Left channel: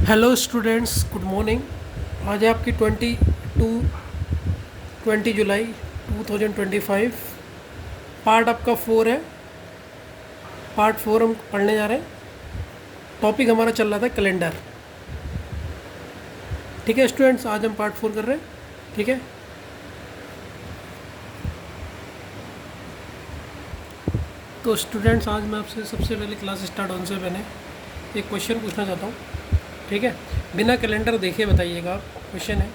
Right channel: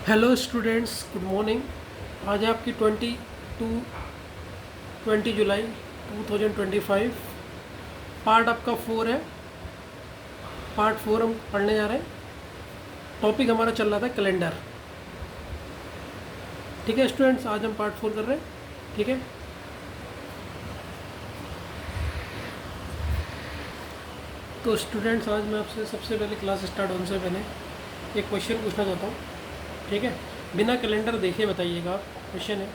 Hello students, good morning. आज है आपकी 20 जुलाई 2025। पार्ट आपका 4 है। पार्ट 4 हम पढ़ने जा रहे हैं। टॉपिक हमारा चल रहा था कैलेंडर। ठीक है स्टूडेंट्स, आज हम पार्ट 4 कर रहे हैं। ठीक है, तो स्टूडेंट्स आज मैं आपसे सबसे पहले क्लास स्टार्ट होने से पहले एक क्वेश्चन पूछना चाहता हूँ। ठीक है, बिना कैलेंडर देखे बताइएगा। क्वेश्चन है,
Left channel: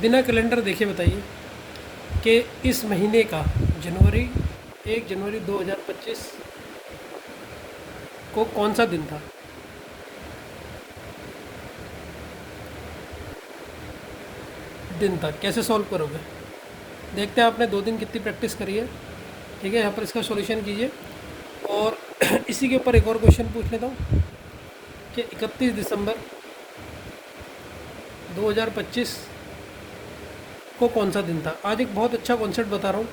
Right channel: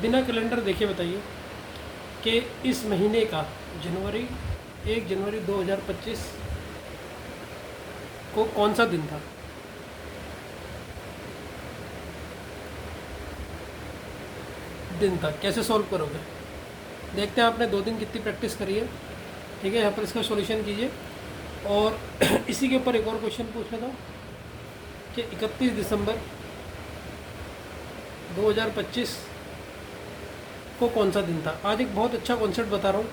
बिना कैलेंडर देखे बताइए कि इस महीने का जनवरी 1 जनवरी 2025 को कौन सा दिन था। कैसे सॉल्व करोगे? देखते हैं आपने 2 दिन कितनी प्रैक्टिस करी है। ठीक है, यहाँ पर इसका सॉल्यूशन कीजिए। और इसी के ऊपर एक और क्वेश्चन पूछ लेता हूँ कि 31 दिसंबर 2025 को कौन सा दिन था। आज एक बहुत अच्छा कॉन्सेप्ट बता रहा हूँ।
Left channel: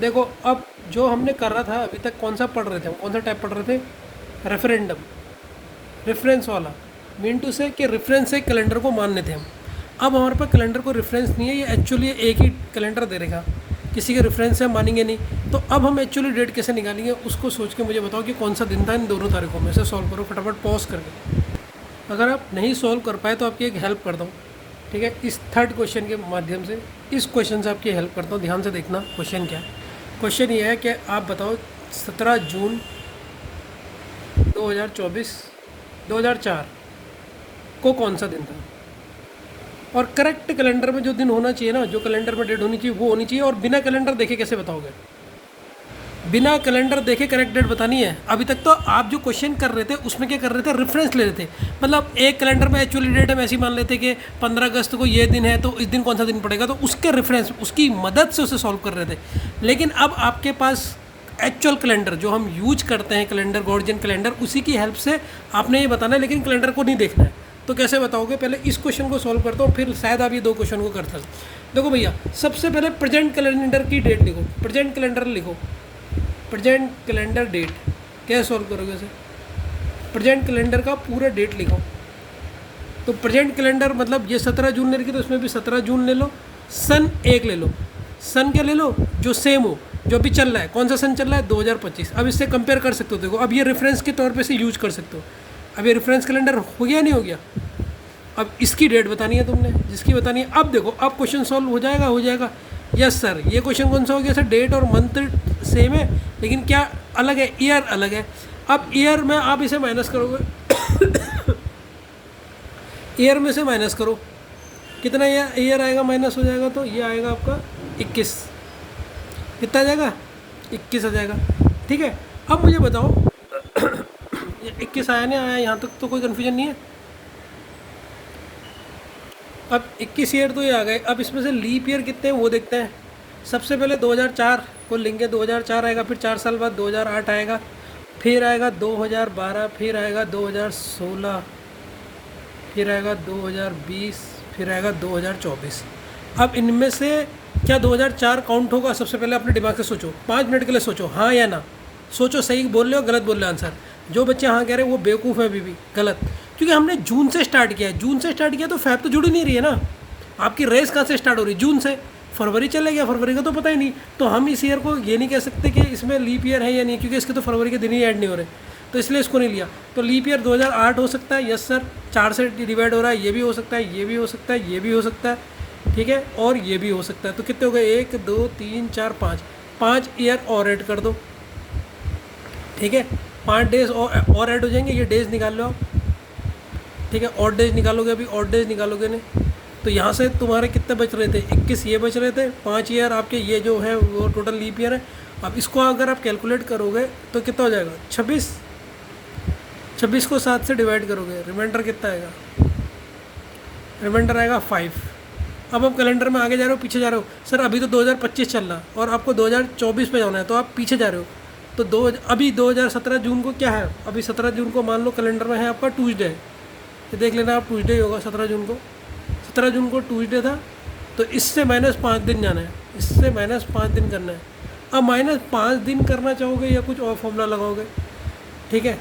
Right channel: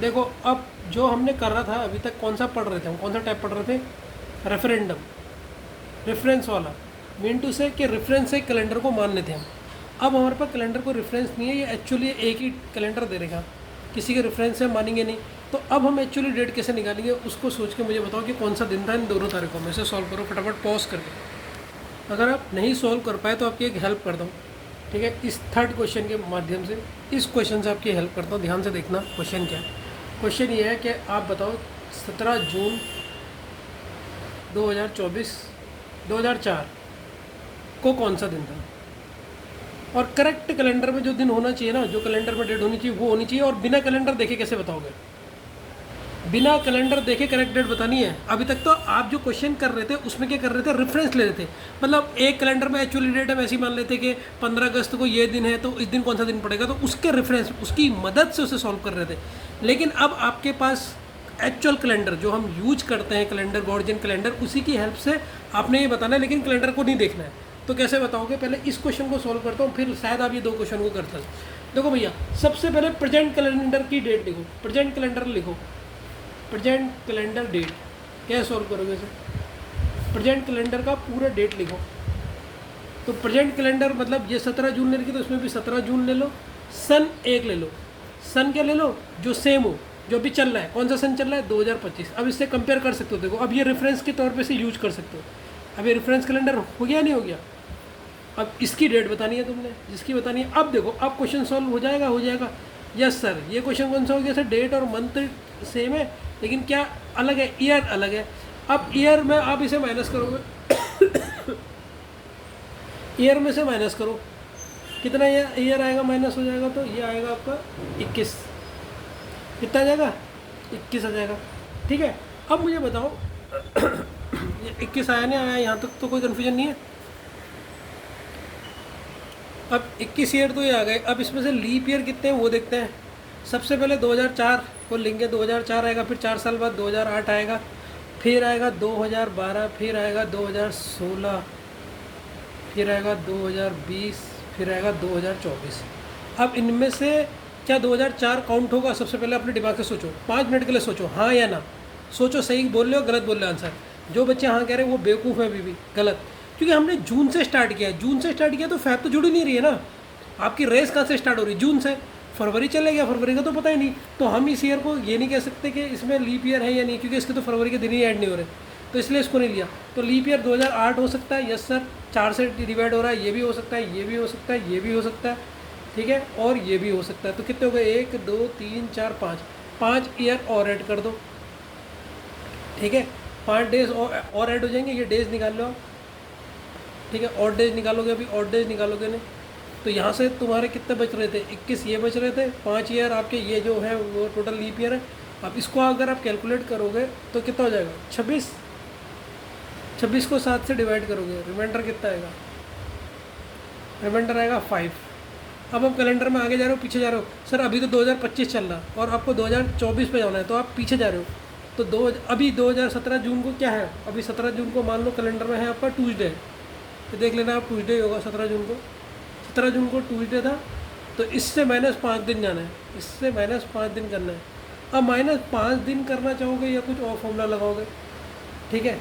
देखो, अब जो हमने कर रहा था अभी तक, कौन सा पढ़ रहे थे हम, कौन सा टाइप पढ़ रहे थे? रेफरेंडम, रेफरेंस वाला। मीन टू से कि रेफरेंस से कैलेंडर को मानने थे हम। अब हमारे पास कैलेंडर को रेफरेंस नहीं है, ये एक्चुअली एक ही कैलेंडर दे देगा, किसी के रेफरेंस से मानेंगे नहीं। तो अब हम एक्चुअली डेट कैसे निकालेंगे उसको सोच के मुझे बताओ कि कौन सा दिन था इन दोनों तारीखों में। इसे सॉल्व करो फटाफट पॉज करके। अगर आप नहीं सॉल्व कर पाए तो आपकी एक हेल्प करता हूँ। ठीक है, इस थर्ड क्वेश्चन के माध्यम से, इस क्वेश्चन से आपकी हेल्प करता हूँ। ध्यान से देखना क्वेश्चन क्या है। क्वेश्चन ये है कि आप बताओ 17 जून 2004 को कौन सा दिन था। और करेक्ट कैलेंडर में जो दिन होना चाहिए ना, जो कैलेंडर में डेट होनी चाहिए वो होनी चाहिए। और बिना कैलेंडर देखे कैसे बताओगे? बिना कैलेंडर देखे करेक्ट डेट बतानी है। अभी तक तो आप जो क्वेश्चन कर रहे थे उसमें क्या कर रहे थे? रेफरेंस ले रहे थे। मतलब एक कैलेंडर में एक्चुअली डेट हम ऐसी मान लेते कि 15 अगस्त को ये दिन है, तो इस दिन कौन सा दिन पड़ेगा, तो उसके रेफरेंस, उसकी मदद से उसे सॉल्व कर रहे थे। लेकिन अब आपके पास एक्चुअल कैलेंडर जो हम यूज करते हैं, कैलेंडर, गॉर्जियन कैलेंडर, उसी की हेल्प से आपने ये बताना है। लेकिन कैलेंडर को नहीं देखना है। तो कैसे बताओगे? पहले इस क्वेश्चन को सॉल्व करता हूँ, फिर शायद आप ये 2 क्वेश्चन को कर सकते। देखो भैया, सबसे पहले प्रेजेंट कैलेंडर की डेट लिखो। प्रेजेंट कैलेंडर लिखो, प्रेजेंट कैलेंडर डेट। कैसे सॉल्व करोगे इसे? प्रेजेंट कैलेंडर का पूरा डेट लिखो। तो प्रेजेंट कैलेंडर मतलब ये 17 जून ले रखी, तो इसमें भी 17 जून ले लो। सन एक ले लो। सन क्या ले लो? जो सेम हो, जो अभी चल रहा है। कौन सा सन चल रहा है? 2025। अब इससे कंपेयर कर सकते हो। देखो, अब ये रेफरेंस के तौर पे से यूज कर सकते हो। अब ये रेफरेंस कैलेंडर हो गया नहीं हो गया? अब इसकी डेट बतानी है तुमने, जिसकी बतानी है। अब देखो, अब क्वेश्चन सॉल्व हो जाएगा, हो जाएगा। यस सर, ये क्वेश्चन कौन सा हो गया सर? डेट और मंथ सेम है, लेकिन क्या अलग है? ईयर अलग है। अब ईयर में आप इसे माइनस करोगे। ईयर में से माइनस करो, कितना ईयर आएगा माइनस हो जाएगा? तो ये आएगा आपका 21। कितना आ जाएगा? 21 आ जाएगा। ठीक है, अब मुझे बताओ, ये 21 आया नहीं आया? यहाँ तक तो कोई कन्फ्यूजन नहीं है। अब 21 ईयर तो ये आ गए। अब इसमें से लीप ईयर कितने हैं वो देखते हैं। सबसे पहले 2004 को लेंगे, 2004 आएगा, फिर 4 साल बाद 2008 आएगा, फिर आएगा 2012, फिर आएगा 2016, फिर आएगा 2020, फिर आएगा 2024। अब इनमें से क्या 2004 काउंट होगा? सबसे पहले अपने दिमाग से सोचो, 5 मिनट के लिए सोचो, हाँ या ना। सोचो, सही बोल रहे हो गलत बोल रहे हो आंसर। जो बच्चे हाँ कह रहे हैं वो बेवकूफ़ है, अभी भी गलत। क्योंकि हमने जून से स्टार्ट किया है। जून से स्टार्ट किया तो फैब तो जुड़ ही नहीं रही है ना। आपकी रेस कहाँ से स्टार्ट हो रही है? जून से। फरवरी चले गया, फरवरी का तो पता ही नहीं। तो हम इस ईयर को ये नहीं कह सकते कि इसमें लीप ईयर है या नहीं, क्योंकि इसके तो फरवरी के दिन ही ऐड नहीं हो रहे, तो इसलिए इसको नहीं लिया। तो लीप ईयर 2008 हो सकता है। यस सर, 4 से डिवाइड हो रहा है, ये भी हो सकता है, ये भी हो सकता है, ये भी हो सकता है। ठीक है, और ये भी हो सकता है। तो कितने हो गए? 1 2 3 4 5। 5 ईयर और ऐड कर दो। ठीक है, 5 डेज और ऐड हो जाएंगे। ये डेज निकाल लो आप। ठीक है, और डेज निकालोगे, अभी और डेज निकालोगे नहीं। तो यहाँ से तुम्हारे कितने बच रहे थे? 21 ये बच रहे थे। 5 ईयर आपके ये जो है वो टोटल लीप ईयर है। अब इसको अगर आप कैलकुलेट करोगे तो कितना हो जाएगा? 26। 26 को 7 से डिवाइड करोगे, रिमाइंडर कितना आएगा? रिमाइंडर आएगा 5। अब आप कैलेंडर में आगे जा रहे हो, पीछे जा रहे हो? सर अभी तो 2025 चल रहा है और आपको 2024 पे जाना है, तो आप पीछे जा रहे हो। तो अभी 2017 जून को क्या है? अभी 17 जून को मान लो कैलेंडर में है आपका ट्यूसडे। तो देख लेना आप, ट्यूसडे होगा 17 जून को। 17 जून को ट्यूसडे था, तो इससे -5 दिन जाना है, इससे -5 दिन करना है। अब -5 दिन करना चाहोगे या कुछ और फॉर्मूला लगाओगे? ठीक है,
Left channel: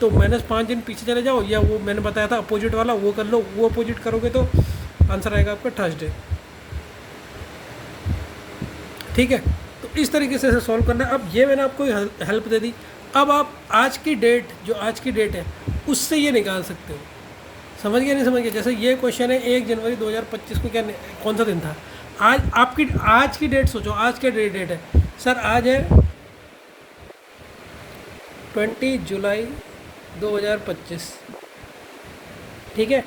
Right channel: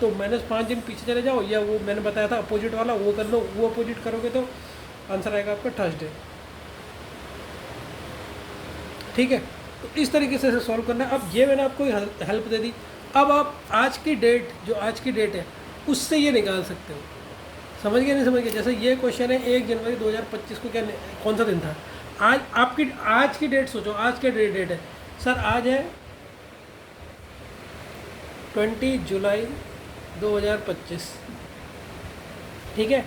तो -5 दिन पीछे चले जाओ, या वो मैंने बताया था अपोजिट वाला वो कर लो, वो अपोजिट करोगे तो आंसर आएगा आपका थर्सडे। ठीक है, तो इस तरीके से सॉल्व करना। अब ये मैंने आपको हेल्प दे दी। अब आप आज की डेट, जो आज की डेट है उससे ये निकाल सकते हो। समझ गए नहीं समझ गए? जैसे ये क्वेश्चन है 1 जनवरी 2025 को क्या कौन सा दिन था। आज आपकी आज की डेट सोचो, आज क्या डेट है सर? आज है 20 जुलाई 2025। ठीक है,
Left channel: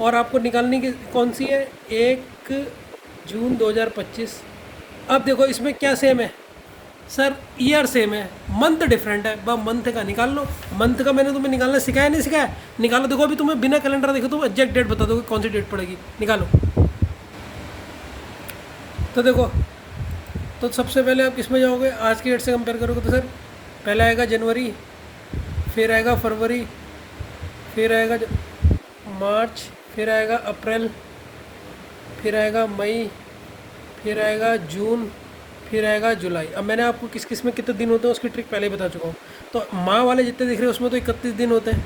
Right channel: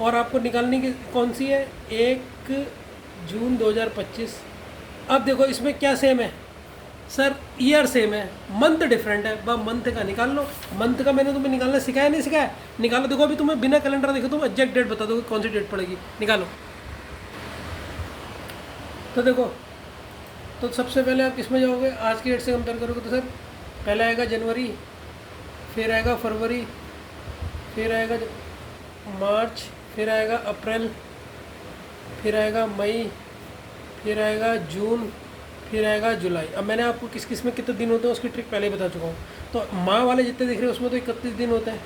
और आपको निकालनी की कौन सी है? 1 जून 2025। अब देखो इसमें क्या सेम है सर? ईयर सेम है, मंथ डिफरेंट है। बस मंथ का निकाल लो। मंथ का मैंने तुम्हें निकालना सिखाया नहीं सिखाया? निकालो। देखो अभी तुम्हें बिना कैलेंडर देखो तुम एग्जैक्ट डेट बता दोगे कौन सी डेट पड़ेगी। निकालो। तो देखो, तो सबसे पहले आप किस में जाओगे? आज की डेट से कंपेयर करोगे तो सर पहले आएगा जनवरी, फिर आएगा फरवरी, फिर आएगा मार्च, फिर आएगा अप्रैल, फिर आएगा मई, फिर आएगा जून, फिर आएगा जुलाई। अब मैंने आपको किस किस में कितने दिन होते हैं उसकी ट्रिक पहले ही बता चुका हूँ। तो माँ वाले जितने दिख रहे हैं उसमें तो 31 दिन होते हैं,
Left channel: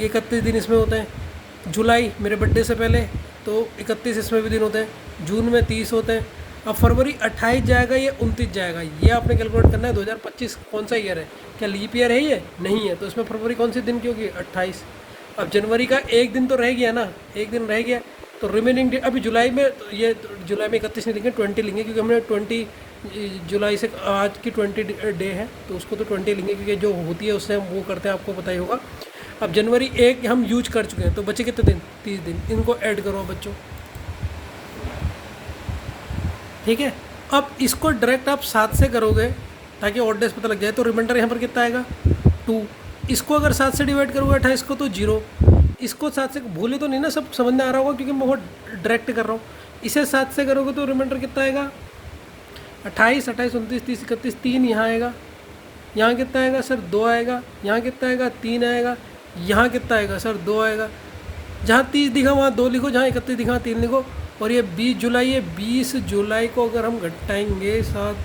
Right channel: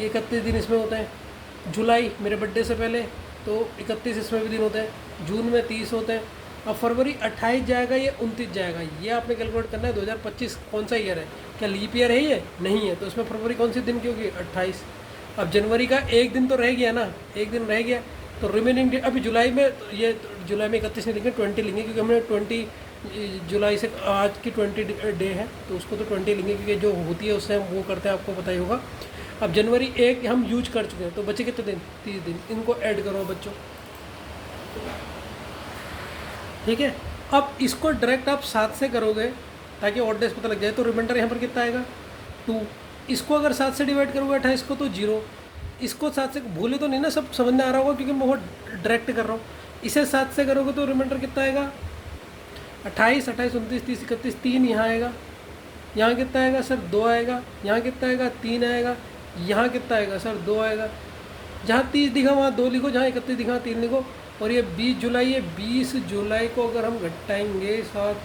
31 दिन इसमें होते हैं। जुलाई मेरे बर्थडे से पहले तो 31 इसमें भी दिन होते हैं। जून में 30 होते हैं। अब फरवरी 28 जाएगा, ये 29 जाएगा। ये आपने कैलकुलेट करना है 2025 कौन सा ईयर है, क्या लीप ईयर है ये? नहीं है, तो इसमें फरवरी कौन सी दिन की होगी? 28। अब जनवरी का एक दिन तो रह गया ना, एक दिन रह गया, तो रिमेनिंग डे अभी जुलाई में, ये जुलाई में 31 नहीं लेंगे, 20 लेंगे, क्योंकि हमने 20 जुलाई से आज की 20 डे है तो उसको तो 20 लेंगे, क्योंकि जो होती है उससे हम वो करते हैं, आपको पता ही होगा। अब जनवरी 1 हम यूज कर चुके हैं, तो बचे कितने दिन? 30 दिन। इनको ऐड करो बच्चों। ठीक है, अब इसको डायरेक्ट आप 7 से करोगे ताकि ऑड डेज पता लग जाए, तो रिमाइंडर यहाँ पर कितना आएगा? 2। इसको अगर 7 से डिवाइड करोगे 28 को तो 0। इसको 7 से भूले तो नहीं ना, सब समझ में आ रहा होगा क्योंकि मैं बहुत डायरेक्ट कर रहा हूँ। इसे 7 से करोगे तो रिमाइंडर कितना आएगा? 28, 28, 29, 30, 31, 3 यहाँ आएगा। यहाँ कितना आएगा सर? 2 आएगा। यहाँ कितना आएगा? 3 आएगा। यहाँ कितना आएगा सर? 2 आएगा। जहाँ 30 दिखा वहाँ 2 लिखो, जहाँ 31 दिखा 3 लिखो। और ये 20 जुलाई है, 20 जुलाई को अगर हम घटाएंगे 7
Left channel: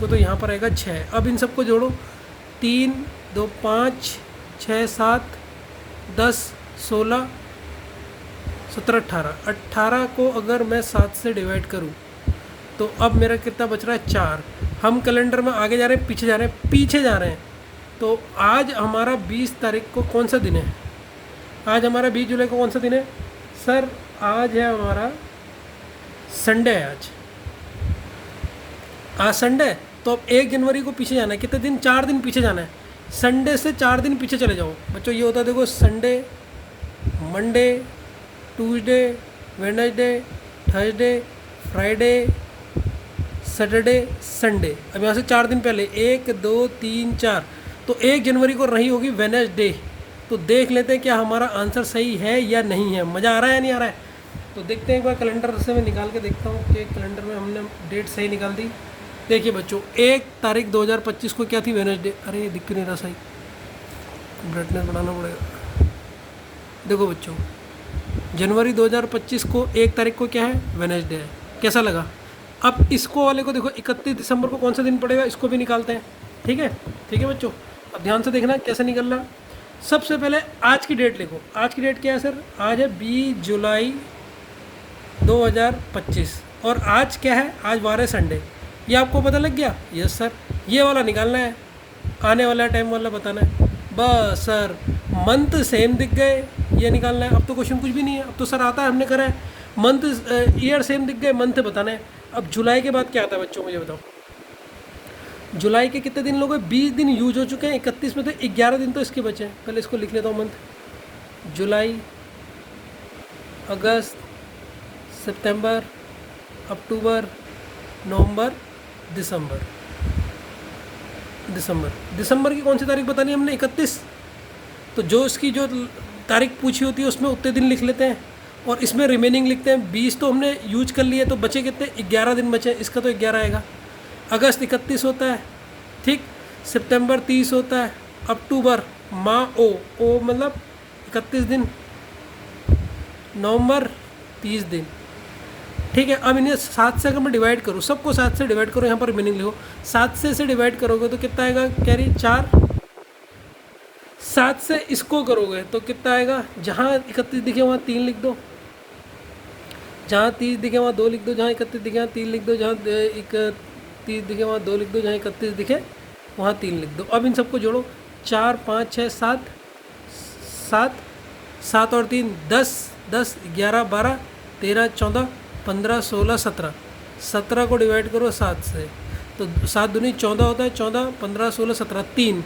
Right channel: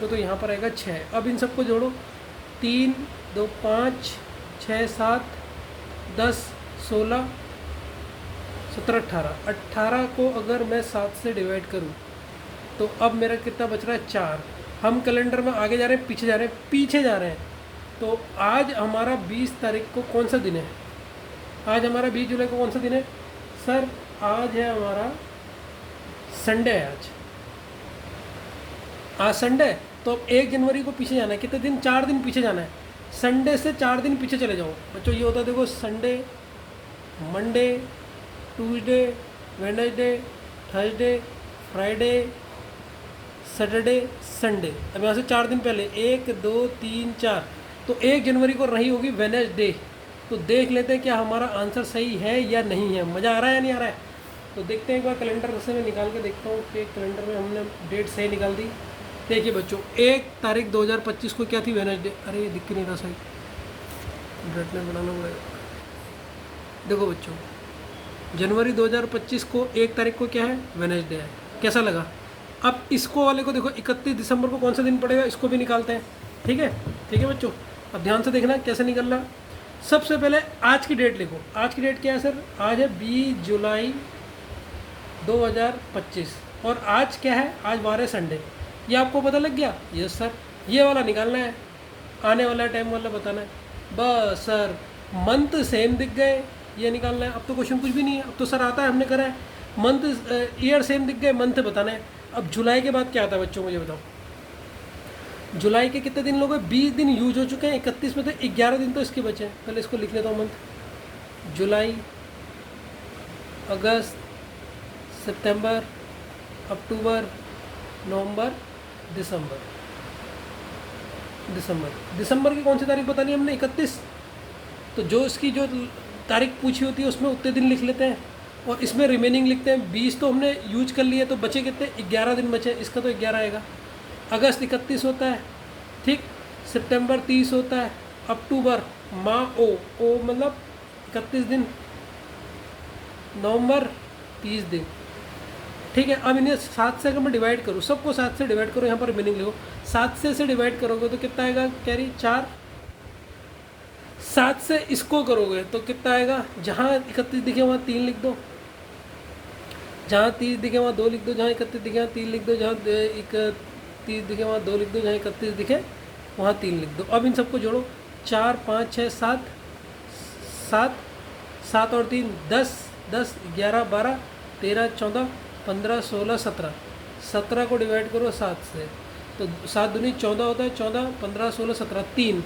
को तो यहाँ पर आएगा 6। अब इन सबको जोड़ो, 3, 2, 5, 6, 7, 10, 16, 17, 18। 18 को अगर मैं 7 से डिवाइड करूँ तो अब मेरा कितना बच रहा है? 4। हम कैलेंडर में आगे जा रहे हैं पीछे जा रहे हैं? पीछे जा रहे हैं। तो आज हमारा 20 तारीख को कौन सा दिन है? आज हमारा 20 जुलाई को कौन सा दिन है सर? आज है हमारा संडे है। आज संडे है, तो अब 1 जनवरी को पीछे जाना है। कितने दिन? 4 दिन पीछे जाना है। संडे से 4 दिन पीछे चले जाओ बच्चों। ये होता है देखो, Sunday, Monday, Tuesday, Wednesday, Thursday, Friday, Saturday, Sunday. अब यहाँ से 4 दिन पहले 1, 2, 3, 4, तो 1 जनवरी को रही होगी वेडनेसडे। तो देख लेते हैं क्या हमारा आंसर सही है या नहीं है। मज़ा आ रहा है या नहीं आ रहा है? तो देखते हैं एक बार कैलेंडर से मैं निकाल के देखता हूँ कि कैलेंडर में हमने डेट सही निकाल दी। देखिए बच्चों, 1 तारीख 2025 को क्या थी? वेडनेसडे। अरे दिख क्यों नहीं रहा सही, ब्राइटनेस बनाना पड़ेगा। देखो बच्चों, जनवरी 2025 को 1 तारीख को क्या है? वेडनेसडे है। कैसा लगा? अब इसको वाले को देखो, 31 दिसंबर को कौन सा दिन पड़ेगा, इसको भी निकालते हैं। ठीक है बच्चों, अब ध्यान से देखना कैसे निकल रहा है। सबसे पहले आज की डेट लिखो। आज की डेट क्या है सर? आज है 20 जुलाई 2025। और आज क्या है? आज वार है संडे। ये आपको पता लग गया? Yes sir. ये वाला निकालना है, आने वाला टाइम वाला बताना है। बस सर, मंथ सेम दिख गए, ये निकालना है। अब तो क्वेश्चन कुछ भी नहीं है, अब तो सर आता है, हमने करा है। मंथ ईयर सेम दिख गए, मंथ बताना है। अब जुलाई के बाद क्या आता है बच्चों, मुझे बताओ। जुलाई के कितने दिन लोग? 20 दिन यूज हो चुके हैं, 31 में तो 11 दिन तो इसके बचे हैं। पहले इसको लिख लेता हूँ। मंथ जुलाई, अगस्त, सितंबर, अक्टूबर, नवंबर, दिसंबर। दिसंबर की कौन सी तारीख बतानी है हमने? 31। तो जो इसकी जो तारीख पूछी होती है उसमें उतने दिन लिख लेते हैं और इसमें रिमेनिंग लिखते हैं। 20 तो हमने यूज कर लिया, तो बचे कितने? 11 दिन बचे। इसका तो 11 आएगा। अगस्त 31 होता है, ठीक। सितंबर 30 होता है। अक्टूबर ओ मतलब 31 दिन। नवंबर 30 दिन, ठीक है। अब इन्हें 7 से अगर मैं डिवाइड करूँ, सबको 7 से डिवाइड करो, यहाँ पर रिमेनिंग लिखो। 7 से डिवाइड करोगे तो कितना आएगा? कैरी 4, 7 से इसको करोगे तो कितना आएगा, जहाँ 31 दिखे वहाँ 3 लिख दो, जहाँ 30 दिखे वहाँ 2 लिख दो, जहाँ 31 दिखे वहाँ 3 लिख दो, जहाँ 31 दिखे वहाँ 2 लिख दो, जहाँ 31 दिखे वहाँ 3 लिख दो। अब इन सबको जोड़ो, 4 5 6 7, 7 7 और 3 10, 10 11 12 13 14 15 16 17, 17 को डिवाइड करो 7 से तो 7 दूनी 14 होता है, 14 15 16 17 3।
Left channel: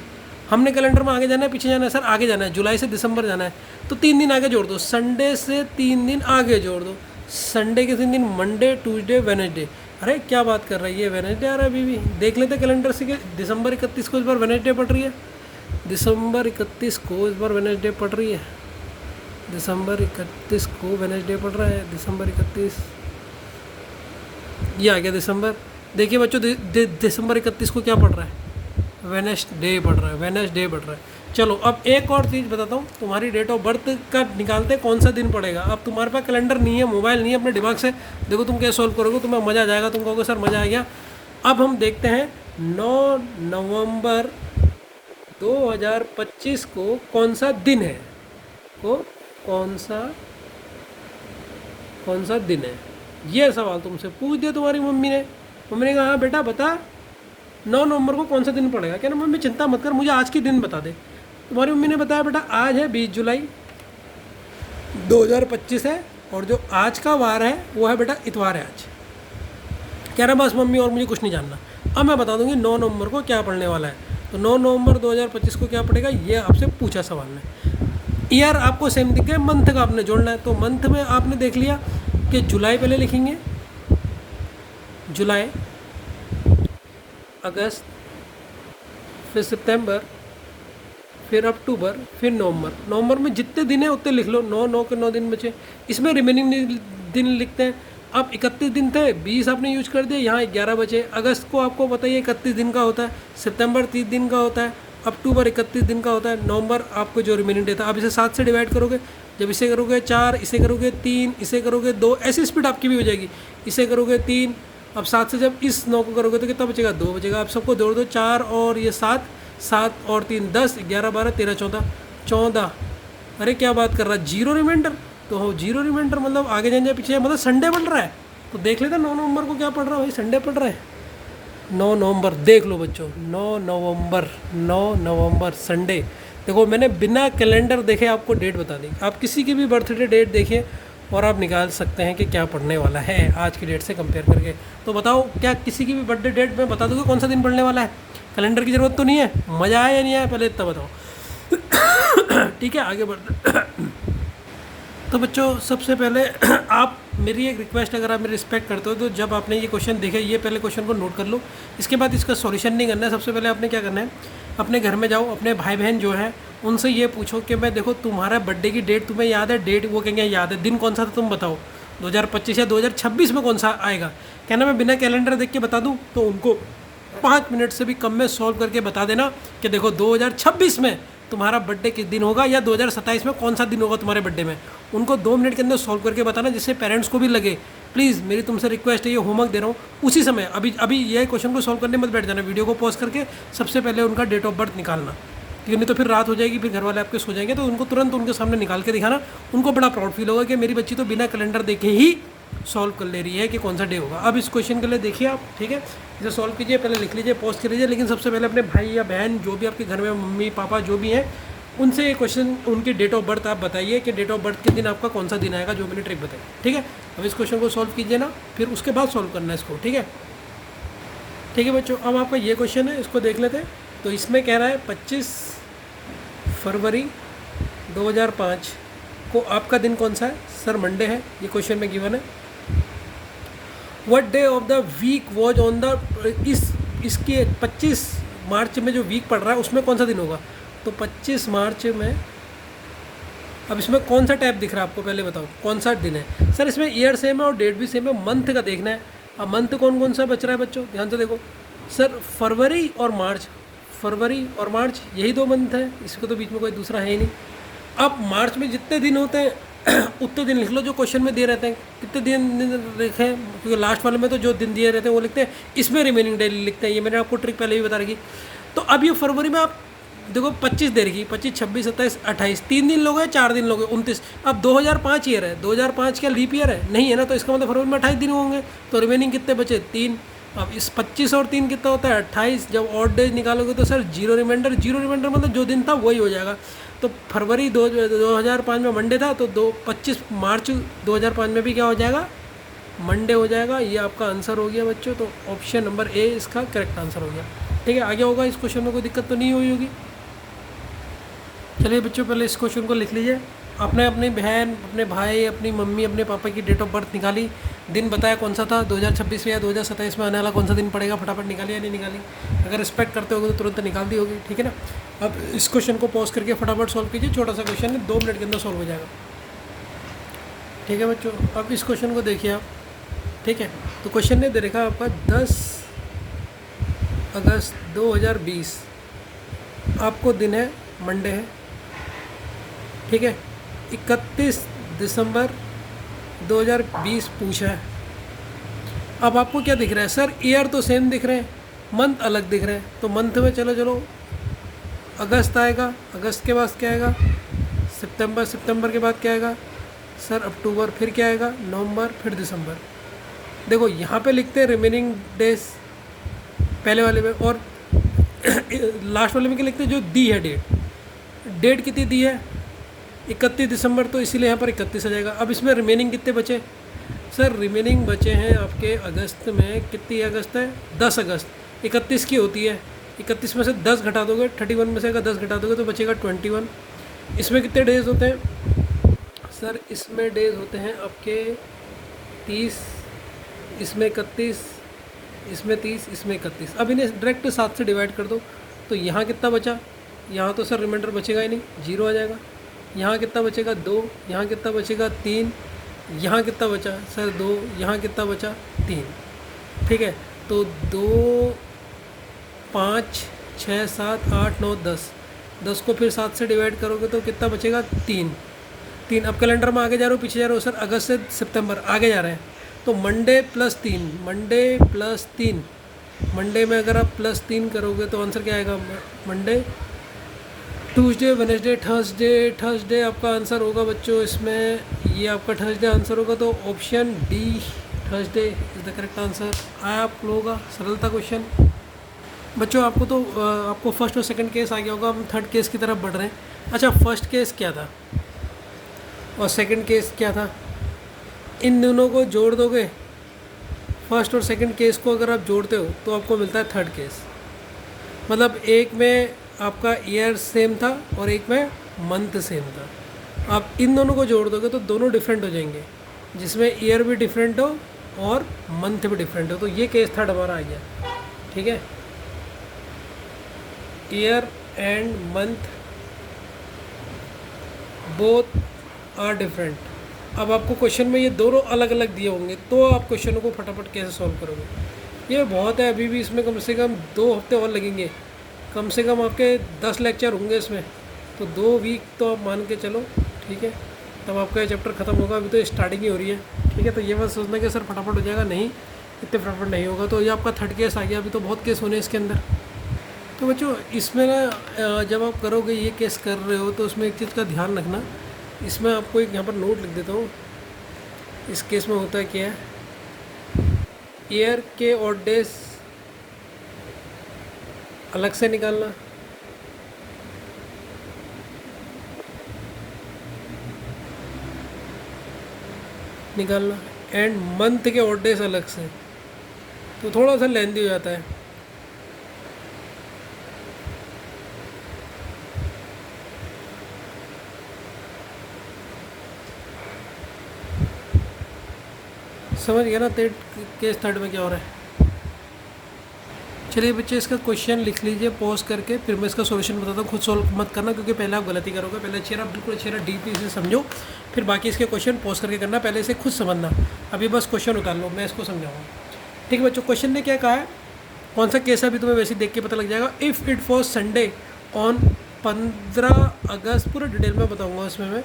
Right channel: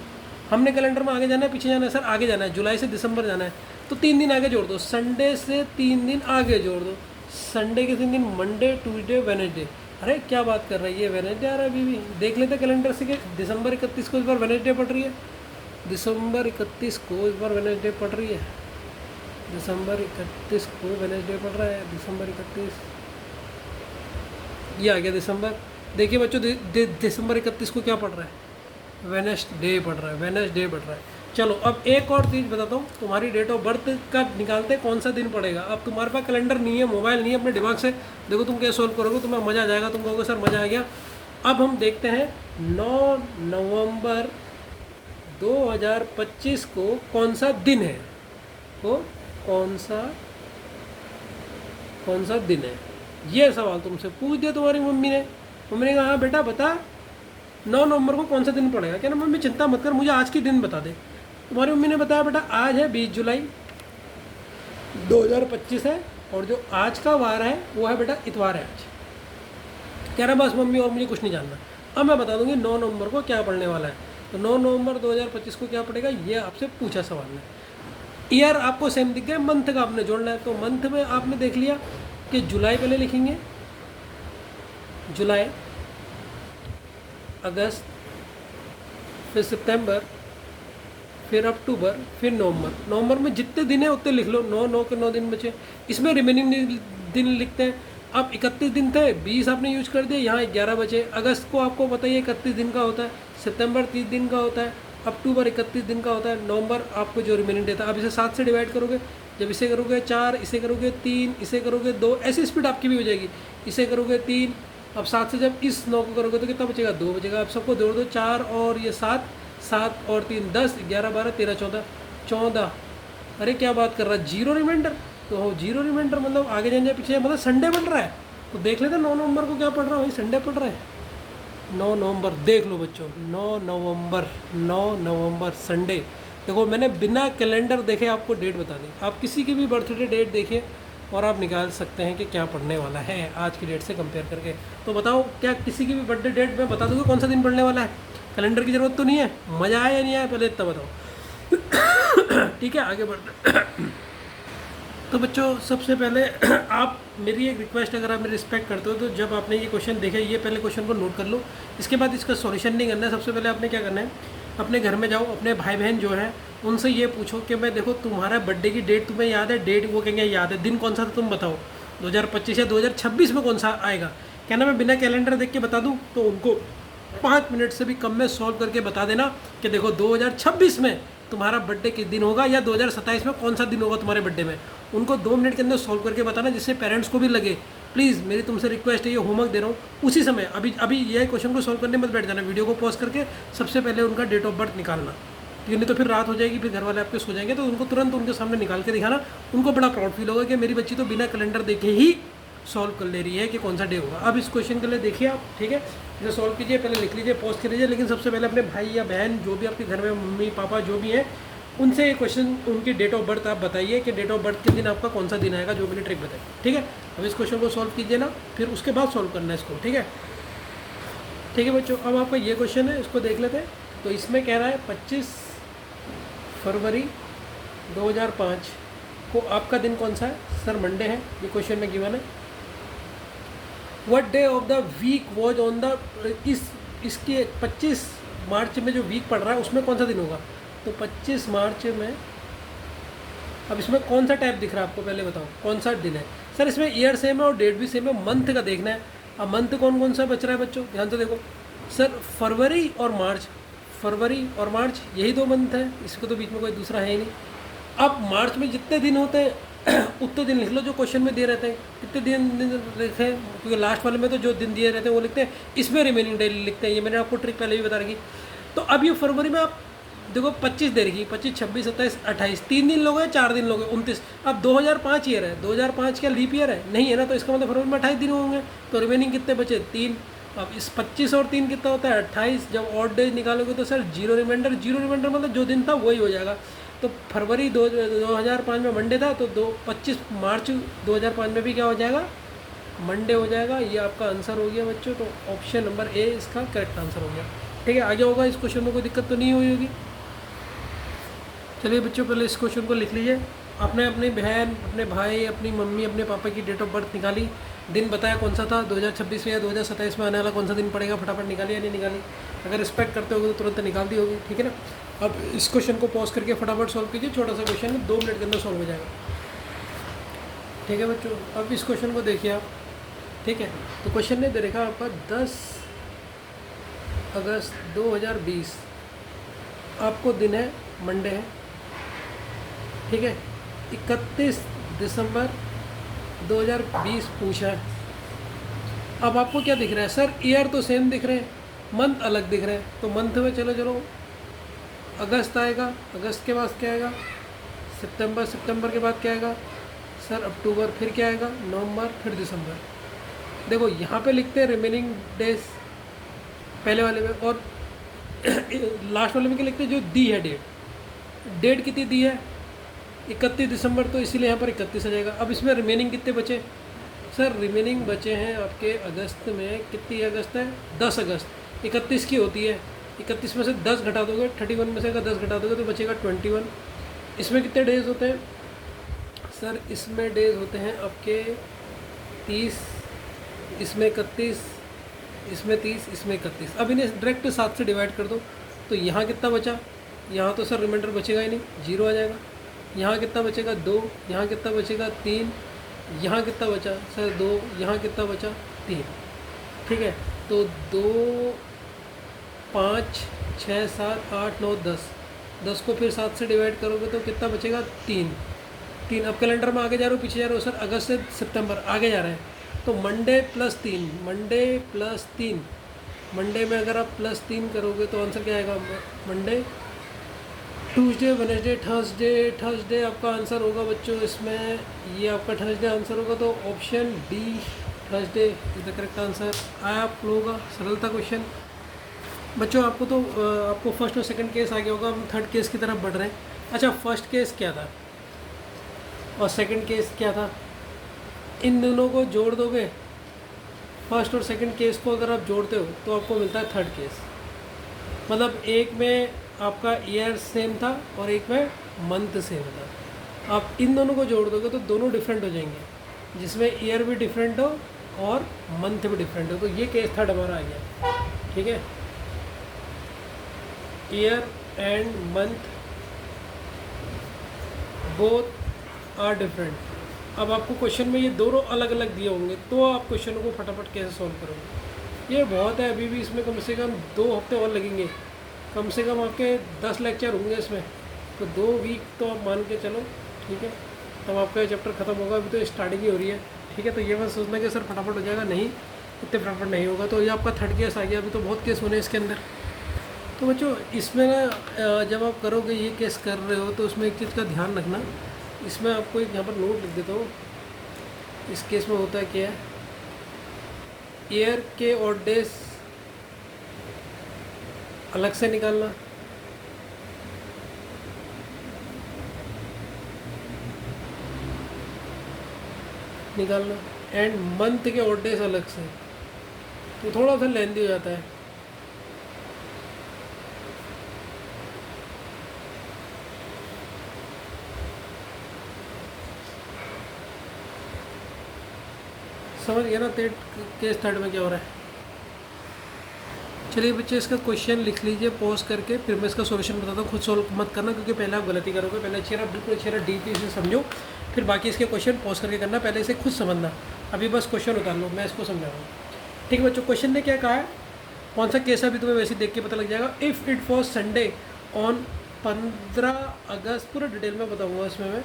हमने कैलेंडर में आगे जाना है पीछे जाना है? सर आगे जाना है, जुलाई से दिसंबर जाना है, तो 3 दिन आगे जोड़ दो, संडे से 3 दिन आगे जोड़ दो, संडे के 3 दिन मंडे ट्यूसडे वेडनेसडे। अरे क्या बात कर रही है, वेडनेसडे आ रहा है अभी भी, देख लेते कैलेंडर से कि दिसंबर 31 को इस बार वेडनेसडे पड़ रही है, दिसंबर 31 को इस बार वेडनेसडे पड़ रही है, दिसंबर 31 को वेडनेसडे पड़ रहा है, दिसंबर 31 ये आ गया दिसंबर। देखिए बच्चों दिसंबर 31 को क्या पड़ रहा है, वेडनेसडे पड़ रहा है, वेडनेसडे पड़ रहा है। चलो अब एक और चीज़ बताता हूँ, तुम्हारी डेट ऑफ बर्थ का निकालते कौन सा दिन पड़ेगा। अब तुम्हारे पास कैलेंडर नहीं है, मोबाइल नहीं है, अपने दिमाग से देखो तुम क्या सॉल्व करोगे, तुम्हें मज़ा आ जाएगा, तुम कहोगे सर मज़ा आ गया। अब हम देखते हैं 9 नवंबर 2025 को कौन सा दिन है, तो कौन सा दिन है, ये सवाल तुमसे पूछ दिया तुम्हारी मम्मी ने। मम्मी ने कहा हाँ बेटा बता 9 नवंबर को कौन सा दिन पड़ेगा। क्या ना मम्मी चिंता मत कर, मुझे आज की दिन बता दे। तुम्हारी मम्मी ने बताया बेटा आज है 20 जुलाई 2025 है, और जो आज का वार है वो है बेटा इतवार है आज। कह रहा बस मम्मी और मुझे कुछ नहीं जानना। अब मैं बता दूंगी 9 नवंबर को क्या पढ़ने वाला है। तो 9 नवंबर 2025 को क्या पड़ेगा, ये आपसे पूछा सवाल ने। ईयर आपको सेम दिख गया, मंथ का आपने जोड़ना है। तो मंथ में आपने देख लिया कि जुलाई पहले लिखेंगे, जुलाई, अगस्त, फिर सितंबर, फिर अक्टूबर, फिर नवंबर। नवंबर में जितने दिन है उतने लिख लो, 9 के 9 दिन बचे, इसमें रिमेनिंग दिन लिखते हैं। अब 31 दिन थे, 20 आपने यूज कर दिया, यहाँ 11 बचे। अगस्त को आपको बताइए 31 दिन का होता है, सितंबर 30 दिन का होता है, अक्टूबर 31 दिन का होता है, नवंबर आपको जो रिमेनिंग डे था। अब इसे 7 से डिवाइड करोगे, जब इसे करोगे 4, इसे करोगे 3, इसे करोगे 2, ऐसी स्पीड आपकी भी हो जाएगी। इसे करोगे 3, अब 7 से जब इस 9 को करोगे तो कितना बचेगा, 2 बचेगा। आप सबको जोड़ दो, 4 और ये 7, 7 और 3 10, 11 12 13 14। अरे क्या बात कर रहा है, जीरो रिमाइंडर। तो हो जीरो रिमाइंडर मतलब आगे जाने पीछे, मतलब संडे बन रहा है। तो देख लेते 9 नवंबर को क्या पड़ रहा है, वही संडे पड़ रहा है। 9 नवंबर देख लो बच्चों, 9 नवंबर संडे। देखो मैंने बिना कैलेंडर देखे आपको डेट बता दी। आप किसी की भी बर्थडे डेट देखिए और आप निकाल सकते हैं कि क्या पढ़ने वाला है आज की डेट से कंपेयर करके। तो बताओ क्या किसी की भी बर्थडे डेट में बता दोगे कौन सा दिन पढ़ने वाला है। कैलेंडर की ज़रूरत तो नहीं है, मज़ा आया या नहीं आया पहले इतना बताओ। ठीक है आगे बढ़ते। तो बच्चों सबसे पहले आप मेरी एक रिक्वेस्ट, अगर आप मेरी रिस्पेक्ट करते हो तो जब आपने ये क्वेश्चन देखा, ये पहले क्वेश्चन को नोट कर लो। इसके बाद इसका सॉल्यूशन नहीं करना है। सबसे पहले आपने क्या करना है, अपने घर में जाओ, अपने भाई बहन जो हैं उनसे ये पूछो कि मैं देखो तुम्हारा बर्थडे की डेट तुम्हें याद है, डेट वो कहेंगे याद है, दिन कौन सा था तुम बताओ, 2025 या 2026 में कौन सा आएगा। कहना मैं बिना कैलेंडर देख के बता दूँ, तो उनको 5 मिनट से भी कम में सॉल्व करके बता देना कि देखो 2026 में तुम्हारा बर्थडे किस दिन होगा, या 2027 में कौन सा दिन होगा तुम्हारे बर्थडे में। उनको 2 मिनट के अंदर सॉल्व करके बताना, जिससे पेरेंट्स को भी लगे। प्लीज़ मेरी तुमसे रिक्वेस्ट है, ये होमवर्क दे रहा हूँ उसी समय, अभी ये क्वेश्चन को सॉल्व करने मत बैठ जाना, वीडियो को पॉज करके सबसे पहले उनका डेट ऑफ बर्थ निकालना, क्योंकि नहीं तो फिर रात हो जाएगी, फिर घर वाले आपके सो जाएंगे। तो उनको तुरंत उनके सामने निकाल के दिखाना, उनको बड़ा प्राउड फील होगा कि मेरी बच्ची तो बिना कैलेंडर देखे ही सॉल्व कर ले रही है कि कौन सा डे होगा। अब इस क्वेश्चन के लिए देखिए आप, ठीक है, इसे सॉल्व कीजिए, पहले लिख लीजिए, पॉज कर लीजिए। लेकिन सबसे पहले अपने भाई या बहन जो भी आपके घर में, मम्मी पापा जो भी है, उनसे ये क्वेश्चन, उनकी डेट ऑफ बर्थ आप बताइए कि डेट ऑफ बर्थ के दिन आपका कौन सा दिन आएगा, जो मैंने ट्रिक बताई। ठीक है, अब इस क्वेश्चन को सॉल्व कीजिए ना, फिर उसके बाद सॉल्व करना है इसको। ठीक है, ठीक है बच्चों, अब आपका ये क्वेश्चन है, इसको देख लेते हैं। तो इसमें कह रहा है 25 फरवरी 2005 को आपका दिन कौन सा है। सर मंडे है, ये क्वेश्चन में गिवन है। What day of the week was on the, इसके 25 मार्च में जो वीक पड़ रहा है उसमें कौन सा दिन होगा। तो 25 मार्च में, अब इसमें कौन सा टाइप दिख रहा है आपको, पहले बताओ कौन सा दिन है। सर इसमें ईयर सेम है और डेट भी सेम है, मंथ का देखना है। अब मंथ कौन कौन सा बच रहा है बच्चों, ध्यान से देखो। सर फरवरी और मार्च, फरवरी और मार्च यही 2 मंथ है, इसको तो बीच में कोई दूसरा है ही नहीं। अब मार्च में जितने दिन होते हैं उतने दिन लिख लो जो क्वेश्चन में दे रहते हैं। कितने दिन लिखे हैं, क्योंकि लास्ट वाले में तो जो दिन दिए रहते हैं वो लिखते हैं, इसमें रिमेनिंग डे लिखते हैं। ये मैंने आपको ट्रिक पहले भी बता रखी। तो अब ये फरवरी में आप देखो 25 दे रखी, 25, 26, 27, 28, 3 दिन लोगे, 4 दिन लोगे, 29। अब 2005 ईयर है, 2005 क्या लीप ईयर है नहीं है ना, तो इसका मतलब फरवरी में 28 दिन होंगे, तो रिमेनिंग कितने बचे 3। अब इस 25 और 3 कितना होता है 28। जब ऑड डेज निकालोगे तो sir zero reminder, zero reminder मतलब जो दिन था वही हो जाएगा। तो फरवरी 2005 में मंडे था, तो 25 मार्च 2005 में भी क्या हो जाएगा, मंडे हो जाएगा। ये आपका आंसर हो गया बच्चों, तो ऑप्शन नंबर ए इसका करेक्ट आंसर हो गया। ठीक है, आगे होगा, इस क्वेश्चन में कोई दिक्कत तो नहीं हुई होगी। चलिए बच्चों, पहले इस क्वेश्चन को लिख लीजिए। आपने अपनी बहन, अपने भाई, अपनी मम्मी, अपने पापा की डेट ऑफ बर्थ निकाली, दिन बताया कौन सा था, 2026 में या 2027 में आने वाला कौन सा दिन पड़ेगा, फटाफट निकाली या नहीं निकाली। अगर रिस्पेक्ट करते होगे तो तुरंत निकाल दी होगी, ठीक है ना। अब इस क्वेश्चन को पॉज करके फटाफट सॉल्व कीजिए, छोटा सा क्वेश्चन है, 2 मिनट के अंदर सॉल्व हो जाएगा। ठीक है बच्चों, अब इस क्वेश्चन को देखिए आप। ठीक है, तो क्वेश्चन ने दे रखा आपका 10 अगस्त 2020, आपको दिन है मंडे है। ठीक है, 31 दिसंबर 2020 पूछा है। अब आपको क्या दिख रहा है सर, ईयर तो सेम दिख रहे हैं, मंथ अलग दिख रहे हैं। तो मंथ में चलो अगस्त आएगा, अगस्त के बाद क्या आएगा सितंबर, सितंबर के बाद क्या आएगा सर अक्टूबर, फिर क्या आएगा नवंबर, फिर दिसंबर। देखो यहाँ पे लिखते हैं रिमेनिंग डेज पहले वाले में, और लास्ट वाले में क्या लिखते हैं जो दी है डेट कितनी दी है 31 दिसंबर, तो इसीलिए यहाँ पर 31 आ जाएगा। अब इसमें रिमेनिंग कितने बचे सर, रिमेनिंग बचे हैं आपके अगस्त में, कितनी अगस्त है 10 अगस्त, 31 की होती है, 31 में से 10 घटा दोगे, 31 में से अगर 10 घटा दोगे तो बचेगा 21। इसमें कितने डेज होते हैं सर, इसमें डेज होते हैं आपके 30, इसमें 31, इसमें 30, इसमें 31। अब इन्हें डायरेक्ट 7 से डिवाइड कर दो, तो यहाँ कितना बचा, यहाँ तो सर रिमाइंडर बचेगा ही नहीं, 0 आ जाएगा। यहाँ कितना बचेगा 2, यहाँ कितना बचेगा 3, यहाँ कितना बचा सर 2, यहाँ कितना बचा 3। ठीक है, तो 2, 5, 6, 7, 8, 9, 10 को फिर 7 से डिवाइड करोगे तो कितना बचेगा 3। अब कैलेंडर में आगे जा रहे हो पीछे जा रहे हो सर, अगस्त से सितंबर आगे जा रहे हैं, तो मंडे प्लस 3, मंडे में अगर आप +3 करोगे तो आंसर क्या आएगा, मंडे, ट्यूसडे, वेडनेसडे, थर्सडे आपका आंसर होगा बच्चों। इसमें ये आपका थर्सडे आंसर होगा, तो option D Thursday is the correct answer. आप लोगों का सरल था क्वेश्चन बच्चों। आपको तो आपको फर्स्ट और सेकंड केस आ गया होगा, हम थर्ड केस की तरफ बढ़ रहे हैं। अच्छा, फर्स्ट केस क्या था और सेकंड केस क्या था, इन दोनों को जोड़ दोगे, फर्स्ट और सेकंड केस को अगर आप जोड़ते हो तो आपको मिलता है थर्ड केस। मतलब एक में आपका ईयर सेम था और एक में मंथ सेम था। आप इन दोनों को जोड़ दोगे तो दोनों डिफरेंट हो जाएंगे, जिसमें ईयर भी डिफरेंट हो और मंथ भी डिफरेंट हो। तो ये केस थर्ड हमारा आ गया। ठीक है, year and month both are different. अब आपको क्वेश्चन में ये दोनों अलग अलग दिए होंगे, तो आप क्वेश्चन को फटाफट कैसे सॉल्व करोगे। ये बहुत है, अभी भी इसमें कम से कम 2 हफ्ते और लगेंगे, कम से कम आपके 10 लेक्चर होंगे इसमें, तो 2 वीक तो आप मान के चलो। ठीक है, तब आपका ये चैप्टर ख़त्म होगा, अभी तो स्टार्टिंग ही हो रही है। ठीक है, तो ये मत सोचना कि सर फटाफट हो जाएगा, नहीं, इतने फटाफट नहीं होगा। तो ये आपका थर्ड केस आ गया, अभी तो बहुत केस होने इसके अंदर। तो बच्चों इसमें ना जब आप करोगे, ये केस कर रहे हो तो उसमें एक चीज़ का ध्यान रखना। इसमें आपको एक यहाँ पर नोट लिख देता हूँ। इस केस में होता है क्या है, ईयर के और डेज अलग से निकालना, एंड मंथ के और डेज अलग से, तो थोड़ा सा लेंदी हो जाता है। समझ गया ना केस थर्ड में क्या हो रहा है। चलिए बच्चे, इसका क्वेश्चन लिख लीजिए पॉज करके, फिर मैं इसका सॉल्यूशन बताता हूँ। खुद सॉल्व मत करना, क्योंकि पहले आप गलती करोगे। पहले अच्छी तरह, बिल्कुल अच्छी तरह डीपली इसे समझो, फिर बाकी इसके क्वेश्चन पॉज करके करना। पहले इसे खुद समझना, अभी बस क्वेश्चन उतार लो, मैं इसको समझाऊँगा। ठीक है बच्चों, क्वेश्चन ने क्या कहा है, कौन सा केस है अभी तुम्हें वैसे देख के पता लग जाएगा। If it was Sunday on 15 अगस्त, पूरा डिटेल में बताऊँगा इसमें मैं।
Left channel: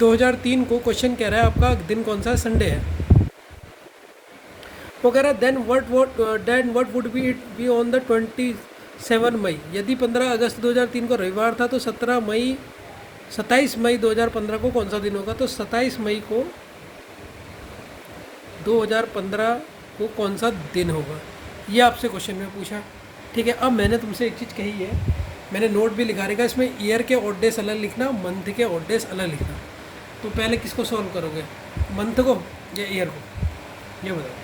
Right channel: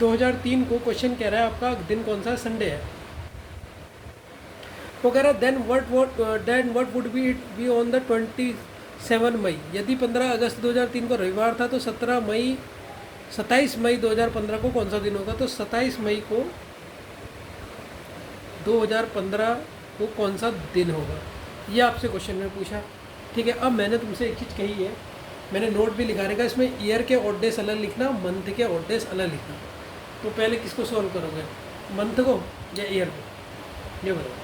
2003 को क्वेश्चन कह रहा है आपका दिन कौन सा है, संडे है। वो कह रहा है then what would be it be on the 22 7 मई। यदि 15 अगस्त 2003 को रविवार था तो 27 मई 2015 को कौन सा दिन होगा? तो 27 मई को 2015 को कौन सा दिन होगा, ये आपसे क्वेश्चन में पूछा है। ठीक है, अब मैंने तुमसे एक चीज़ कही है, मैंने नोट भी लिखा रहेगा, इसमें ईयर के ऑड डेज अलग लिखना, मंथ के ऑड डेज अलग लिखना। तो पहले किसको सॉल्व करोगे, मंथ को या ईयर को? ये बताओ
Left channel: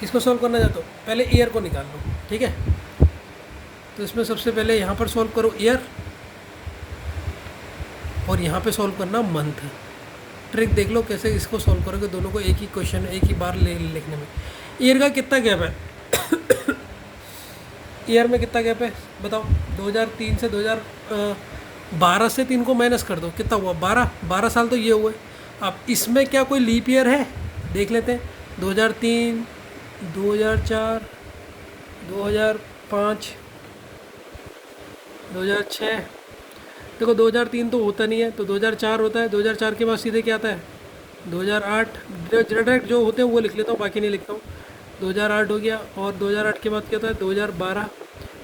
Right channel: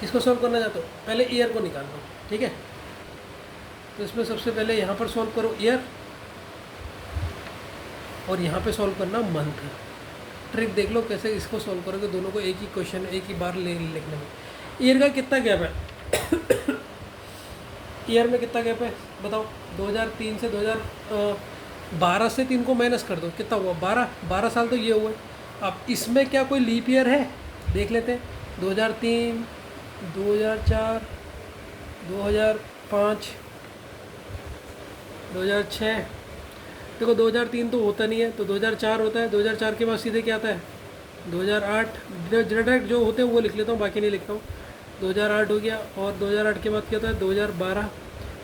किसको सॉल्व करना चाहते हो? पहले ईयर को निकाल लो। ठीक है, तो इसमें सबसे पहले यहाँ पर सॉल्व करो ईयर, और यहाँ पे सॉल्व करना मंथ। ट्रिक देख लो कैसे इसको सॉल्व करोगे, दोनों को एक ही क्वेश्चन एक ही बार लिखने में। ईयर का कितना गैप है? ईयर में कितना गैप है बताओ? 2003 से 2012 से 3 को माइनस कर दो, कितना हुआ? 12 साल तो ये हुए। अब इसमें क्या कोई लीप ईयर है? देख लेते हैं। 2003, 2004, 2005, 2006। देखो 2003 तो होता नहीं है, तो 2004 होता है। 2004 के बाद सीधे क्या आता है? 2008। डायरेक्ट जो होते हैं वो लिख लेता हूँ, बाकी नहीं लिखता हूँ। 2008 हो गया, और 2008 के बाद क्या होता है? 2012,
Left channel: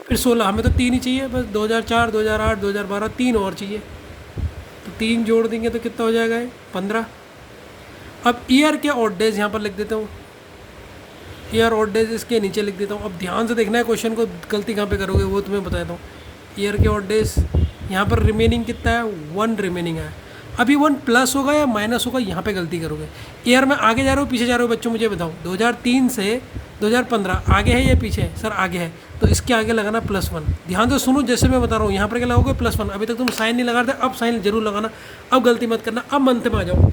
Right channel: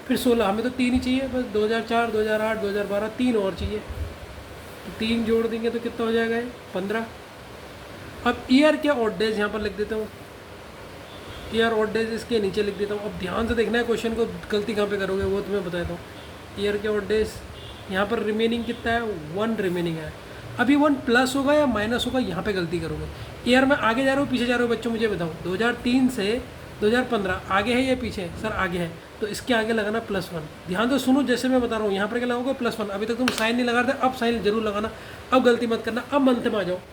फिर 16। हमें तो 3 ही चाहिए बस, 2004, 2008, 2012, 3 और चाहिए। तो 3 जोड़ देंगे तो कितना हो जाएगा ये? 15। अब ईयर के ऑड डेज यहाँ पर लिख देता हूँ, ईयर ऑड डेज इसके नीचे लिख देता हूँ। अब ध्यान से देखना है क्वेश्चन को, गलती कहाँ पे करोगे वो तुम्हें बताता हूँ। ईयर के ऑड डेज यहाँ पर रिमेनिंग कितना है? 1 रिमेनिंग है। अभी 1 प्लस होगा या माइनस होगा, यहाँ पे गलती करोगे। ईयर में आगे जा रहे हो पीछे जा रहे हो बच्चों, मुझे बताओ। 2003 से 2015 आगे है या पीछे है? सर आगे है, तो इसके आगे लगाना +1। ध्यान से सुनो, जैसे मैं बता रहा हूँ, यहाँ पर क्या लगाओगे? +1। अभी तक तुम साइन नहीं लगा रहे थे, अब साइन जरूर लगाना। अब गलती मत करना। अब मंथ में आ जाओ।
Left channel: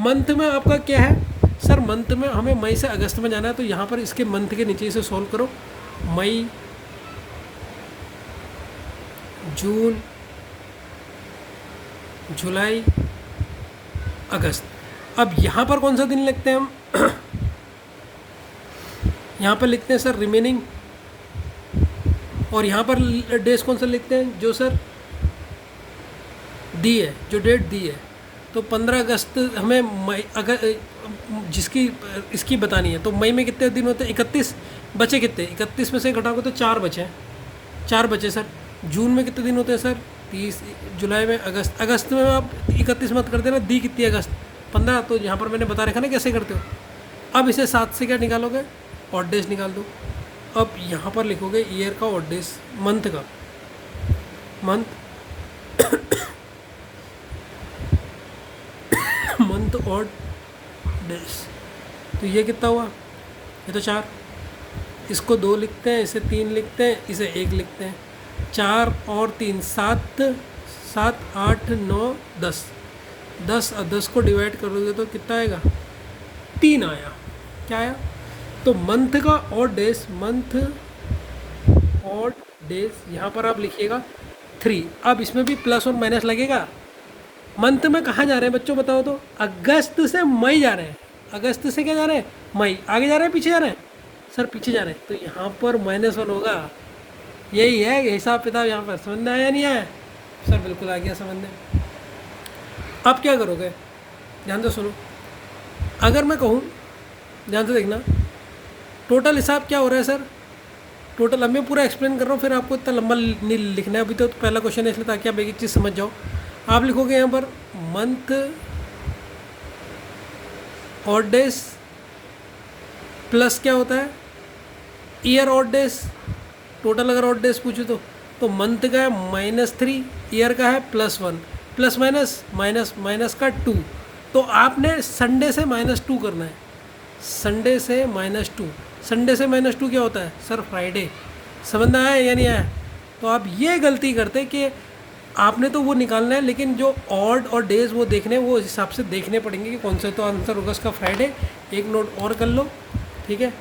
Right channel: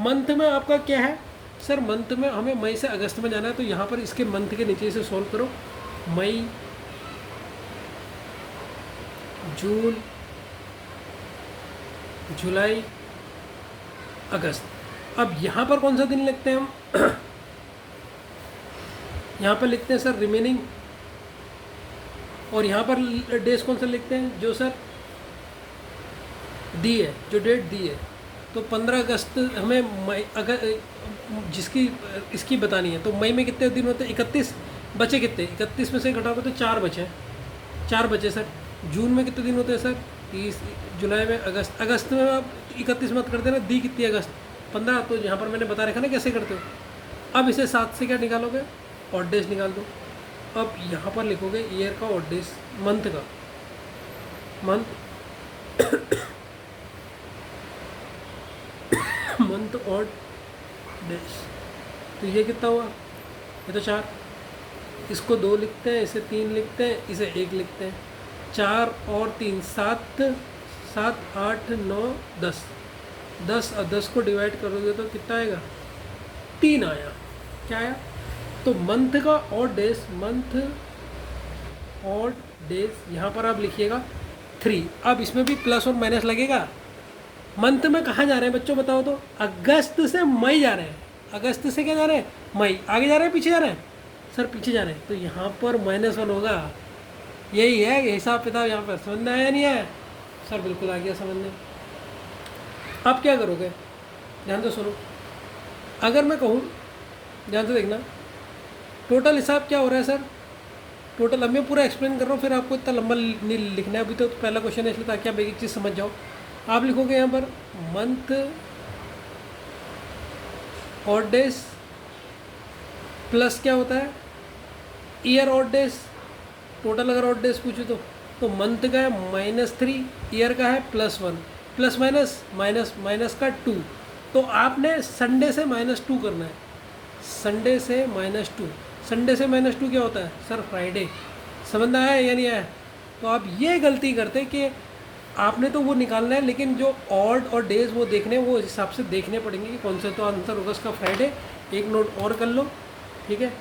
मंथ में आपका क्या है? सर मंथ में हमें मई से अगस्त में जाना है, तो यहाँ पर इसके मंथ के नीचे से सॉल्व करो। मई, जून, जुलाई, अगस्त। अब यहाँ पर कौन सा दिन लिखते हैं हम? यहाँ पर लिखते हैं सर रिमेनिंग, और यहाँ पर डेज कौन सा लिखते हैं? जो सर दी है, जो डेट दी है। तो 15 अगस्त हमें मई, अगर जिसकी इसकी बतानी है, तो मई में कितने दिन होते हैं? 31। बचे कितने? 31 में से घटाओगे तो 4 बचे, 4 बचे सर। जून में कितने दिन होते हैं सर? 30। जुलाई में, अगस्त में आप 31 मत कर देना, दी कितनी अगस्त? 15। तो यहाँ पर मैंने बता रखा ना कैसे करते हो। अब इसे 7 से क्या निकालोगे? ऑड डेज निकाल दो। अब यहाँ पर लिखोगे ईयर का ऑड डेज, मंथ का, मंथ ऑड डेज। तो ये कितना हुआ? ये तो 4। इसको 2 लिखते हैं, इसे 3 लिखते हैं, इसे 1 लिखते हैं। 4 और 3 7, 7, 8, 9, 10। 10 को डिवाइड करोगे तो कितना आएगा? 3 आया। क्या आया? तो मंथ का odd days, month odd days यहाँ पर आप लिखिएगा 3। अब इसमें भी प्लस और माइनस लगेगा। मंथ में कहाँ जा रहे हैं बच्चों बताओ तो? अगस्त से मई जा रहे हैं। अगस्त से क्या जा रहे हैं? मई। आगे जा रहे हैं पीछे जा रहे हैं? सर पीछे जा रहे हैं, तो यहाँ पर -1 होगा। यही है हिसाब किताब यहाँ पर। समझ में आया नहीं आया? सर बिल्कुल आ गया समझ में। आप क्या करोगे? ध्यान से सुनो। अगर मैं कहूँ, ध्यान से देखना, टोटल हिसाब क्या हो रहा है सर? टोटल, अब मैं पूरा एक्सप्लेन कर रहा हूँ, फिर आपको इतना लंबा नहीं लिखना है। अभी तो पहला क्वेश्चन है इसलिए, ताकि आप एक एक चीज़ समझ जाओ। आप लिखोगे यहाँ per month odd days plus क्या होता है? Year odd days. टोटल अगर ऑड डेज पूछूँ तो मंथ का है -3, ईयर का है +1, प्लस माइनस का 2। तो आपने संडे से -2 करना है। संडे से -2। संडे से -2 क्या होता है सर? फ्राइडे। समझ में आया या नहीं आया? तो आप ये गलती करते कि आपने तो वो निकालना है, लेकिन जो ऑड और डेज वो देखने, वो इस हिसाब से देखने पड़ेंगे कि कौन सा तो आंसर होगा इसका फ्राइडे। एक नोट और कर लो, ठीक है।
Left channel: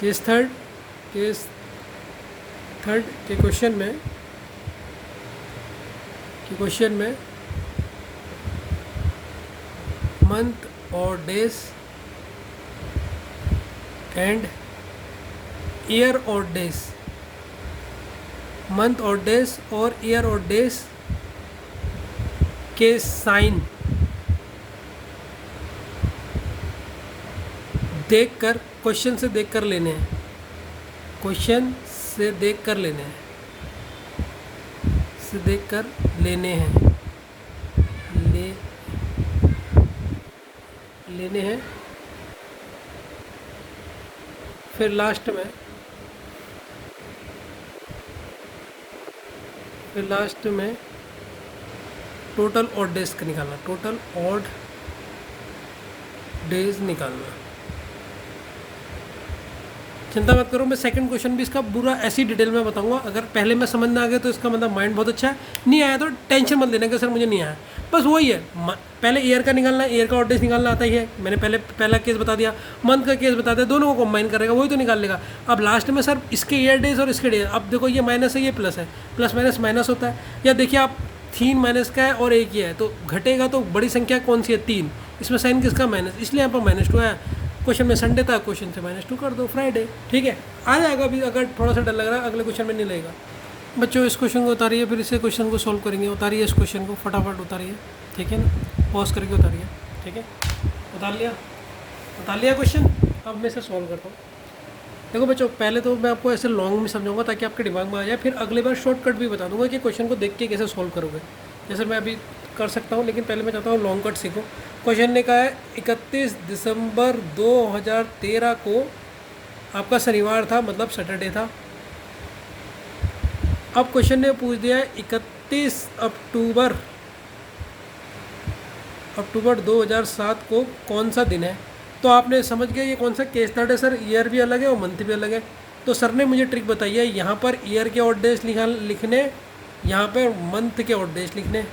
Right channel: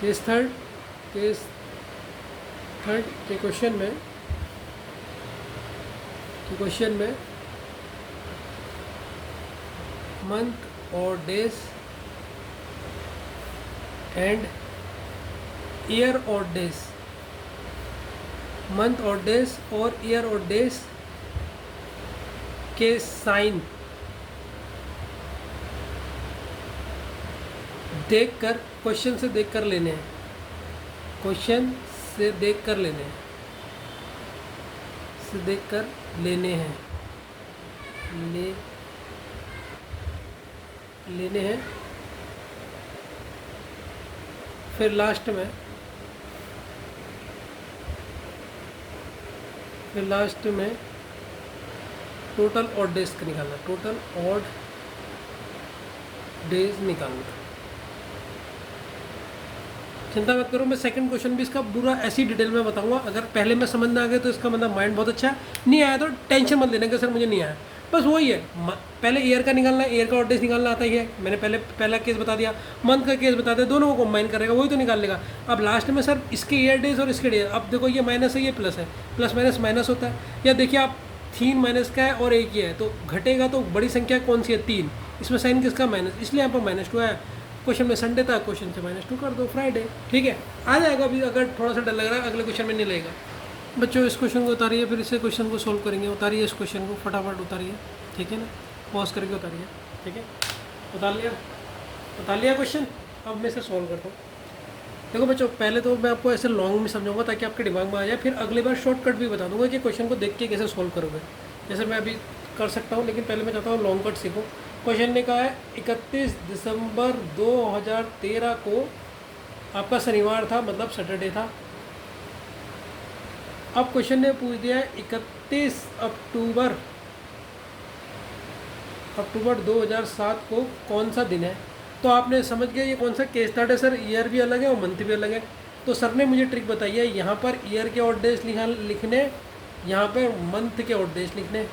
केस थर्ड के क्वेश्चन में मंथ और डेज एंड ईयर और डेज, मंथ और डेज और ईयर और डेज के साइन देख कर, क्वेश्चन से देख कर लेने हैं, क्वेश्चन से देख कर लेने हैं, से देख कर लेने हैं, लेने हैं। फिर लास्ट में टोटल ऑड डेज का निकालना, टोटल ऑड डेज निकालना। चिंता मत करो, मैं सेकंड क्वेश्चन भी इसका पूरा ऐसी डिटेल में बताऊंगा। अगर पहले में समझ में आ गया तो इसका मतलब माइंड बहुत अच्छा है, नहीं आया तो टेंशन मत लेने का सर मुझे नहीं आया, बस वही है। पहले ईयर का निकालना है, ईयर का ऑड डेज निकालना आता ही है, मैंने पहला केस बता दिया, मंथ का केस बता दिया, दोनों को कंबाइन करेगा वही तो निकाल लेगा। अब लास्ट में सर इसके ईयर डेज और इसके डेज, अब देखो ये माइनस है ये प्लस है, प्लस माइनस माइनस होता है। या देखिए आप 3 माइनस का है और 1 ही है तो घटेगा, तो बड़ी संख्या कौन सी है 3, इसमें साइन किसका माइनस, इसलिए यहाँ पर -2 है। क्वेश्चन में संडे था, क्वेश्चन से -2 कर दो, फ्राइडे, ठीक है आ जाएगा। अभी अगर थोड़ा सा डर लग रहा है अगले क्वेश्चन में नहीं लेगा। बच्चों इस क्वेश्चन को उतारिए, फिर इसे क्वेश्चन को सोल्व करेंगे। उतारिए इस क्वेश्चन को, फटाफट उतारिए, ठीक है ना, पॉज करके उतारिए, ठीक है। उतार लिया क्वेश्चन, अब मैं इसे सॉल्व करता हूँ। देखो बच्चों, पहले तो मैं आपको ऐसे लॉन्ग में समझाऊंगा ताकि आपके दिमाग में आ जाए, फिर अगली बार शॉर्टकट भी बता दूंगा कि क्वेश्चन को देख के कैसे सॉल्व करोगे, जैसे मैं अभी कर सकता हूँ। लेकिन पहले मैं चाहता हूँ लॉन्ग कट सीखो। क्वेश्चन ने कहा है 31 दिसंबर 2013 को आपका शनिवार था, मतलब सैटरडे था। अब क्वेश्चन ने पूछ दिया है 31 अक्टूबर 2007 को कौन सा दिन है। तो आपने समझ गया ये कौन सा केस स्टार्ट है सर, ईयर भी अलग है और मंथ भी अलग है। तो सर ने मुझे ट्रिक बताई है, यहाँ पर ईयर के ऑड डेज लिखने, यहाँ पर मंथ के ऑड डेज लिखने,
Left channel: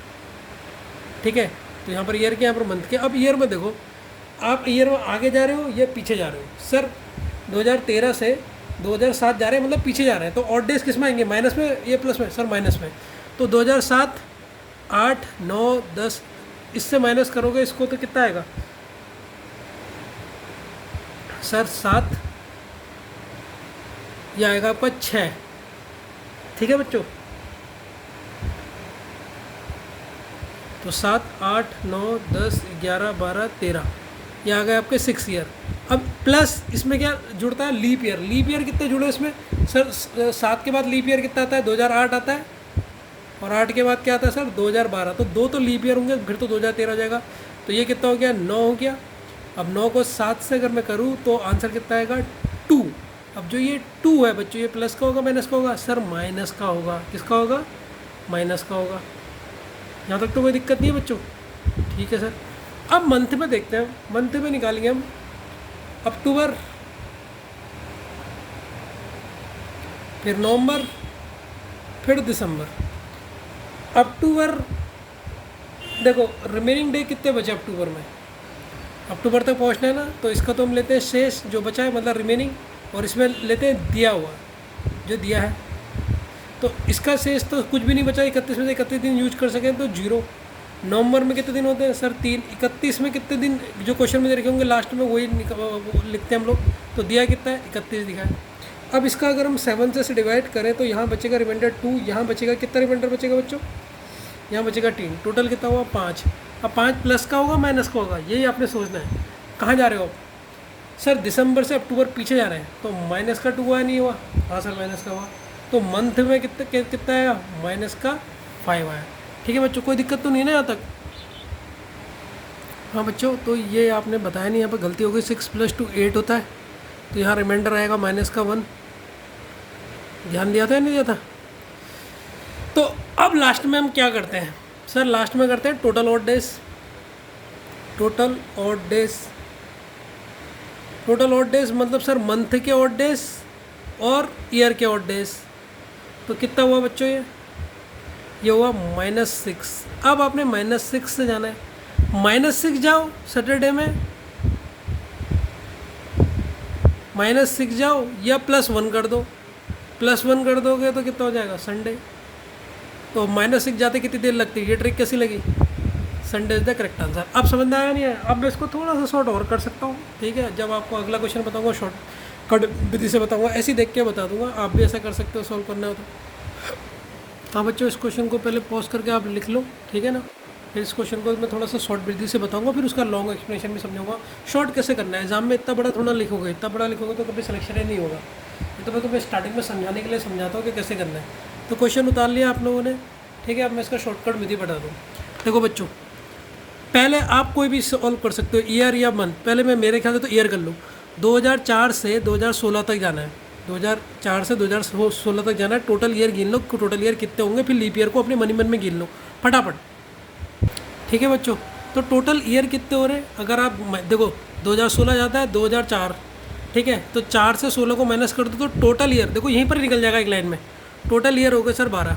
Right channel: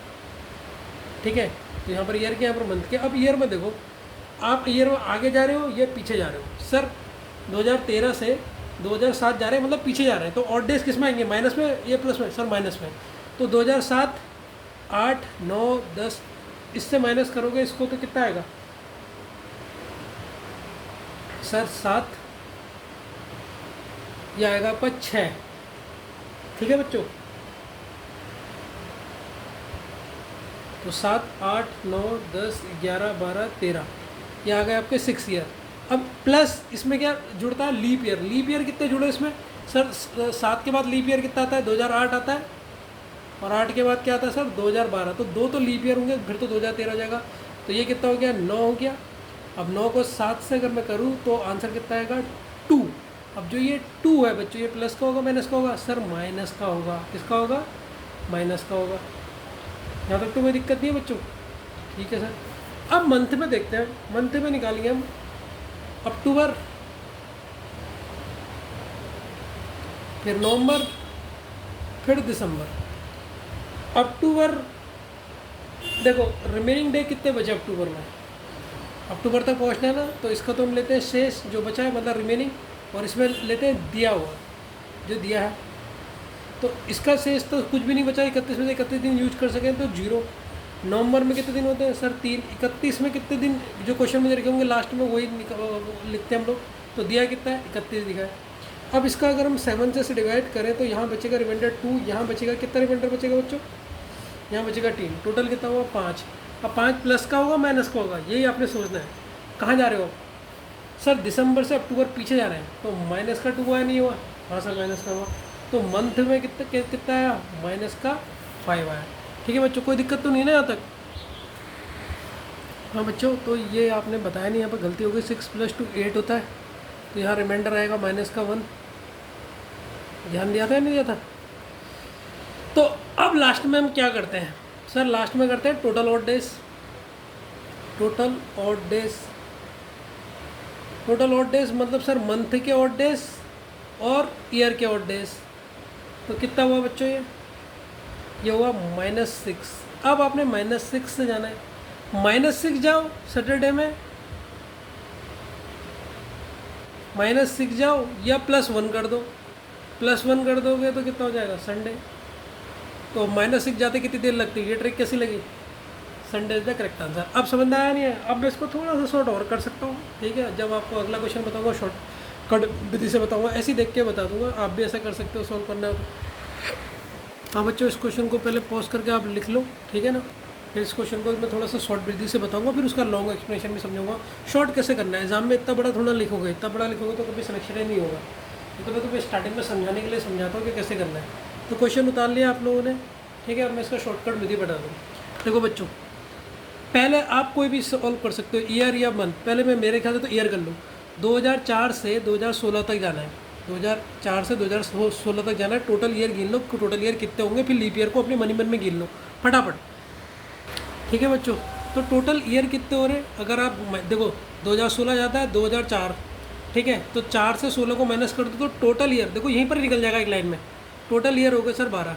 ठीक है। तो यहाँ पर ईयर के, यहाँ पर मंथ के। अब ईयर में देखो, आप ईयर में आगे जा रहे हो या पीछे जा रहे हो। सर 2013 से 2007 जा रहे हैं, मतलब पीछे जा रहे हैं, तो ऑड डेज किस में आएंगे, माइनस में या प्लस में, सर माइनस में। तो 2007, 8, 9, 10, इससे माइनस करोगे इसको तो कितना आएगा सर, 7, यह आएगा आपका 6, ठीक है बच्चों। तो 7, 8, 9, 10, 11, 12, 13, ये आ गए आपके 6 ईयर। अब प्लस इसमें क्या जुड़ता है, लीप ईयर। लीप ईयर कितने जुड़े इसमें सर, 7 के बाद लीप ईयर कितना आता है, 2008 आता है, और 8 के बाद क्या आता है सर, 2012। तो 2 तो लीप ईयर होंगे, फिर तो 2013 हो जाएगा। तो ये कितना हो गया, 9 हो गया। अब 9 को 7 से अगर मैं करूँ तो आंसर कितना आएगा, 2। अब जो ये 2 है बच्चों, ये प्लस का होगा माइनस का होगा, सर माइनस का होगा। किसका होगा, माइनस का होगा। यहाँ तक तो कोई दिक्कत नहीं है बच्चों, ठीक है सर। अब मंथ में देखते हैं, मंथ में निकालेंगे हम अक्टूबर, फिर नवंबर, फिर दिसंबर। अक्टूबर देखो रिमेनिंग डे कितने बचे अक्टूबर में, अक्टूबर तक पहुंचना है ना, तो इसका तो हम लेते हैं शेष जो बचा है, मतलब रिमेनिंग, और इसमें लेते हैं दिया हुआ जो दिया है। तो इसका शेष तो कुछ भी नहीं बचा, 31 में से 31 दिन यूज कर सकें तो 0। नवंबर में कितने दिन होते हैं सर, 3। 31 में कितने दिन जो क्वेश्चन में लिखे होंगे लास्ट में वही लिखते हैं हम लोग। तो दिया कितना है, 31 दिखा है। अब इसका अगर हम 7 से डिवाइड करें तो यहाँ बचेगा रिमाइंडर 2, यहाँ बचेगा कितना रिमाइंडर बचेगा बच्चों, यहाँ बचेगा 3। टोटल कितना हुआ, 5। अब 5 प्लस का होगा माइनस का होगा, यही आपने सोचना है। कहाँ जा रहे हो सर, दिसंबर से अक्टूबर पीछे जा रहे हैं, तो माइनस का 2 आया नहीं हुआ, हाँ सर माइनस का हुआ। तो मंथ में कितना आया, माइनस का 5 आया, ठीक है बच्चों। कोई दिक्कत तो नहीं ना यहाँ तक, हाँ बच्चों। तो ये आपने बताया नहीं, यहाँ पर गलती हो गई। 6 + 2 8 होता है, तो यहाँ रिमाइंडर आएगा माइनस का 1। ध्यान दिया था या नहीं दिया था। तो अब लास्ट में हम क्या करते हैं सर, लास्ट में करते हैं total odd days. Total odd days, total odd days मतलब सर मंथ के ऑड डेज और ईयर के ऑड डेज। तो कितना हुआ बच्चों, ये हुआ -6। अब आपने -6 से जाना है, -6 जाओ सैटरडे में, -6 जाओ या +1 कर दो। +1 कर दोगे तो कितना हो जाएगा, संडे। तो -6 जाते कितनी देर लगती है, ये ट्रिक कैसी लगी, Sunday is the correct answer. अब समझ में आया नहीं है, अब मैं इसको थोड़ा सा शॉर्ट और कर सकता हूँ, ठीक है। जब आपको अगला क्वेश्चन बताऊँगा शॉर्ट कट विधि से बताऊँगा, ऐसे ही देख के बता दूंगा, आप भी ऐसा कर सकते हो सॉल्व करना हो तो। हाँ बच्चों, इस क्वेश्चन को पहले पॉज करके आप लिख लो, ठीक है ना। फिर इस क्वेश्चन को मैं थोड़ा सा शॉर्ट विधि से बताऊंगा, फिर उसका लॉन्ग एक्सप्लेनेशन भी समझाऊंगा। शॉर्ट कैसे करना है, एग्जाम में इतना बड़ा थोड़ा लिखोगे, इतना बड़ा लिखोगे तो कभी सिलेक्शन ही नहीं होगा। ये तो मैं तुम्हें स्टार्टिंग में समझाने के लिए समझाता हूँ कि कैसे करना है। तो क्वेश्चन उतार लिया आप लोगों ने, ठीक है। अब मैं इसका शॉर्टकट विधि बता दूँ। देखो बच्चों, पहले आप कोई भी सॉल्व कर सकते हो, ईयर या मंथ। पहले मैं मेरे ख्याल से तो ईयर कर लूँ। 2004 से 2016 तक जाना है, 2004 से 2016 तक जाना है। टोटल ईयर गिन लो, टोटल ईयर कितने होंगे, फिर लीप ईयर को अपने मन में गिन लो फटाफट, ठीक है बच्चों। तो टोटल ईयर कितने हो रहे हैं, अगर आप देखो 2016 जाता है 2004, ठीक है। तो 4 से 16 को माइनस कर दो तो टोटल ईयर देखो यहीं पर ही निकल जाएगा एक लाइन में। टोटल ईयर हो गए सर 12,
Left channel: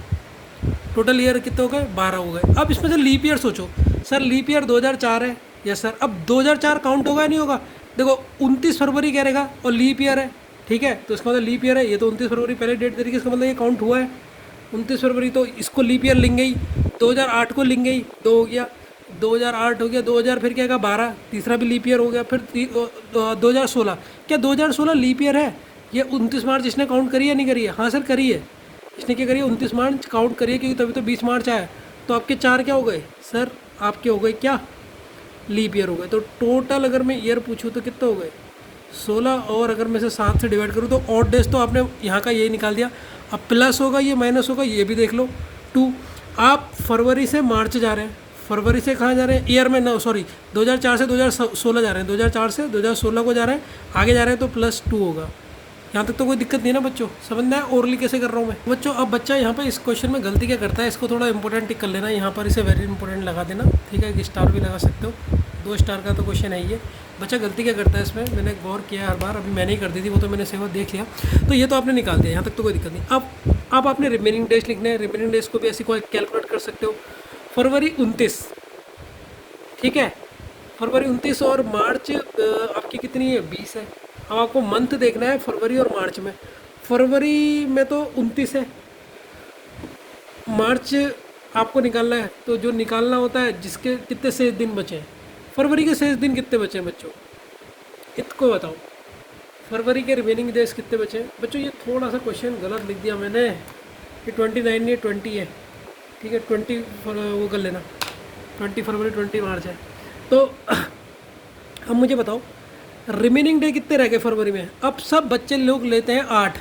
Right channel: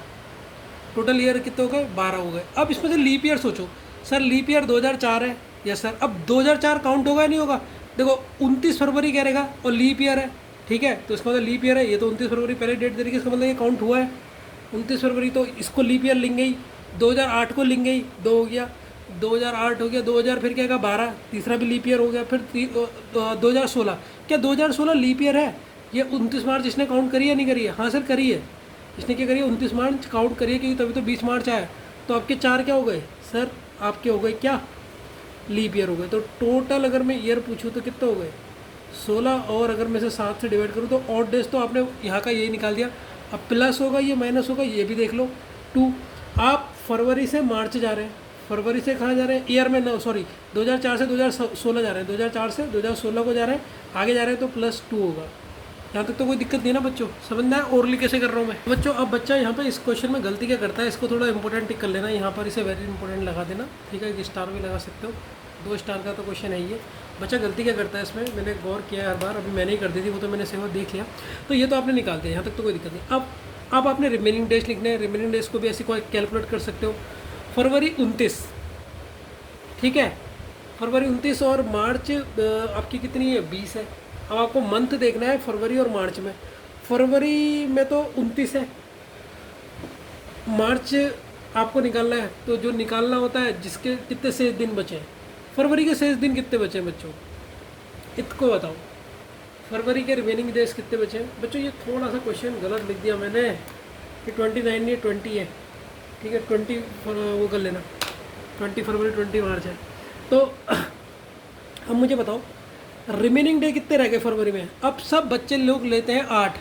टोटल ईयर कितने हो गए 12 हो गए। अब इसमें से लीप ईयर सोचो, सर लीप ईयर 2004 है, यस सर। अब 2004 काउंट होगा नहीं होगा, देखो 29 फरवरी कह रहेगा और लीप ईयर है, ठीक है। तो इसका मतलब लीप ईयर है, ये तो 29 फरवरी पहले डेट तरीके, इसका मतलब ये काउंट हुआ है 29 फरवरी। तो इसको लीप ईयर लेंगे ही, 2008 को लेंगे ही, 2 हो गया, 2008 हो गया, 2000 फिर क्या आएगा 12, तीसरा भी लीप ईयर हो गया। फिर 2016, क्या 2016 लीप ईयर है? ये 29 मार्च इसने काउंट करी है नहीं करी है? हाँ सर करी है, इसने क्या करी है 29 मार्च काउंट करिए, क्योंकि तभी तो 20 मार्च आया। तो आपके 4 क्या हो गए सर, आपके हो गए क्या लीप ईयर हो गए। तो टोटल अगर मैं ईयर पूछूँ तो कितने हो गए 16, और अगर मैं से 7 से डिवाइड करूँ तो ऑड डेज तो आपने यहाँ का यही निकाल दिया। अब प्लस होगा ये माइनस होगा, ये भी देख लो 2। आप फरवरी से मार्च जा रहे हैं, फरवरी से कहाँ जा रहे हैं ईयर में, ना सॉरी 2004 से 2016 जा रहे हैं, 2004 से 2016 को जा रहे हैं, आगे जा रहे हैं तो +2 होगा। यहाँ तक तो कोई दिक्कत नहीं ना बच्चों, समझना है ओरली कैसे कर रहा हूँ मैं बच्चों। अब बच्चा यहाँ पर इस क्वेश्चन में गलती क्या करता है, इसको थोड़ा इंपॉर्टेंट टिक कर लेना, यहाँ पर इसे वेरी इंपॉर्टेंट लगा देना, ठीक है। स्टार भी लगा सकते हो, 2 स्टार का तो क्वेश्चन है ये। बच्चा गलती क्या करता है इसमें, मैंने गौर किया हर बार, अभी मैंने ही कर दी थी वो तो मैंने सेवा देख लिया। तो ये तो आपने निकाल दिया, यहाँ तक तो कोई दिक्कत नहीं। अब आपने रिमेनिंग डेज लिखने हैं, रिमेनिंग डेज को भी ऐसे कोई कैलकुलेट कर सकते हो। फरवरी 29, ठीक है, फरवरी 29 और मार्च आपकी कितनी है 20 है। अब आपको मंथ देखना है फरवरी और मार्च में। फरवरी में तो 29 है, मार्च आपको निकालना है, तो जो निकालना होता है जिसके कितने शेष दिन बचे हैं, फरवरी के शेष दिन कितने बचे हैं बच्चों, इसको बताओ। फरवरी के रिमेनिंग डेज कितने बचे हैं बच्चों। ये थोड़ा सा क्वेश्चन गलत लिख दिया मैंने, ये 29 नहीं 20 है, ठीक है। 20 वो कर लेना, 20 फरवरी 20 मार्च है। तो अब मुझे बताओ रिमेनिंग डे कितने रह गए फरवरी में। अब सब बच्चे लोग लेते हैं 8,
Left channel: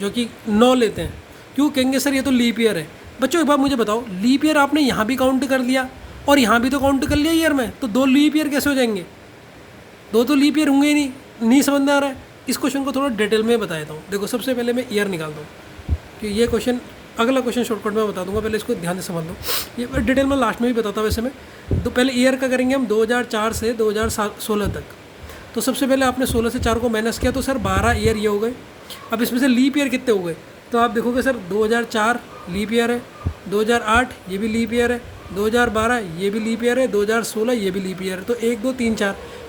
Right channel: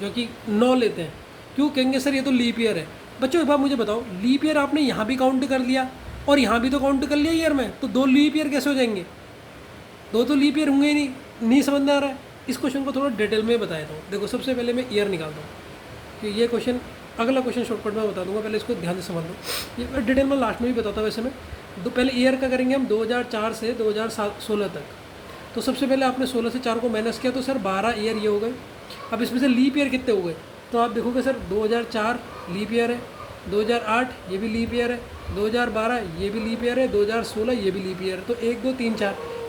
जो कि 9 लेते हैं। क्यों कहेंगे सर ये तो लीप ईयर है। बच्चों एक बार मुझे बताओ, लीप ईयर आपने यहाँ भी काउंट कर लिया और यहाँ भी तो काउंट कर लिया ईयर में, तो 2 लीप ईयर कैसे हो जाएंगे, 2 तो लीप ईयर होंगे ही नहीं समझ में आ रहा है। इस क्वेश्चन को थोड़ा डिटेल में बता देता हूँ। देखो सबसे पहले मैं ईयर निकाल दूँ कि ये क्वेश्चन, अगला क्वेश्चन शॉर्टकट में बता दूंगा, पहले इसको ध्यान से समझ लो। ये डिटेल में लास्ट में भी बताता हूँ वैसे मैं। तो पहले ईयर का करेंगे हम 2004 से 2016 तक। तो सबसे पहले आपने 16 से 4 को माइनस किया तो सर 12 ईयर ये हो गए। अब इसमें से लीप ईयर कितने हो गए, तो आप देखोगे सर 2004 लीप ईयर है, 2008 ये भी लीप ईयर है, 2012 ये भी लीप ईयर है, 2016 ये भी लीप ईयर है। तो 1 2 3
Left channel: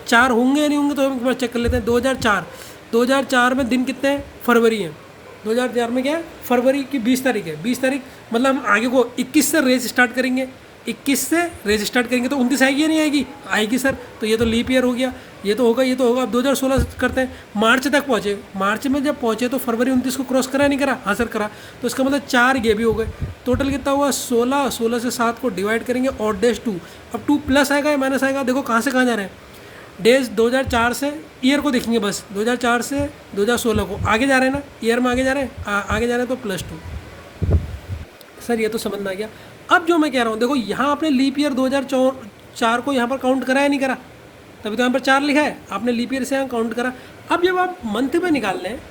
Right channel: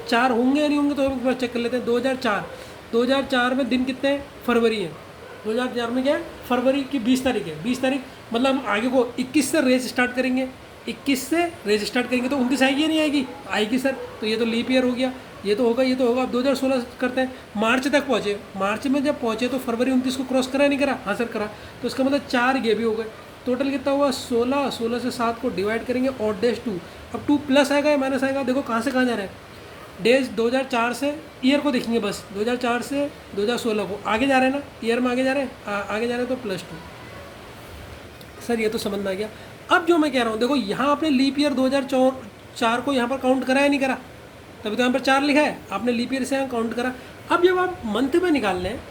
4 होंगे या नहीं होंगे, तो हम एक बार चेक कर लेते हैं। 2004 में दिन कितने हैं, फरवरी है। 2004 में क्या है, फरवरी की 20 तारीख है। 20 तारीख मतलब हम आगे को 21 से रेस स्टार्ट करेंगे, 21 से रेस स्टार्ट करेंगे तो 29 आएगी या नहीं आएगी, आएगी सर। तो ये तो लीप ईयर हो गया, ये तो होगा, ये तो होगा। अब 2016 करते हैं, मार्च तक पहुँचे। मार्च में जब पहुँचे तो फरवरी 29 को क्रॉस करा नहीं करा, हाँ सर करा। तो इसका मतलब 4 ये भी हो गए। टोटल कितना हुआ 16, 16 से 7 को डिवाइड करेंगे और डेज 2। अब 2 प्लस आएगा या माइनस आएगा, देखो कहाँ से कहाँ जा रहा है। डेज 2004 से, ईयर को देखेंगे बस, 2004 से 2016 को आगे जा रहे हैं ना, ईयर में आगे जा रहे हैं, आगे जा रहे हैं तो +2। सर ये तो समझ में आ गया। अब जो मैं कह रहा हूँ देखो, यहाँ आपने लीप ईयर 2004 को यहाँ पर काउंट करा या नहीं करा, तभी तो यहाँ पर 4 लिखा है, आपने लीप ईयर से यहाँ काउंट करा। अब जब आप मंथ में निकालने हैं,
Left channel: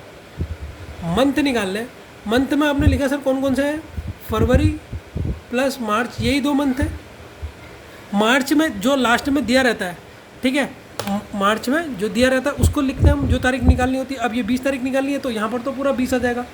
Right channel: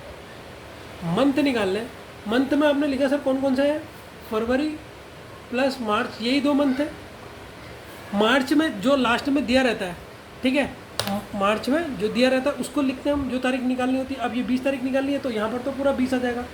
मंथ में आपने लिखा सर कौन कौन से हैं, फरवरी प्लस मार्च, यही 2 मंथ है। मार्च में जो लास्ट में दिया रहता है, ठीक है, मार्च में जो दिया रहता है उसको लिखते हैं हम, जो तारीख निकालनी होती है। अब ये 20 तारीख निकालनी है तो यहाँ पर तो पूरा 20 आ जाएगा,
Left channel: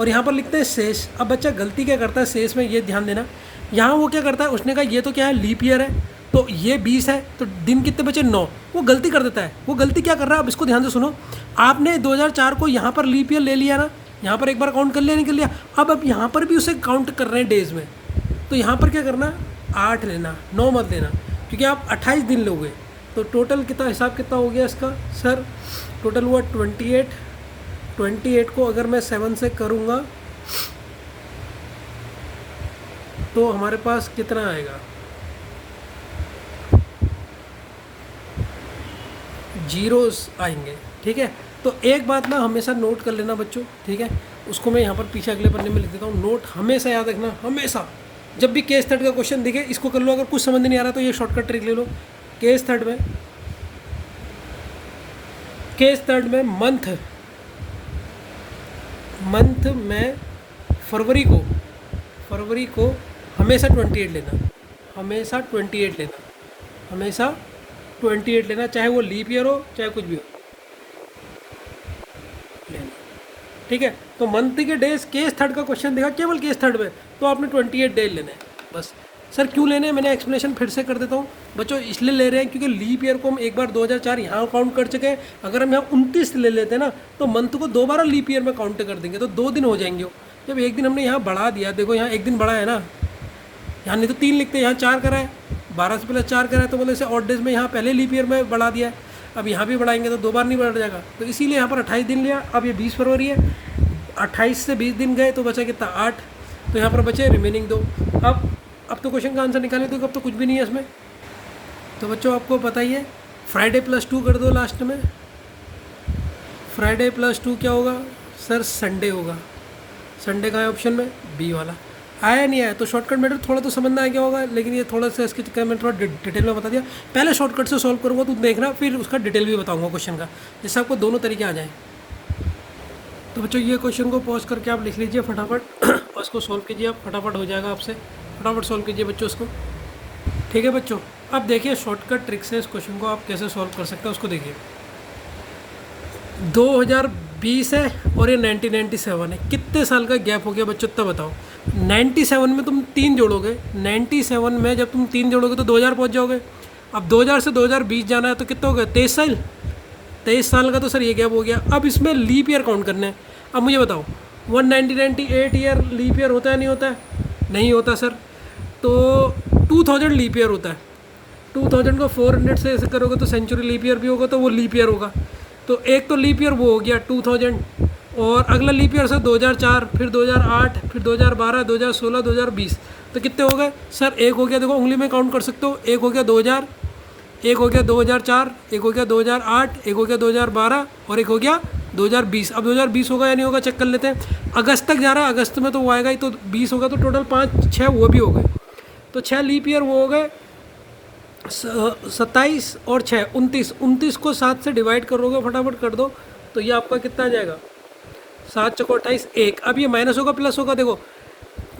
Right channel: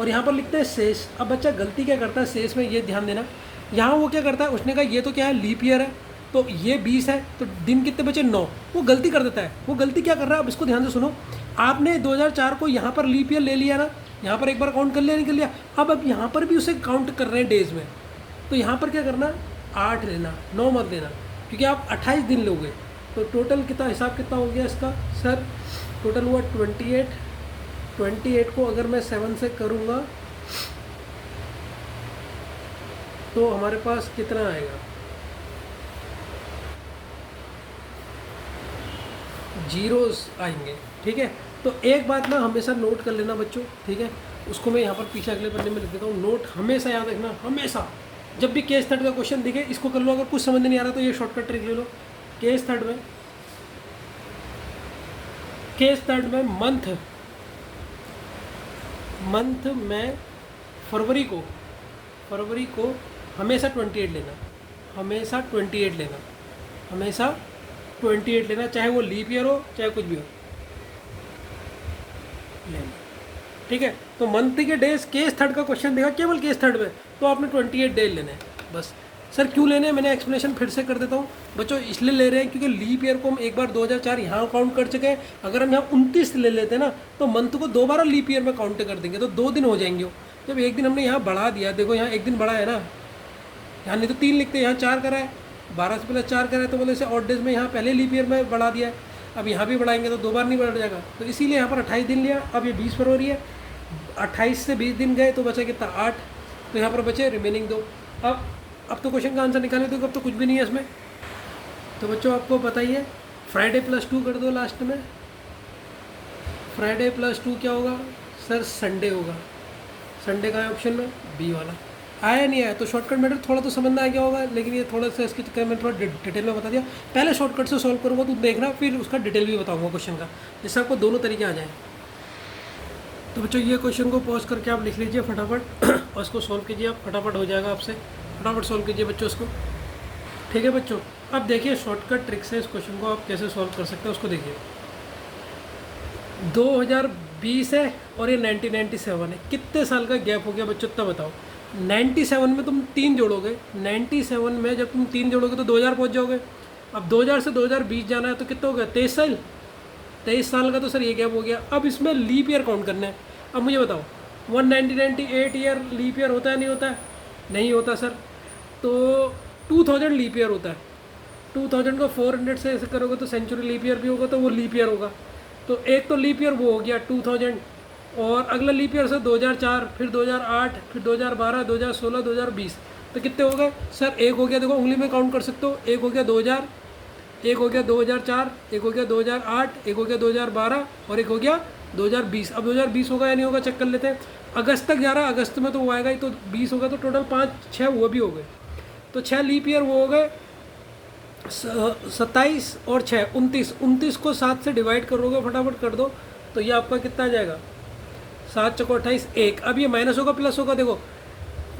और यहाँ पर लिखते हैं शेष। अब बच्चा गलती क्या करता है शेष में, ये ध्यान देना, यहाँ वो क्या करता है, उसने कहा ये तो क्या है लीप ईयर है, तो ये 20 है, तो दिन कितने बचे 9। वो गलती कर देता है। वो गलती क्या कर रहा है, अब इसको ध्यान से सुनो। आपने 2004 को यहाँ पर लीप ईयर ले लिया ना, यहाँ पर एक बार काउंट कर लिया नहीं कर लिया, अब यहाँ पर भी उसे काउंट कर रहे हैं डेज में। तो यहाँ पर क्या करना, 8 लेना, 9 मत लेना, क्योंकि आप 28 दिन लोगे। तो टोटल कितना हिसाब कितना हो गया इसका सर, टोटल हुआ 28 को अगर मैं 7 से करूँगा तो हमारे पास कितना आएगा, जीरोस आएंगे, ठीक है। तो एक बात ना हमेशा नोट कर लेना बच्चों, ठीक है, उसको मैं यहाँ पर पीछे अगले पन्ने में लिख देता हूँ। नोट हमेशा याद रखना, हमेशा जब भी केस थर्ड का क्वेश्चन दिखे इसको कर लो। अगर कुछ समझ नहीं आ रहा तो ये शॉर्टकट ट्रिक ले लो। केस थर्ड में मंथ में फरवरी को हमेशा 28 लेना, हमेशा 28 लेना, चाहे वो लीप ईयर हो चाहे कुछ भी हो लेना, ठीक है। तो मंथ के डेज केस थर्ड का क्वेश्चन देगा केवल केस थर्ड में, तो आपने 28 डेज लेने हैं बस। सर क्यों लेने हैं, मैंने एक्सप्लेनेशन फिर से कर देता हूँ बच्चों। इसलिए ले रहे हैं क्योंकि लीप ईयर को हम एक बार 2004 यहाँ काउंट कर चुके हैं। अगर हम यहाँ 29 ले लेते हैं ना तो मंथ को दोबारा लीप ईयर में काउंट कर देंगे, तो 2 दिन हो जाएंगे। जब एक दिन हमने यहाँ बढ़ा दिया, देखो यहाँ एक दिन बढ़ा है ना, यहाँ नहीं तो 3 लिखते हैं, यहाँ 4 करा है, 12 से पहले 4 करा है, तो बोले से ऑड डेज में यहाँ पहले लीप ईयर में बढ़ा दिया है। अब यहाँ भी बढ़ाएंगे तो 2 बार नहीं बढ़ जाएगा, तो इसीलिए यहाँ पर 28 दिन लिया। अब ये 20 फरवरी है, 28 से 20 दिन गए तो बचा कितना 8, तो यहाँ पर बचे रिमेनिंग 2। अब तो क्वेश्चन का आंसर निकालने दो, अब तो कुछ भी नहीं है इसमें। तो बच्चों आपको पता ही है, फ्राइडे +2 कर दो लास्ट में। फ्राइडे +2 क्या होगा सर, संडे होगा। संडे का है ऑप्शन में, बी वाला। आया नहीं आया तो शॉर्टकट मेथड थोड़ा तो समझ में आ गया होगा, लेकिन ये थोड़ा सा इसके चक्कर में थोड़ा डिटेल में बता दिया। पहले शॉर्टकट से सॉल्व करूँगा तो देखना, फिर उसका डिटेल भी बताऊँगा क्वेश्चन का, जिससे आपको दोनों तरीके आ जाए। तो बच्चों ये क्वेश्चन को पॉज करके आप लिख लीजिए फटाफट और इसको सॉल्व कीजिए आप, फटाफट हो जाएगा आपसे। फटाफट सॉल्व कीजिए बच्चों इसको, ठीक है बच्चों। अब देखिए शॉर्टकट ट्रिक से इस क्वेश्चन को आप कैसे सॉल्व कर सकते हैं उसको देखिए। 2020 है और ये 1997 है, कितने साल का गैप हो गया बच्चों, तब बताओ। 97 में तुम 3 जोड़ोगे, 97 में जब तुम 3 जोड़ोगे तो 2000 पहुंच जाओगे। अब 2000 से 2020 जाना है तो कितना हो गया, 23 साल। 23 साल का तो सर ये गैप हो गया। अब इसमें लीप ईयर काउंट करना है। अब मुझे बताओ 1998 ईयर लीप ईयर होता है नहीं होता है, नहीं होता सर। तो 2000 लीप ईयर होता है, 2000 को 400 से ऐसे करोगे तो सेंचुरी लीप ईयर भी होगा, तो वो लीप ईयर होगा। तो एक तो लीप ईयर वो हो गया 2000, और अगला लीप ईयर सर 2004, फिर 2008, फिर 2012, 2016, 2020। तो कितने हो गए सर, एक हो गया, देखो उंगली में काउंट कर सकते हो, एक हो गया 2000, एक हो गया 2004, एक हो गया 2008, एक हो गया 2012 और एक हो गया 2020। अब 2020 होगा या नहीं होगा चेक कर लेते हैं। अगस्त तक जा रहा है, अगस्त में तो वो आएगा ही, तो 20 होगा, तो टोटल 5 6 वो भी हो गए। तो 6 लीप ईयर वो हो गए, 27 और 6 29। 29 को 7 से डिवाइड करोगे, फटाफट कर दो, तो ये आपका कितना आ जाएगा, 7 चौको 28 1। अब ये माइनस होगा प्लस होगा, देखो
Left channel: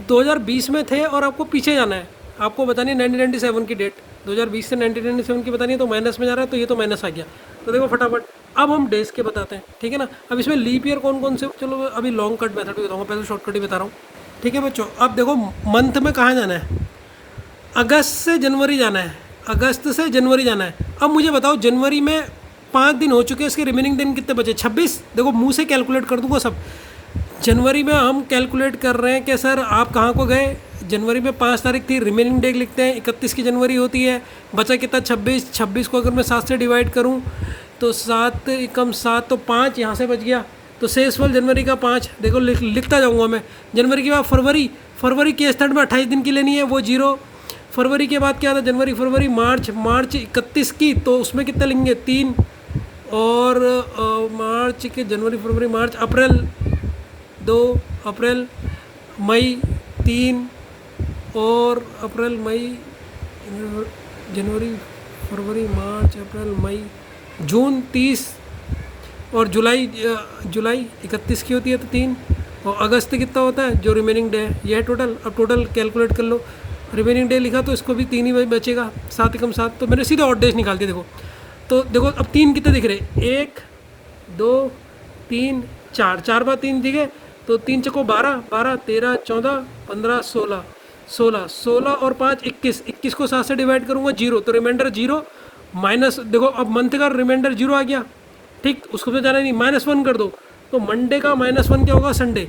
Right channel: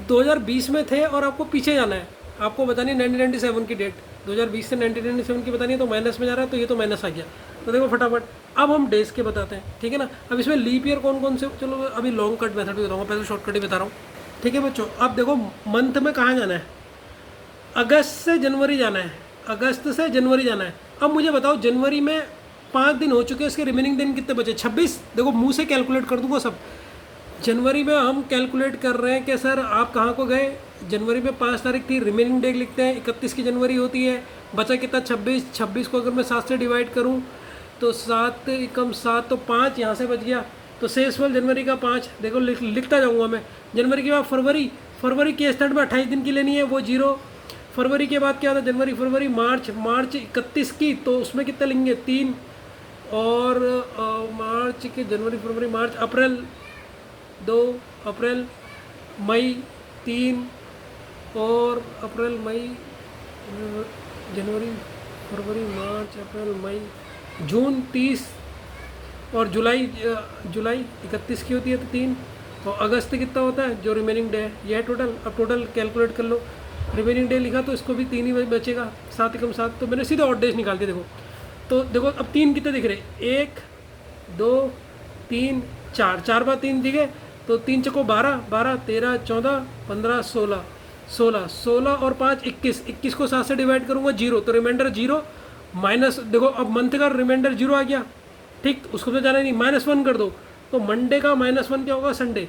2020 में थे और आपको पीछे जाना है, आपको बतानी है 1997 की डेट, 2020 से 1997 की बतानी है, तो माइनस में जा रहा है, तो ये तो माइनस आ गया। तो देखो फटाफट अब हम डेज के बताते हैं, ठीक है ना। अब इसमें लीप ईयर कौन कौन से, चलो अभी लॉन्ग कट मेथड भी बताऊँगा, पहले शॉर्टकट ही बता रहा हूँ, ठीक है बच्चों। अब देखो मंथ में कहाँ जाना है, अगस्त से जनवरी जाना है, अगस्त से जनवरी जाना है। अब मुझे बताओ जनवरी में 5 दिन हो चुके हैं, इसके रिमेनिंग दिन कितने बचे, 26। देखो मुंह से कैलकुलेट कर दूंगा सब। जनवरी में हम कैलकुलेट कर रहे हैं कि सर आप कहाँ को गए, जनवरी में 5 तारीख थी, रिमेनिंग डे लिखते हैं, 31 की जनवरी होती है, बचा कितना 26। 26 को अगर मैं 7 से डिवाइड करूँ तो 7 कम 7 तो 5 यहाँ से बच गया, तो शेषफल जनवरी का 5। देखो लिखता जाऊँगा मैं। जनवरी के बाद फरवरी केस थर्ड में 28 दिन की लेनी है, वो 0। फरवरी के बाद क्या था, जनवरी फरवरी मार्च 31 की, तो उसमें कितना लेंगे 3, और मार्च के जनवरी फरवरी मार्च अप्रैल 2, अप्रैल मई 3, और अप्रैल मई जनवरी फरवरी मार्च अप्रैल मई जून 30, और जुलाई 31 की होती है तो 3, और अगस्त कितना होता है जो रिमेनिंग डे है, यह है टोटल। अब टोटल कैलकुलेट कर लो, रिमेनिंग डे लिखा तो इसको भी 3 ही बचेगा, 7 कम 7, तो मैंने सीधे ऑड डेज निकाल दिए। देखो तो देखो अब 3 कितने दिख रहे, 1 2 3 4, 4 बार 3 दिखे, तो 3 चको 12, 12 13 14 15 16, 16 और 5 21। 21 को 7 से डिवाइड करूँगा 0, तो रिमाइंडर 0 माइनस। देखो अब मंथ का रिमाइंडर 0 आ गया, ठीक, उसको तो जाना नहीं, -1 कर दो, तो मंडे का -1 क्या होगा, संडे।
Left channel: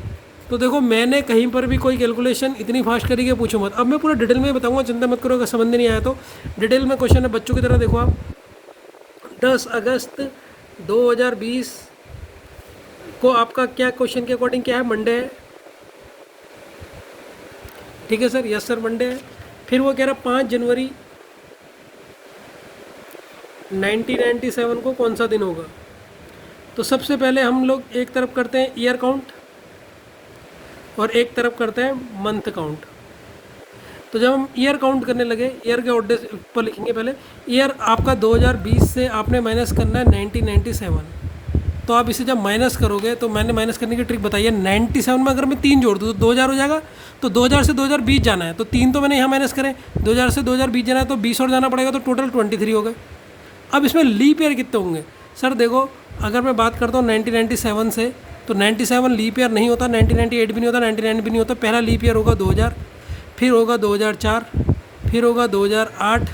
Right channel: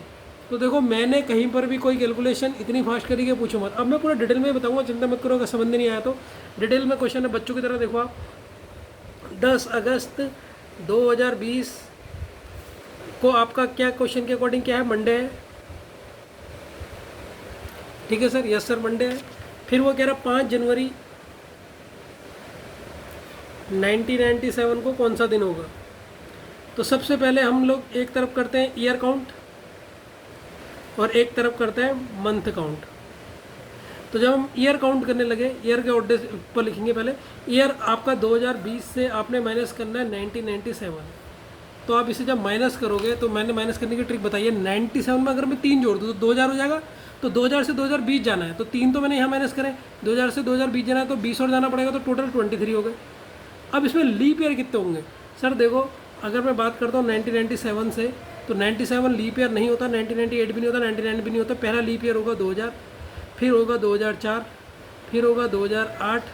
तो देखो मैंने कहीं पर भी कोई कैलकुलेशन इतनी फास्ट करी कि पूछो मत। अब मैं पूरा डिटेल में बताऊंगा, चिंता मत करो, अगर समझ में नहीं आया तो डिटेल में क्वेश्चन है बच्चों की तरह। देखो आप 10 अगस्त 2020 को आपका क्या क्वेश्चन के अकॉर्डिंग क्या है, मंडे है, ठीक है सर, यस सर मंडे है। फिर वो कह रहा 5 जनवरी 1997 को कौन सा दिन होगा? तो सबसे पहले हम लोग एक तरफ करते हैं ईयर काउंट और एक तरफ करते हैं मंथ काउंट। तो जब हम ईयर काउंट करने लगे, ईयर के ऑड डेज पर लिखेंगे। पहले ईयर आपका 2020 से आपने माइनस करना है 1997। तो आप इसे जब माइनस करोगे, तो मैंने माइनस करने की ट्रिक बताई है। 97 में अगर मैं 3 जोड़ दूँ तो 2000 हो जाएगा। तो 2000 से 2020 जाना है, तो 3 तो मैंने यहाँ माइनस करे। 2000 से 2020 जाना है तो 20 और जाना पड़ेगा, तो टोटल 23 हो गए। अब इसमें लीप ईयर कितने होंगे? सर देखो, अगर मैं बात करता हूँ 1997 से, तो 97 लीप ईयर नहीं होता, 1998 भी नहीं होता, 99 भी नहीं होता। पहला लीप ईयर होगा 2000, फिर होगा 2004, फिर होगा 2008,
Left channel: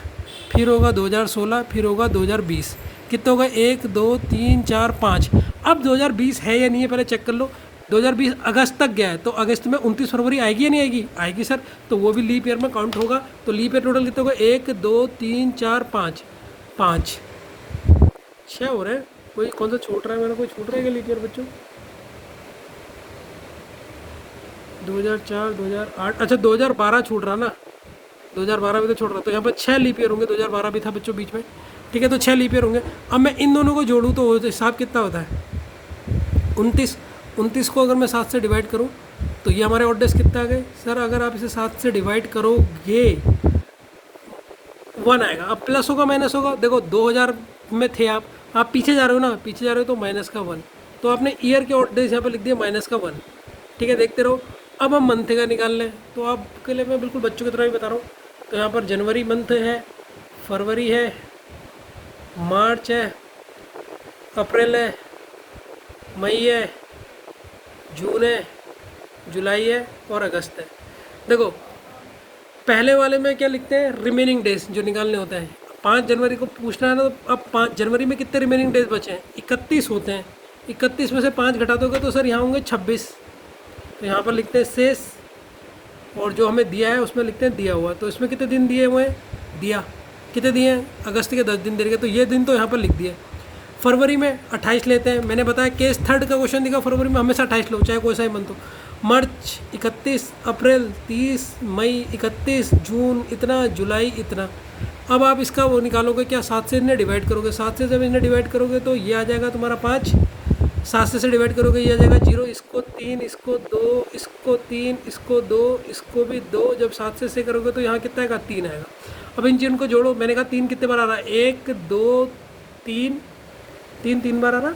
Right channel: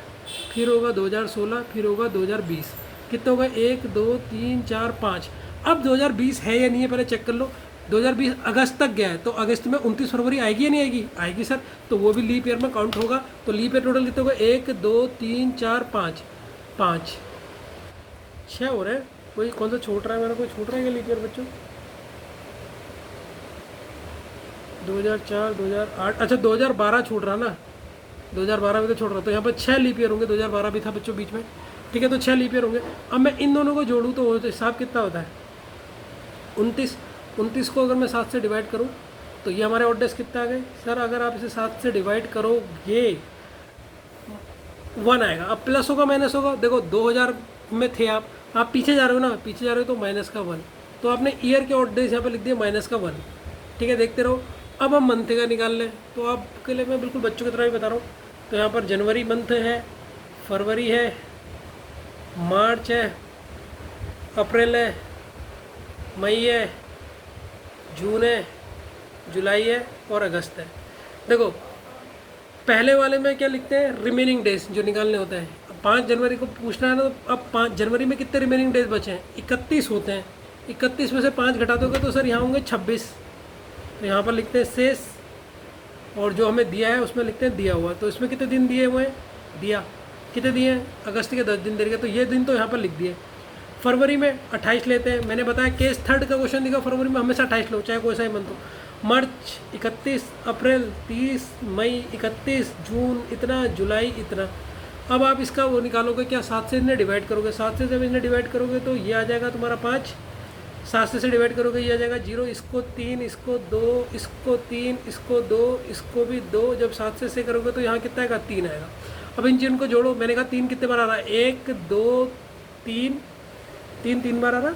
फिर होगा 2016, फिर होगा 2020। कितना होगा? 1 2 3 4 5। अब 2020 है या नहीं है पहले चेक कर लो। 2020 अगस्त तक गया है, तो अगस्त में 29 फरवरी आएगी या नहीं आएगी? आएगी सर। तो वो भी लीप ईयर में काउंट होगा। तो लीप ईयर टोटल कितना होगा? 1 2 3 4 5, 5 6 हो रहे हैं। कोई कौन सा छूट रहा है? मेरा कोई छूट रहा है क्या लीप ईयर बच्चों? 2004, 2008, अच्छा 2012 छूट रहा ना, 2012 भी तो छोड़ रहा। तो यहाँ पर 6 लीप ईयर होंगे। 2012 भी था बच्चों बीच में, ठीक है। तो 6 लीप ईयर होंगे। अब मैं इन दोनों को जोड़ूँ तो हिसाब कितना होता है? 29 को अगर मैं 7 से डिवाइड करूँ तो ये हमारे ऑड डेज कितना आ गए? सर अगर आप इसे 7 से डिवाइड करोगे 1 आएगा। अब प्लस होगा माइनस होगा? देखो 2000 में थे आप पीछे जा रहे हो ना, पीछे जा रहे हो तो माइनस का 1। तो आपने ईयर के ऑड डेज यहाँ पे लिख दिया माइनस का 1, ठीक है। देखते रहो। अब हम मंथ का निकाल लें। तो आपके लिए मैं बिल्कुल बच्चों की तरह ही बता रहा हूँ। तो यहाँ पर जनवरी मंथ है, फरवरी है, मार्च है, अप्रैल है, मई है, जून है, जुलाई है और अगस्त है। देखो पहले वाले में क्या लिखते हैं? रिमेनिंग डेज जो निकालने होते हैं। 5 जनवरी को पूछना है ना, तो अब 5 जनवरी में कितने रिमेनिंग डेज बचे हैं? 31 होते हैं। 31 में से 5 घटा दोगे तो सर यहाँ होंगे 26। तो यहाँ पर लिखते हैं शेष, और जो हमें दिया है उसमें लिखते हैं दिया हुआ। तो इसमें कितने दिन दिए हुए हैं? दिया कितने दिए हैं? अगस्त के 10 दिन दे रहे। तो ये दिन तो यहाँ पर लिख दिए। फरवरी में 28 लेते हैं। मैंने बताया केस 3 का क्वेश्चन दिखा, फरवरी में हमेशा 28 लो, चाहे कोई सा ही मंथ हो। मार्च 31, अप्रैल 30, मई 31, जून इतना, जुलाई इतना। अब आप इसका वो निकालोगे क्या? 7 से इन्हें डिवाइड करोगे। 7 से जब इन्हें डिवाइड करोगे तो ये आ जाएगा तुम्हारा 5। 7 से डिवाइड करोगे ये आ जाएगा 0। इसको 3, इसको 2, इसको 3, इसको 2, इसको भी 2। जब 7 से करोगे तो यहाँ कितना आएगा? 3 आएगा। अब इन जिन को जोड़ो। मैंने कहा 3 कितने बार आ रहा है? 1 2 3, 3 बार आ रहा।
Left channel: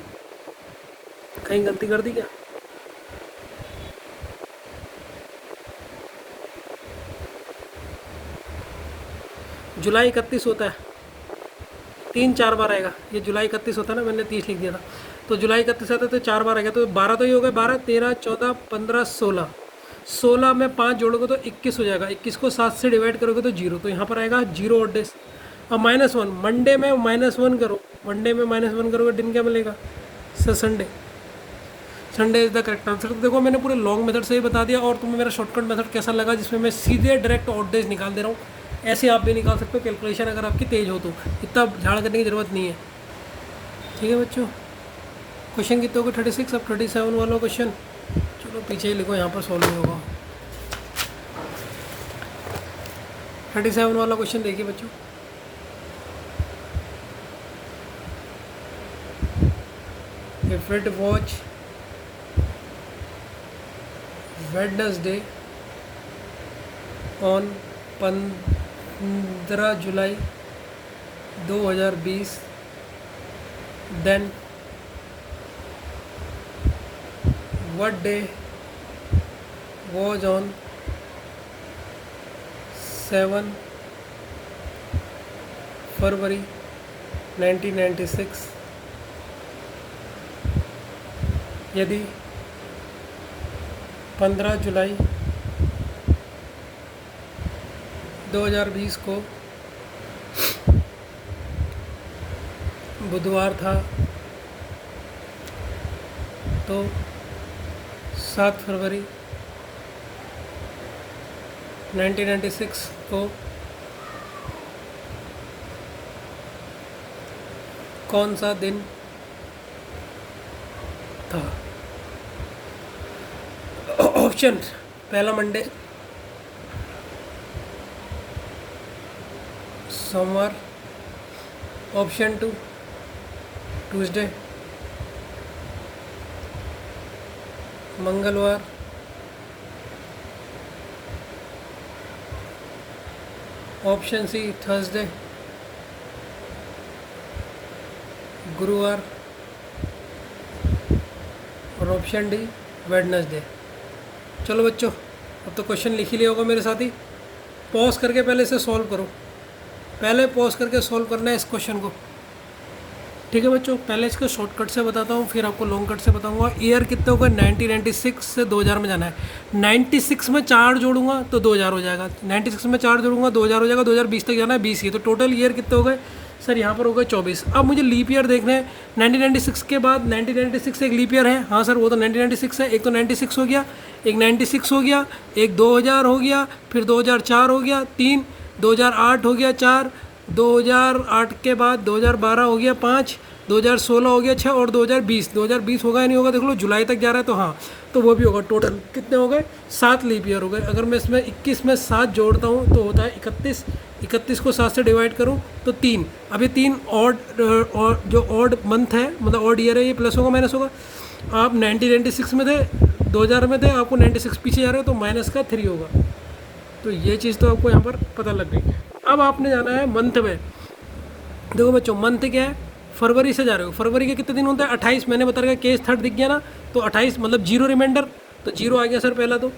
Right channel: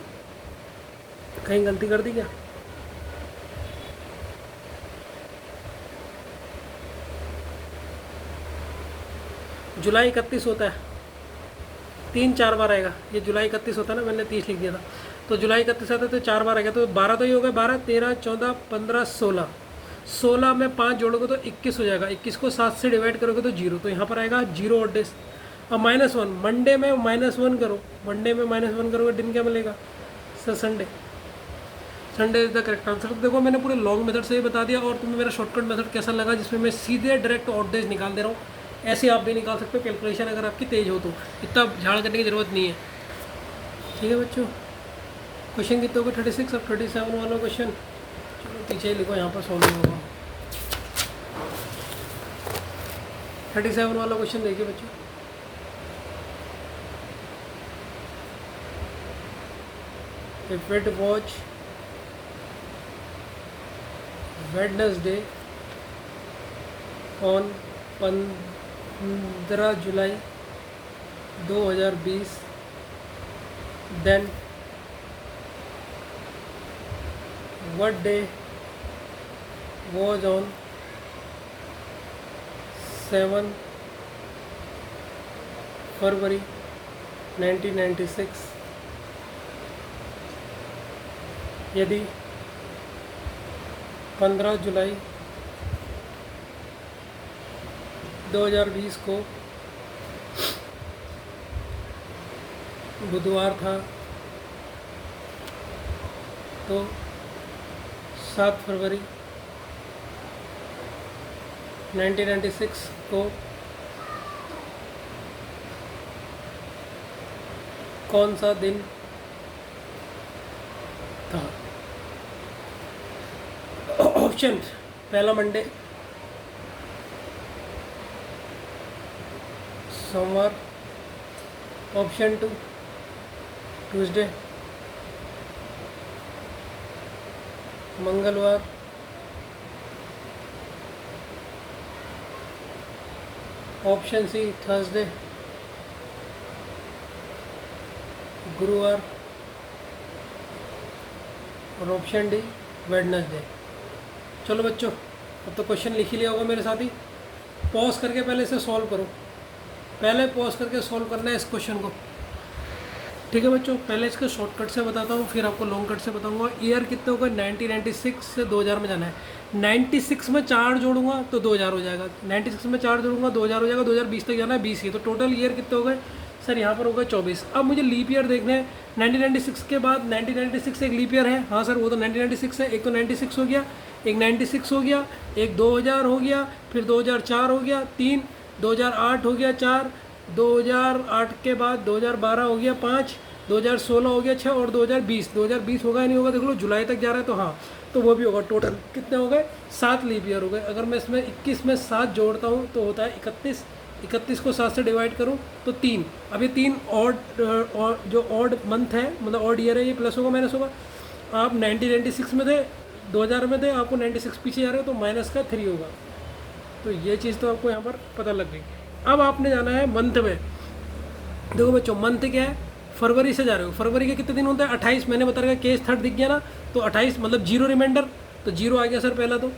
कहीं गलती कर दी क्या? जुलाई 31 होता है, 3 4 बार आएगा। ये जुलाई 31 होता है ना, मैंने 30 लिख दिया था। तो जुलाई 31 आता है तो 4 बार आएगा। तो 12 तो ही हो गए। 12 13 14 15 16। 16 में 5 जोड़ोगे तो 21 हो जाएगा। 21 को 7 से डिवाइड करोगे तो 0। तो यहाँ पर आएगा 0 ऑड डेज। अब -1 मंडे में -1 करो। मंडे में -1 करोगे दिन क्या मिलेगा? Sir Sunday. Sunday is the correct answer. देखो मैंने पूरे लॉन्ग मेथड से ही बता दिया, और तुम्हें मेरा शॉर्टकट मेथड कैसा लगा, जिसमें मैं सीधे डायरेक्ट ऑड डेज निकाल दे रहा हूँ। ऐसे आप भी निकाल सकते हो कैलकुलेशन, अगर आपकी तेज़ हो तो। इतना झाड़ करने की ज़रूरत नहीं है, ठीक है बच्चों। क्वेश्चन कितने हो गए? 36। अब 37 वाला क्वेश्चन, चलो पीछे ही लिखो, यहाँ पर सॉल्व होगा। 37 वाला क्वेश्चन देखिए बच्चों। If it was Wednesday on 15 July 2020, then what day was on 7 फरवरी 1996? यदि 15 जुलाई 2020 को बुधवार था, तो 7 फरवरी 1996 को कौन सा दिन था? ऑप्शन पहला मंडे, सोमवार, ऑप्शन 2 ट्यूसडे, मंगलवार, ऑप्शन सी थर्सडे, गुरुवार और ऑप्शन डी वेडनेसडे। चलो बच्चों, अब तो क्वेश्चन लिख ही लिया होगा मेरे साथ ही। पॉज करके पहले इसे सॉल्व करो, पहले पॉज करके सॉल्व करना है इस क्वेश्चन को। ठीक है बच्चों, पहले इसको शॉर्टकट से बताता हूँ, फिर आपको लॉन्ग कट से बताऊँगा। ईयर कितना होगा, 1996 से 2000 में जाना है। 96 में 4 जोड़ूंगा तो 2000 हो जाएगा, 96 में 4 जोड़ूंगा 2000 हो जाएगा, 2020 तक जाना है 20 ही, तो टोटल ईयर कितने हो गए सर, यहाँ पर हो गए 24। अब मुझे लीप ईयर देखना है। 1996 के बाद 1996 एक लीप ईयर है, हाँ सर वो तो 1996 है। एक तो 96 हो गया, एक 96 हो गया, एक 2000 हो गया, फिर 2004 हो गया, 3 2008 हो गया, 4 2008 के बाद 2012 हो गया, 5 2016 हो गया, 6 और 2020 होगा या नहीं होगा देख लो, जुलाई तक जा रहा है तो हाँ, तो वो भी होगा। टोटल कितने हो गए, 7 लीप ईयर हो गए। अगर मैं इसमें 21 में 7 जोड़ता हूँ तो होता है 31, 31 को 7 से डिवाइड करूँ तो 3। अभी 3 ऑड जो ऑड मंथ है, मतलब ऑड ईयर है, ये प्लस होगा माइनस होगा। आप 1996 में थे, 2000 में थे, आपको 96 पीछे जा रहे हो तो माइनस का 3 होगा। तो ये चीज़ तो आपको यहाँ पर पता लग गई। अब आपने जाना है मंथ में। देखो बच्चों, मंथ क्या है, फरवरी से जा रहे हो, फरवरी के कितने दिन होते हैं, 28। मैंने बता रखा केस थर्ड दिख गया ना, तो 28 मतलब 0 रिमाइंडर, तो 0 आ गया सर पहला। तो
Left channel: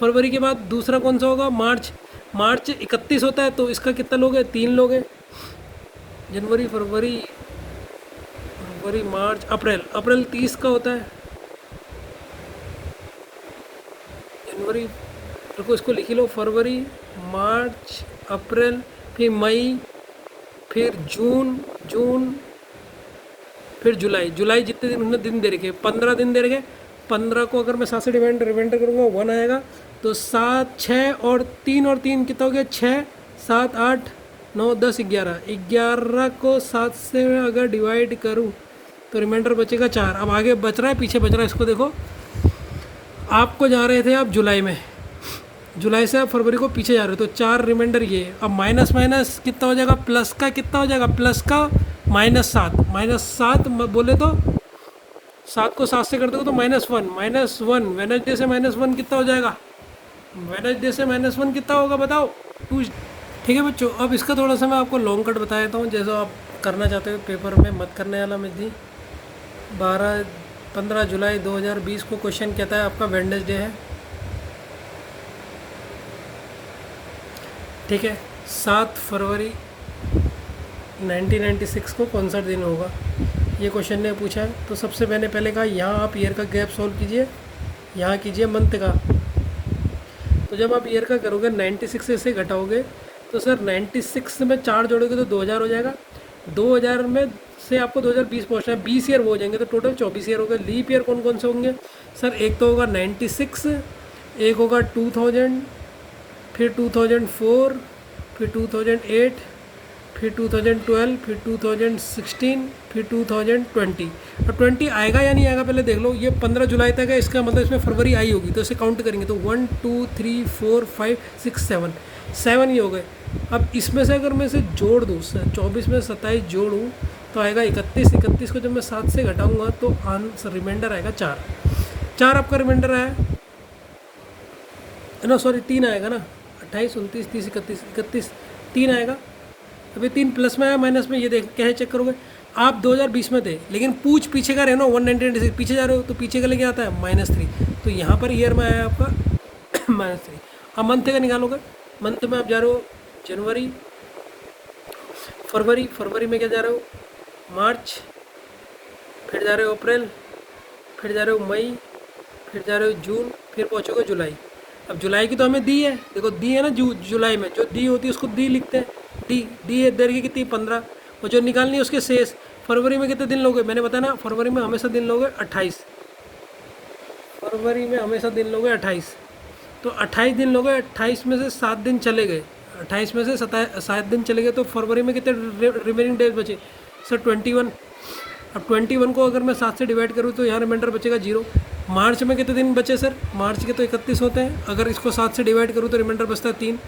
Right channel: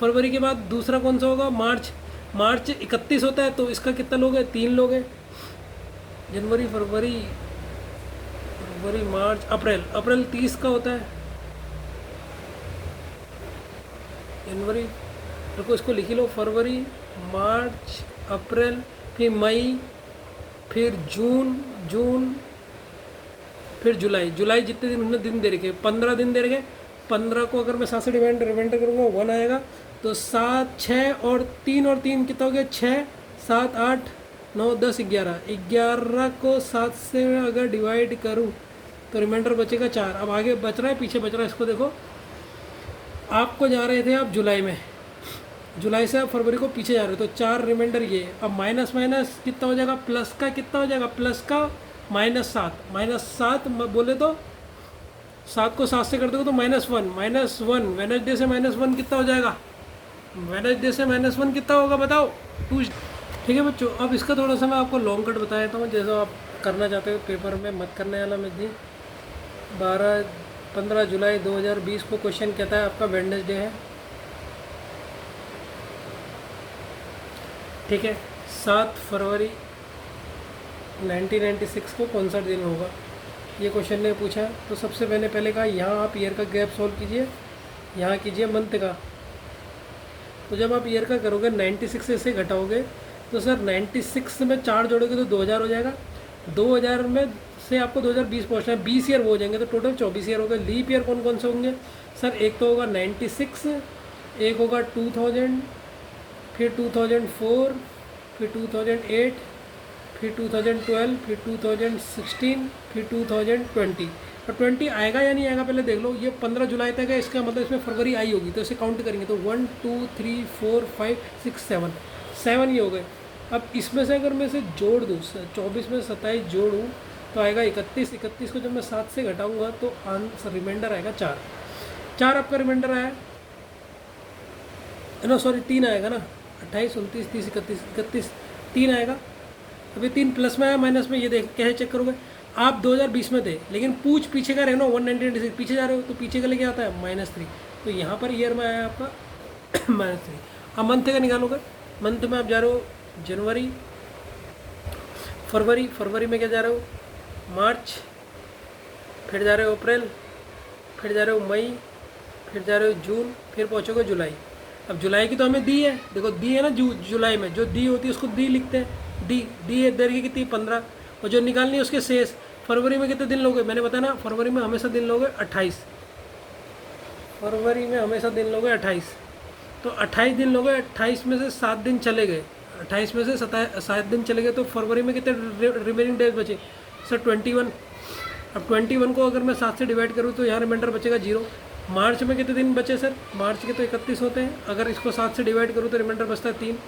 फरवरी के बाद दूसरा कौन सा होगा, मार्च। मार्च 31 होता है, तो इसका कितना लोग है, 3 लोग हैं। जनवरी, फरवरी, मार्च, अप्रैल। अप्रैल 30 का होता है। जनवरी, रुको इसको लिख लो, फरवरी, मार्च, अप्रैल, फिर मई, फिर जून, फिर जुलाई जितने दिन उन्होंने दिन दे रखे, 15 दिन दे रखे। 15 को अगर मैं 7 से रिमाइंडर करूँगा 1 आएगा, तो 7, 6 और 3 कितना हो गया, 6, 7, 8, 9, 10, 11 को 7 से अगर डिवाइड करूँ तो रिमाइंडर बचेगा 4। अब आगे बच रहा है, पीछे बच रहा है, इसको देखो। आपको जा रहे थे आप जुलाई में, जुलाई से आप फरवरी को पीछे जा रहे हो, तो 4 रिमाइंडर ये। अब माइनस माइनस कितना हो जाएगा, प्लस का कितना हो जाएगा, प्लस का -7 बोले तो 7 को 7 से कर दो तो -1 वेडनेसडे से -1 कितना हो जाएगा, वेडनेसडे से -1 कितना होगा बताओ। ठीक है बच्चों, अब इसका थोड़ा सा मैं आपको लॉन्ग कट बता देता हूँ, जैसा आप करना चाहते हो पेपर में, मत करने वाला मैं जी। 15 जुलाई 2020 को क्वेश्चन कहता है आपका वेडनेसडे है, ठीक है। 7 फरवरी 1996 को कौन सा दिन होगा, ये क्वेश्चन ने पूछा है। तो सबसे पहले कहा यहाँ आप ईयर का गैप सॉल्व कीजिए, यहाँ कीजिए मंथ का। तो जब आप ईयर का करोगे 96 से घटाओगे तो सर 96 में 4 जोड़ोगे तो 2000 हो जाएगा। 2000 में से आपको 2020 पहुँचना है, 20 ईयर वो हो जाएंगे, तो टोटल 24 ईयर हो गए। लीप ईयर कौन कौन से होंगे सर, एक तो होगा 96, एक होगा 2000, फिर 2004, फिर 2008, फिर 2012, फिर 2016, फिर 2020। अब 20 आएगा या नहीं आएगा पहले देख लो। ये 15 जुलाई तक है, इसका मतलब इसमें फरवरी आई होगी, तो इसे काउंट करेंगे तो 1 2 3 4 5 6 7 ही हो गए। अब इसमें से अगर मैं इसे जोड़ दूँ, 24 में 27 जोड़ूँ तो आएगा 31। 31 को जब मैं 7 से घटाऊँगा तो आंसर रिमाइंडर आएगा 4 आपका रिमाइंडर आया ना, सॉरी 3 आएगा ना, 28, 29, 30, 31, 3 आएगा। अभी 3 प्लस में आया माइनस में, ये देख कैसे चेक करोगे। आप 2020 में थे, लेकिन पूछ पीछे का रहे ना, 1996 पीछे जा रहे हो, तो पीछे का लेके आता है -3, तो यहाँ पर ईयर में आया आपका -3। अब मंथ का निकालोगे, मंथ में आप जा रहे हो जनवरी, फरवरी में क्या जा रहे हो, मार्च, फिर जा रहे हो अप्रैल, फिर जा रहे हो मई, फिर जा रहे हो जून, फिर पहुँचोगे जुलाई। अब जुलाई की तो हमें दी है, देखो दी है ना, जुलाई में जो दी होती है उसको दी लिखते हैं, डी है दर की कितनी 15, और जो निकालनी है उसके शेष। फरवरी में कितने दिन लोगे, मैंने बताया ना, फरवरी में हमेशा दिन लोगे 28, फरवरी में हमेशा दिन लोगे 28, तो 28 दिन लोगे, 28 में से 7 दिन चले गए, 28 में से 7 दिन चले गए, तो फरवरी में कितने रिमेनिंग डेज बचे सर 21। अब 21 को अगर मैं 7 से डिवाइड करूँ तो यहाँ रिमाइंडर बचेगा 0। मार्च में कितने दिन बचे सर, मार्च के तो 31 होते हैं, अगर इसको 7 से डिवाइड करूँ तो रिमाइंडर बचता है 3।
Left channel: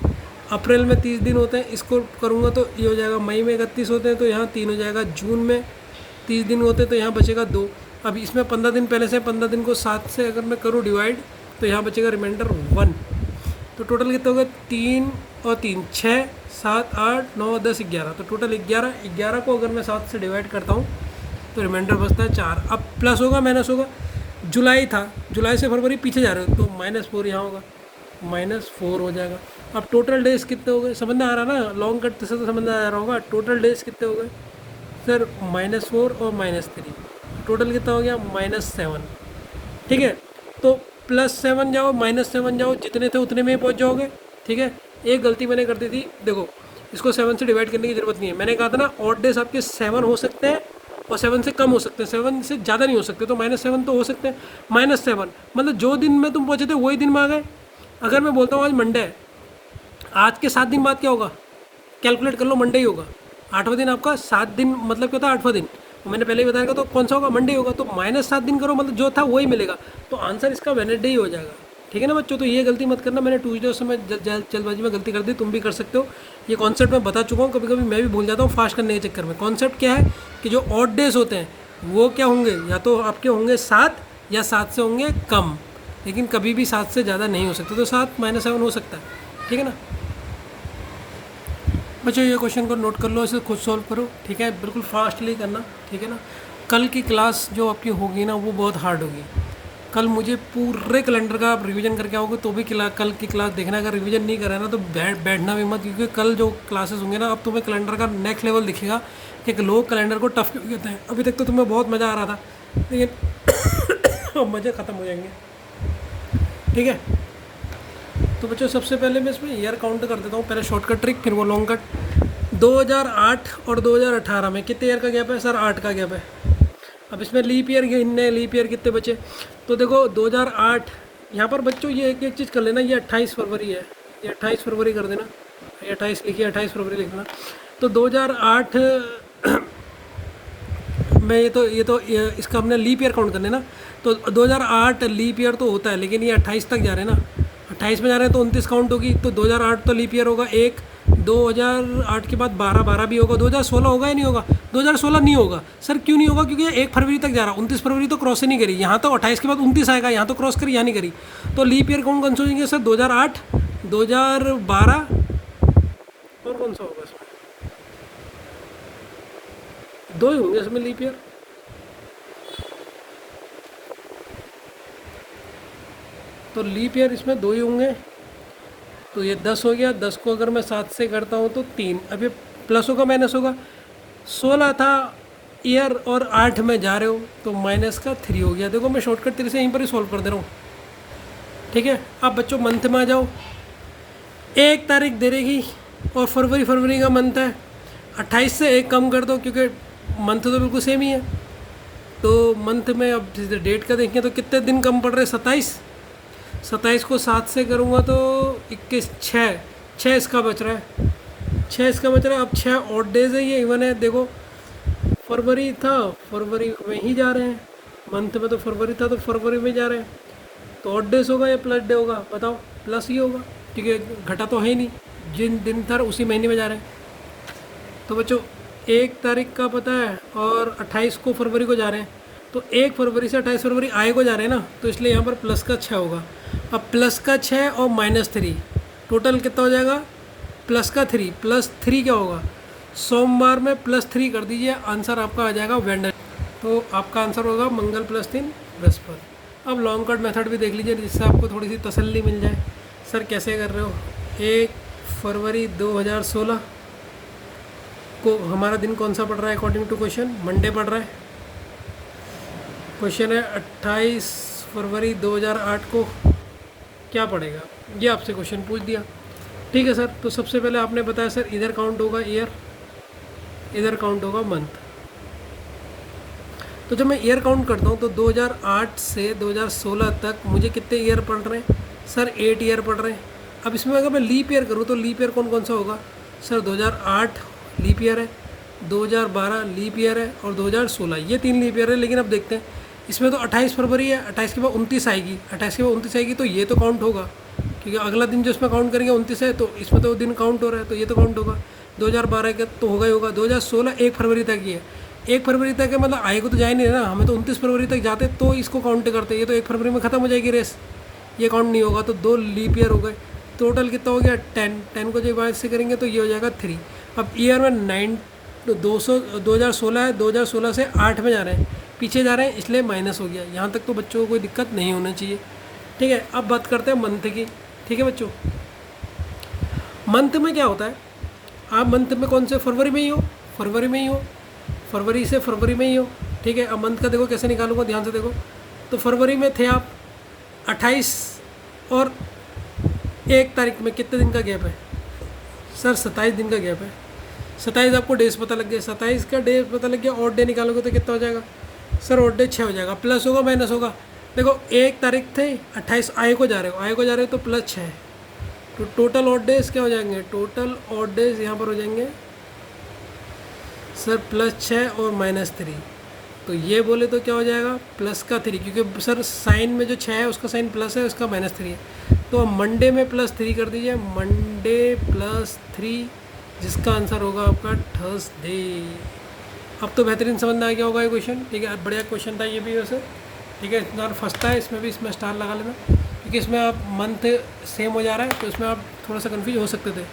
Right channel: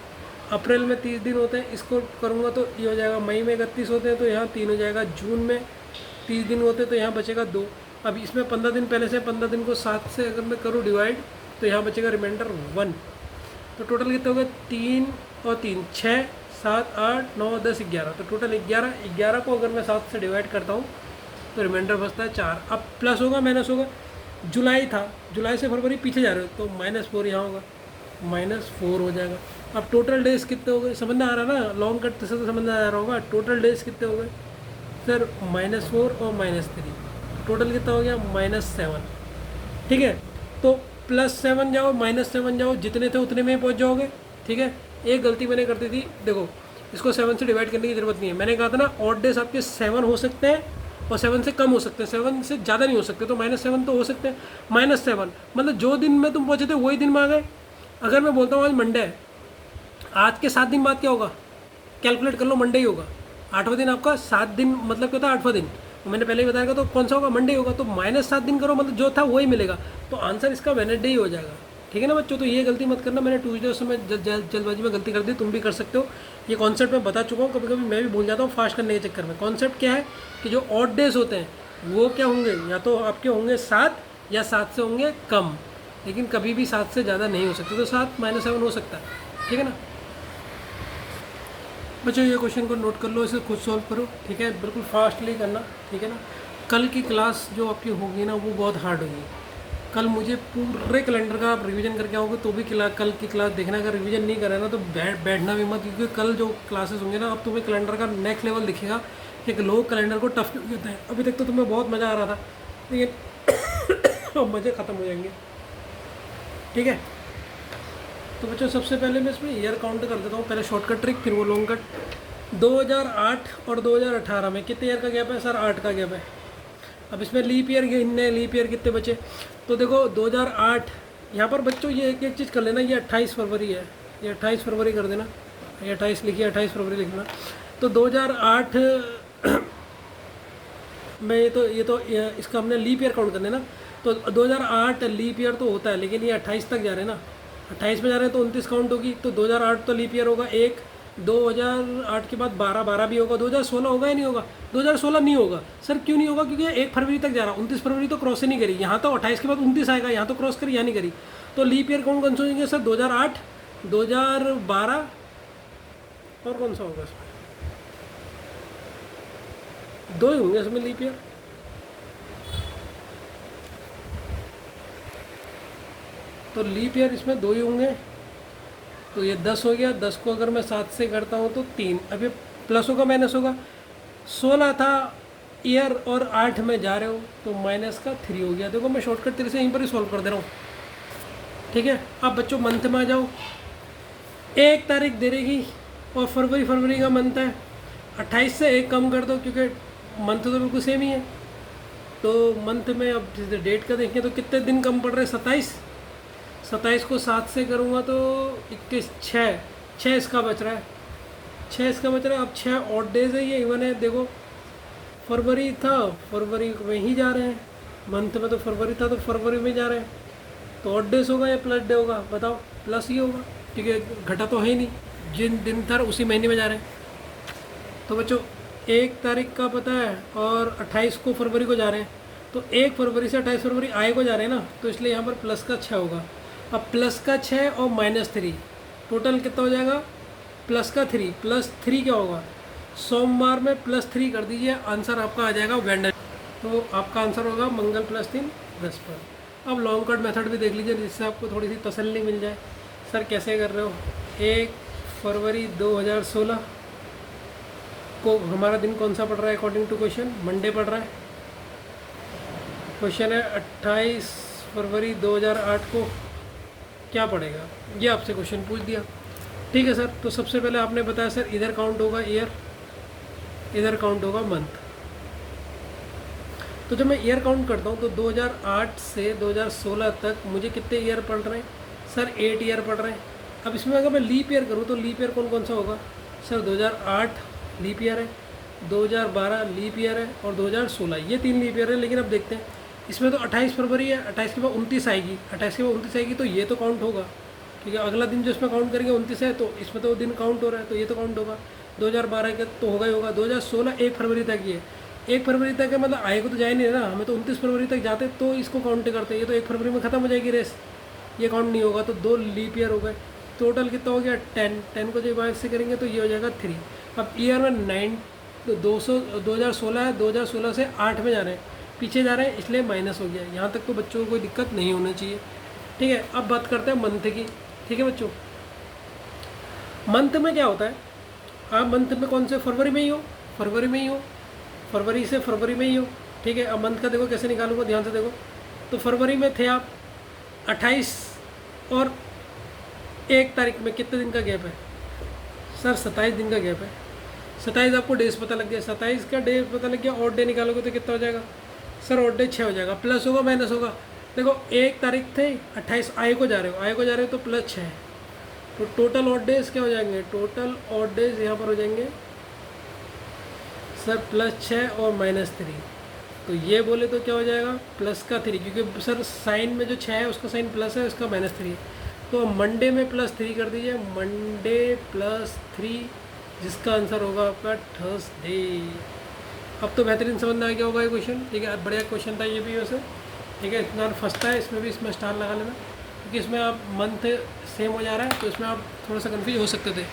अप्रैल में 30 दिन होते हैं, इसको करूँगा तो ये हो जाएगा। मई में 31 होते हैं तो यहाँ 3 हो जाएगा। जून में 30 दिन होते हैं तो यहाँ बचेगा 2। अब इसमें 15 दिन पहले से, 15 दिन को 7 से अगर मैं करूँ डिवाइड तो यहाँ बचेगा रिमाइंडर 1। तो टोटल कितना हो गया, 3 और 3 6 7 8 9 10 11। तो टोटल 11 को अगर मैं 7 से डिवाइड करता हूँ तो रिमाइंडर बचता है 4। अब प्लस होगा माइनस होगा, जुलाई था, जुलाई से फरवरी पीछे जा रहे हो तो -4 यहाँ होगा, -4 हो जाएगा। अब टोटल डेज कितने हो गए, समझ में आ रहा ना, लॉन्ग कट से तो समझ में आ रहा होगा। टोटल डेज कितने हो गए सर, -4 और -3, टोटल कितना हो गया -7। ठीक है, तो +7 जाओ -7 जाओ, जितने थे उतने में ही पहुँच जाओगे। ठीक है, एक गलती मैंने कर दी थी, देखो इसको 7 से डिवाइड करने की ज़रूरत नहीं है। मैंने कहा था ना ऑड डेज आपके 7 हो सकते हैं और 7 से कम हो सकते हैं, 7 से ज़्यादा नहीं हो सकते। तो -7 तो हो सकते हैं। -7 मतलब जो दिन में तुम पहुँचे थे वही दिन में आ गए। अगर मैं बोलता हूँ आज मंडे है, आज के 7 दिन बाद क्या होगा, कैलकुलेट कर लो, मंडे ही होगा। 8वां दिन आपका 7 दिन मतलब क्या होता है 8वां दिन, मैंने पहले ही बताया था। तो कौन सा होगा, मंडे होगा। तो -7 दिन करो, मतलब जो था वही मिलेगा। तो आंसर इसका वेडनेसडे ही हो जाएगा। ठीक है ना बच्चों, तो ये गलती मत करना। मैंने ट्यूसडे उस समय जल्दबाजी में गलती कर दी, तुम भी कर सकते हो। ये कॉन्सेप्ट मैं बता चुका हूँ, कभी कभी मैं भी भूल जाता हूँ फास्ट करने के चक्कर में। कॉन्सेप्ट क्या है कि जो ऑड डेज होते हैं वो क्या होंगे, या तो आपके होंगे 7 या 7 से होंगे कम, लेकिन कभी भी 7 से ज़्यादा नहीं हो सकते। तो 7 -7 हो सकता है। ठीक है ना बच्चों, ये क्वेश्चन को नोट कर लो, इसे खुद सॉल्व करो। ठीक है, बिल्कुल फास्टली करना। ठीक है ना, कल की क्लास जो आपकी होगी ना वो बहुत हार्ड होगी। कल मुझे पूरे कैलेंडर का आप रिवीजन करके आओगे तो भी कल की क्लास देखना। अगर रिवीजन नहीं करा ना तो बैठना भी मत, क्योंकि कल जो क्लासेस होंगे ना अब तुम्हें कैलेंडर का नेक्स्ट लेवल दिखेगा कि लोग कैलेंडर को टफ क्यों कहते हैं। अभी तक तो तुम्हें बहुत मज़ा आ रहा था, लेकिन अब मज़े ख़त्म हो जाएंगे। ठीक है, तो बच्चों सबसे पहले मैं इसमें ईयर काउंट कर देता हूँ। पहले शॉर्टकट ट्रिक, फिर वो लॉन्ग कट। 2008 और 2018 में कितने ईयर का गैप है सर, 8 का गैप है। अब इसमें लीप ईयर गिनने, लीप ईयर कितने बचे। तो देखो 2008, यहाँ पर बच्चों ये एक चीज़ कर लेना, ये 28 फरवरी है, ये 28 फरवरी कर देना, ये 28 लिखिए, 28 फरवरी लिखना। तो 2008 में ये इसका हमने लीप ईयर काउंट करने ना। तो 2008 लीप ईयर तो होता है, लेकिन ये 28 तक जा रहे हैं ना, 28 में जा रहे हैं तो 29 काउंट होगी। तो 2008 तो लीप ईयर होगा एक, 2008 के बाद 12 भी होगा। 2016 होगा या नहीं होगा, 2016 नहीं होगा सर। क्यों नहीं होगा, क्योंकि 1 फरवरी तक जा रहा, 29 फरवरी तो क्रॉस ही नहीं करी। यहाँ तो 28 के बाद 29 आएगा, यहाँ तो क्रॉस करी, यहाँ नहीं करी। तो लीप ईयर कौन सा होंगे सर, 2008, 2012 और कौन सा होगा इसमें, 2 ही होंगे इसमें लीप ईयर। तो लीप ईयर इसमें 2 ही होंगे। तो ये 10 हो गया, 10 को अगर मैं 7 से करता हूँ तो 3। अब ये प्लस होगा माइनस होगा, 16 था ईयर और 8 में जा रहे हो तो माइनस का 3 हो गया। देखो मैं शॉर्टकट तरीके से यहीं पर ही सॉल्व कर दे रहा हूँ। ठीक है, अब बच्चों मंथ में आ जाओ। 1 तारीख दे रहेगी और फरवरी का मंथ है, 28 से 1 कम कर दो, क्योंकि मंथ तो बिल्कुल सेम ही है। तो मंथ में अब डेट का देखें तो कितने दिन कम पड़ रहे, 27 को 7 से करूँगा तो 21, 6 इसका बच रहा है, 6 इसका बच रहा है। अब 6 ऑड डेज है, ये इवन है। देखो फरवरी था, फरवरी में ही जा रहे हैं, मंथ में तो फरवरी था तो फरवरी में जा रहे हैं। तो ऑड डेज होगा या प्लस डे होगा, बताओ। प्लस ही होगा, क्योंकि घटा तो है ही नहीं, जिन दिन था उसी महीने में जा रहे हैं। तो बच्चों 1 तारीख का पता है और 28 को फरवरी को जा रहे हैं, तो 1 फरवरी से 28 फरवरी आए को जा रहे हैं ना, तो इसलिए यहाँ पर प्लस का 6 होगा। अब प्लस का 6 और -3 टोटल कितना हो जाएगा, प्लस का 3, प्लस 3 क्या होगा, सोमवार में +3 कर दीजिए, आंसर आपका आ जाएगा वेडनेसडे। तो आपका आंसर होगा मंगल +3 बृहस्पति। अब लॉन्ग कट मेथड भी देख लीजिए, जिससे आपको थोड़ी सी तसल्ली मिल जाए, सर कैसे कर रहे हो। 1 फरवरी 2016 को हमारा दिन कौन सा पड़ रहा है अकॉर्डिंग टू क्वेश्चन, मंडे पड़ रहा है। क्वेश्चन है 28 फरवरी 2008 को क्या पड़ेगा, ये आपसे क्वेश्चन पूछ दिया। ठीक है सर, तो सबसे पहले आपने बताया सर इधर काउंट होगा ईयर, इधर काउंट होगा मंथ। तो जब मैं ईयर काउंट करता हूँ तो 2008 से 2016 तक मुझे कितने ईयर पड़ रहे हैं सर, 8 ईयर पड़ रहे हैं। अब इसमें अगर मैं लीप ईयर करूँ तो लीप ईयर कौन सा होगा सर, 2008 लीप ईयर है, 2012 लीप ईयर है और 2016, ये 3 लीप ईयर है। लेकिन अब देखते हैं, इसमें तो 28 फरवरी है, 28 के बाद 29 आएगी, 28 के बाद 29 आएगी, तो ये तो काउंट होगा ठीक है। अगला दिन जो इसमें काउंट करेंगे 29 है, तो इसमें तो दिन काउंट हो रहा है, तो ये तो काउंट होगा। 2012 का तो होगा ही होगा। 2016 1 फरवरी तक ही है। 1 फरवरी तक है मतलब आए को तो जा ही नहीं रहा, हमें तो 29 फरवरी तक जाते तो इसको काउंट करते। ये तो 1 फरवरी में ख़त्म हो जाएगी रेस, ये काउंट नहीं होगा। तो 2 लीप ईयर हो गए। टोटल कितना हो गया 10 को जब से करेंगे तो ये हो जाएगा 3। अब ईयर में 2016 है, 2016 से 8 में जा रहे हैं, पीछे जा रहे हैं, इसलिए माइनस हो गया। यहाँ तक तो बच्चों को कोई दिक्कत नहीं होनी चाहिए, ठीक है। अब बात करते हैं मंथ की, ठीक है बच्चों। मंथ में क्या होता है, आप मंथ में कौन से, फरवरी में ही हो, फरवरी में ही हो, फरवरी से फरवरी में ही हो, ठीक है। अब मंथ का देखो कैसे निकालूंगा, ध्यान से देखो। तो फरवरी में थे आप 28 और 1 तारीख में कितने दिन का गैप है सर? 27 दिन का गैप है। 27 आपको डेज पता लग गया, 27 का डे पता लग गया। ऑड डे निकालोगे तो कितना हो जाएगा सर? ऑड डे 6 हो जाएगा। प्लस होगा माइनस होगा? देखो 1 तारीख थे 28, आए को जा रहे हो, आए को जा रहे हो तो प्लस 6, तो टोटल ऑड डेज क्या हो जाएंगे? टोटल ऑड डेज यहाँ पर हो जाएंगे सर +6 और -3। तो ये बोले तो क्या हो जाएगा प्लस का 3, क्योंकि सर साइन में जो 6 है उसका साइन प्लस है, उसका -3 है। तो मंडे में +3 कर दीजिए, मंडे +3, जिसका आंसर होगा आपका थर्सडे। अब तो बेहतरीन समझ में आ गया होगा ये क्वेश्चन, ठीक है। बढ़िया क्वेश्चन था ये भी वैसे, ठीक है। इतना फंसता है इसमें भी, इसमें स्टार लगा लेना, क्योंकि इसमें आप मंथ सेम हो जा रहा है, तो इसमें आप थोड़ा सा कन्फ्यूज हो सकते थे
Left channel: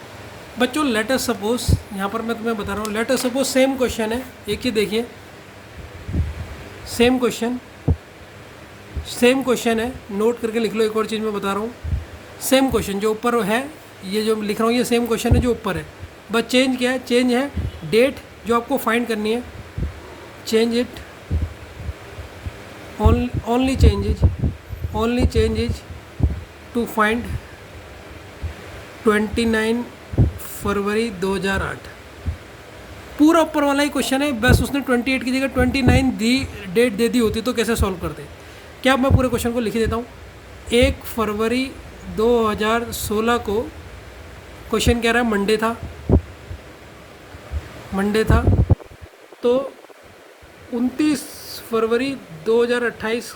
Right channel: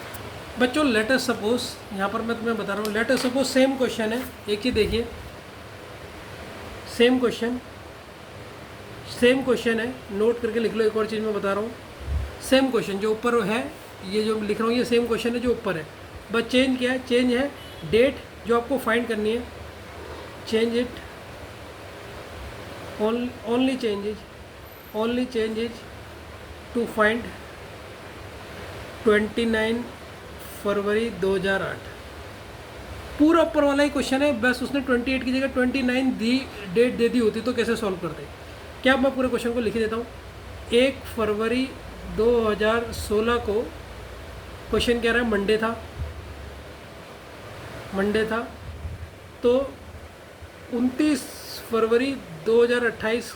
बच्चों। लेट अस सपोज, यहाँ पर मैं तुम्हें बता रहा हूँ, let us suppose same question है, एक ही देखिए, सेम क्वेश्चन है, नोट करके लिख लो। एक और चीज़ मैं बता रहा हूँ, सेम क्वेश्चन जो ऊपर है, ये जो लिख रहा हूँ ये सेम क्वेश्चन है जो ऊपर है, बस चेंज क्या है? चेंज है डेट जो आपको फाइंड करनी है, change it, only change is to find 29 फरवरी 2008। पूरा ऊपर वाला ही क्वेश्चन है, बस उसने 28 की जगह 29 डेट दे दी होती तो कैसे सॉल्व करते। क्या मैं पूरे क्वेश्चन को लिख देता हूँ। 1 फरवरी 2016 को क्वेश्चन कह रहा है मंडे था, तो 29 फरवरी 2008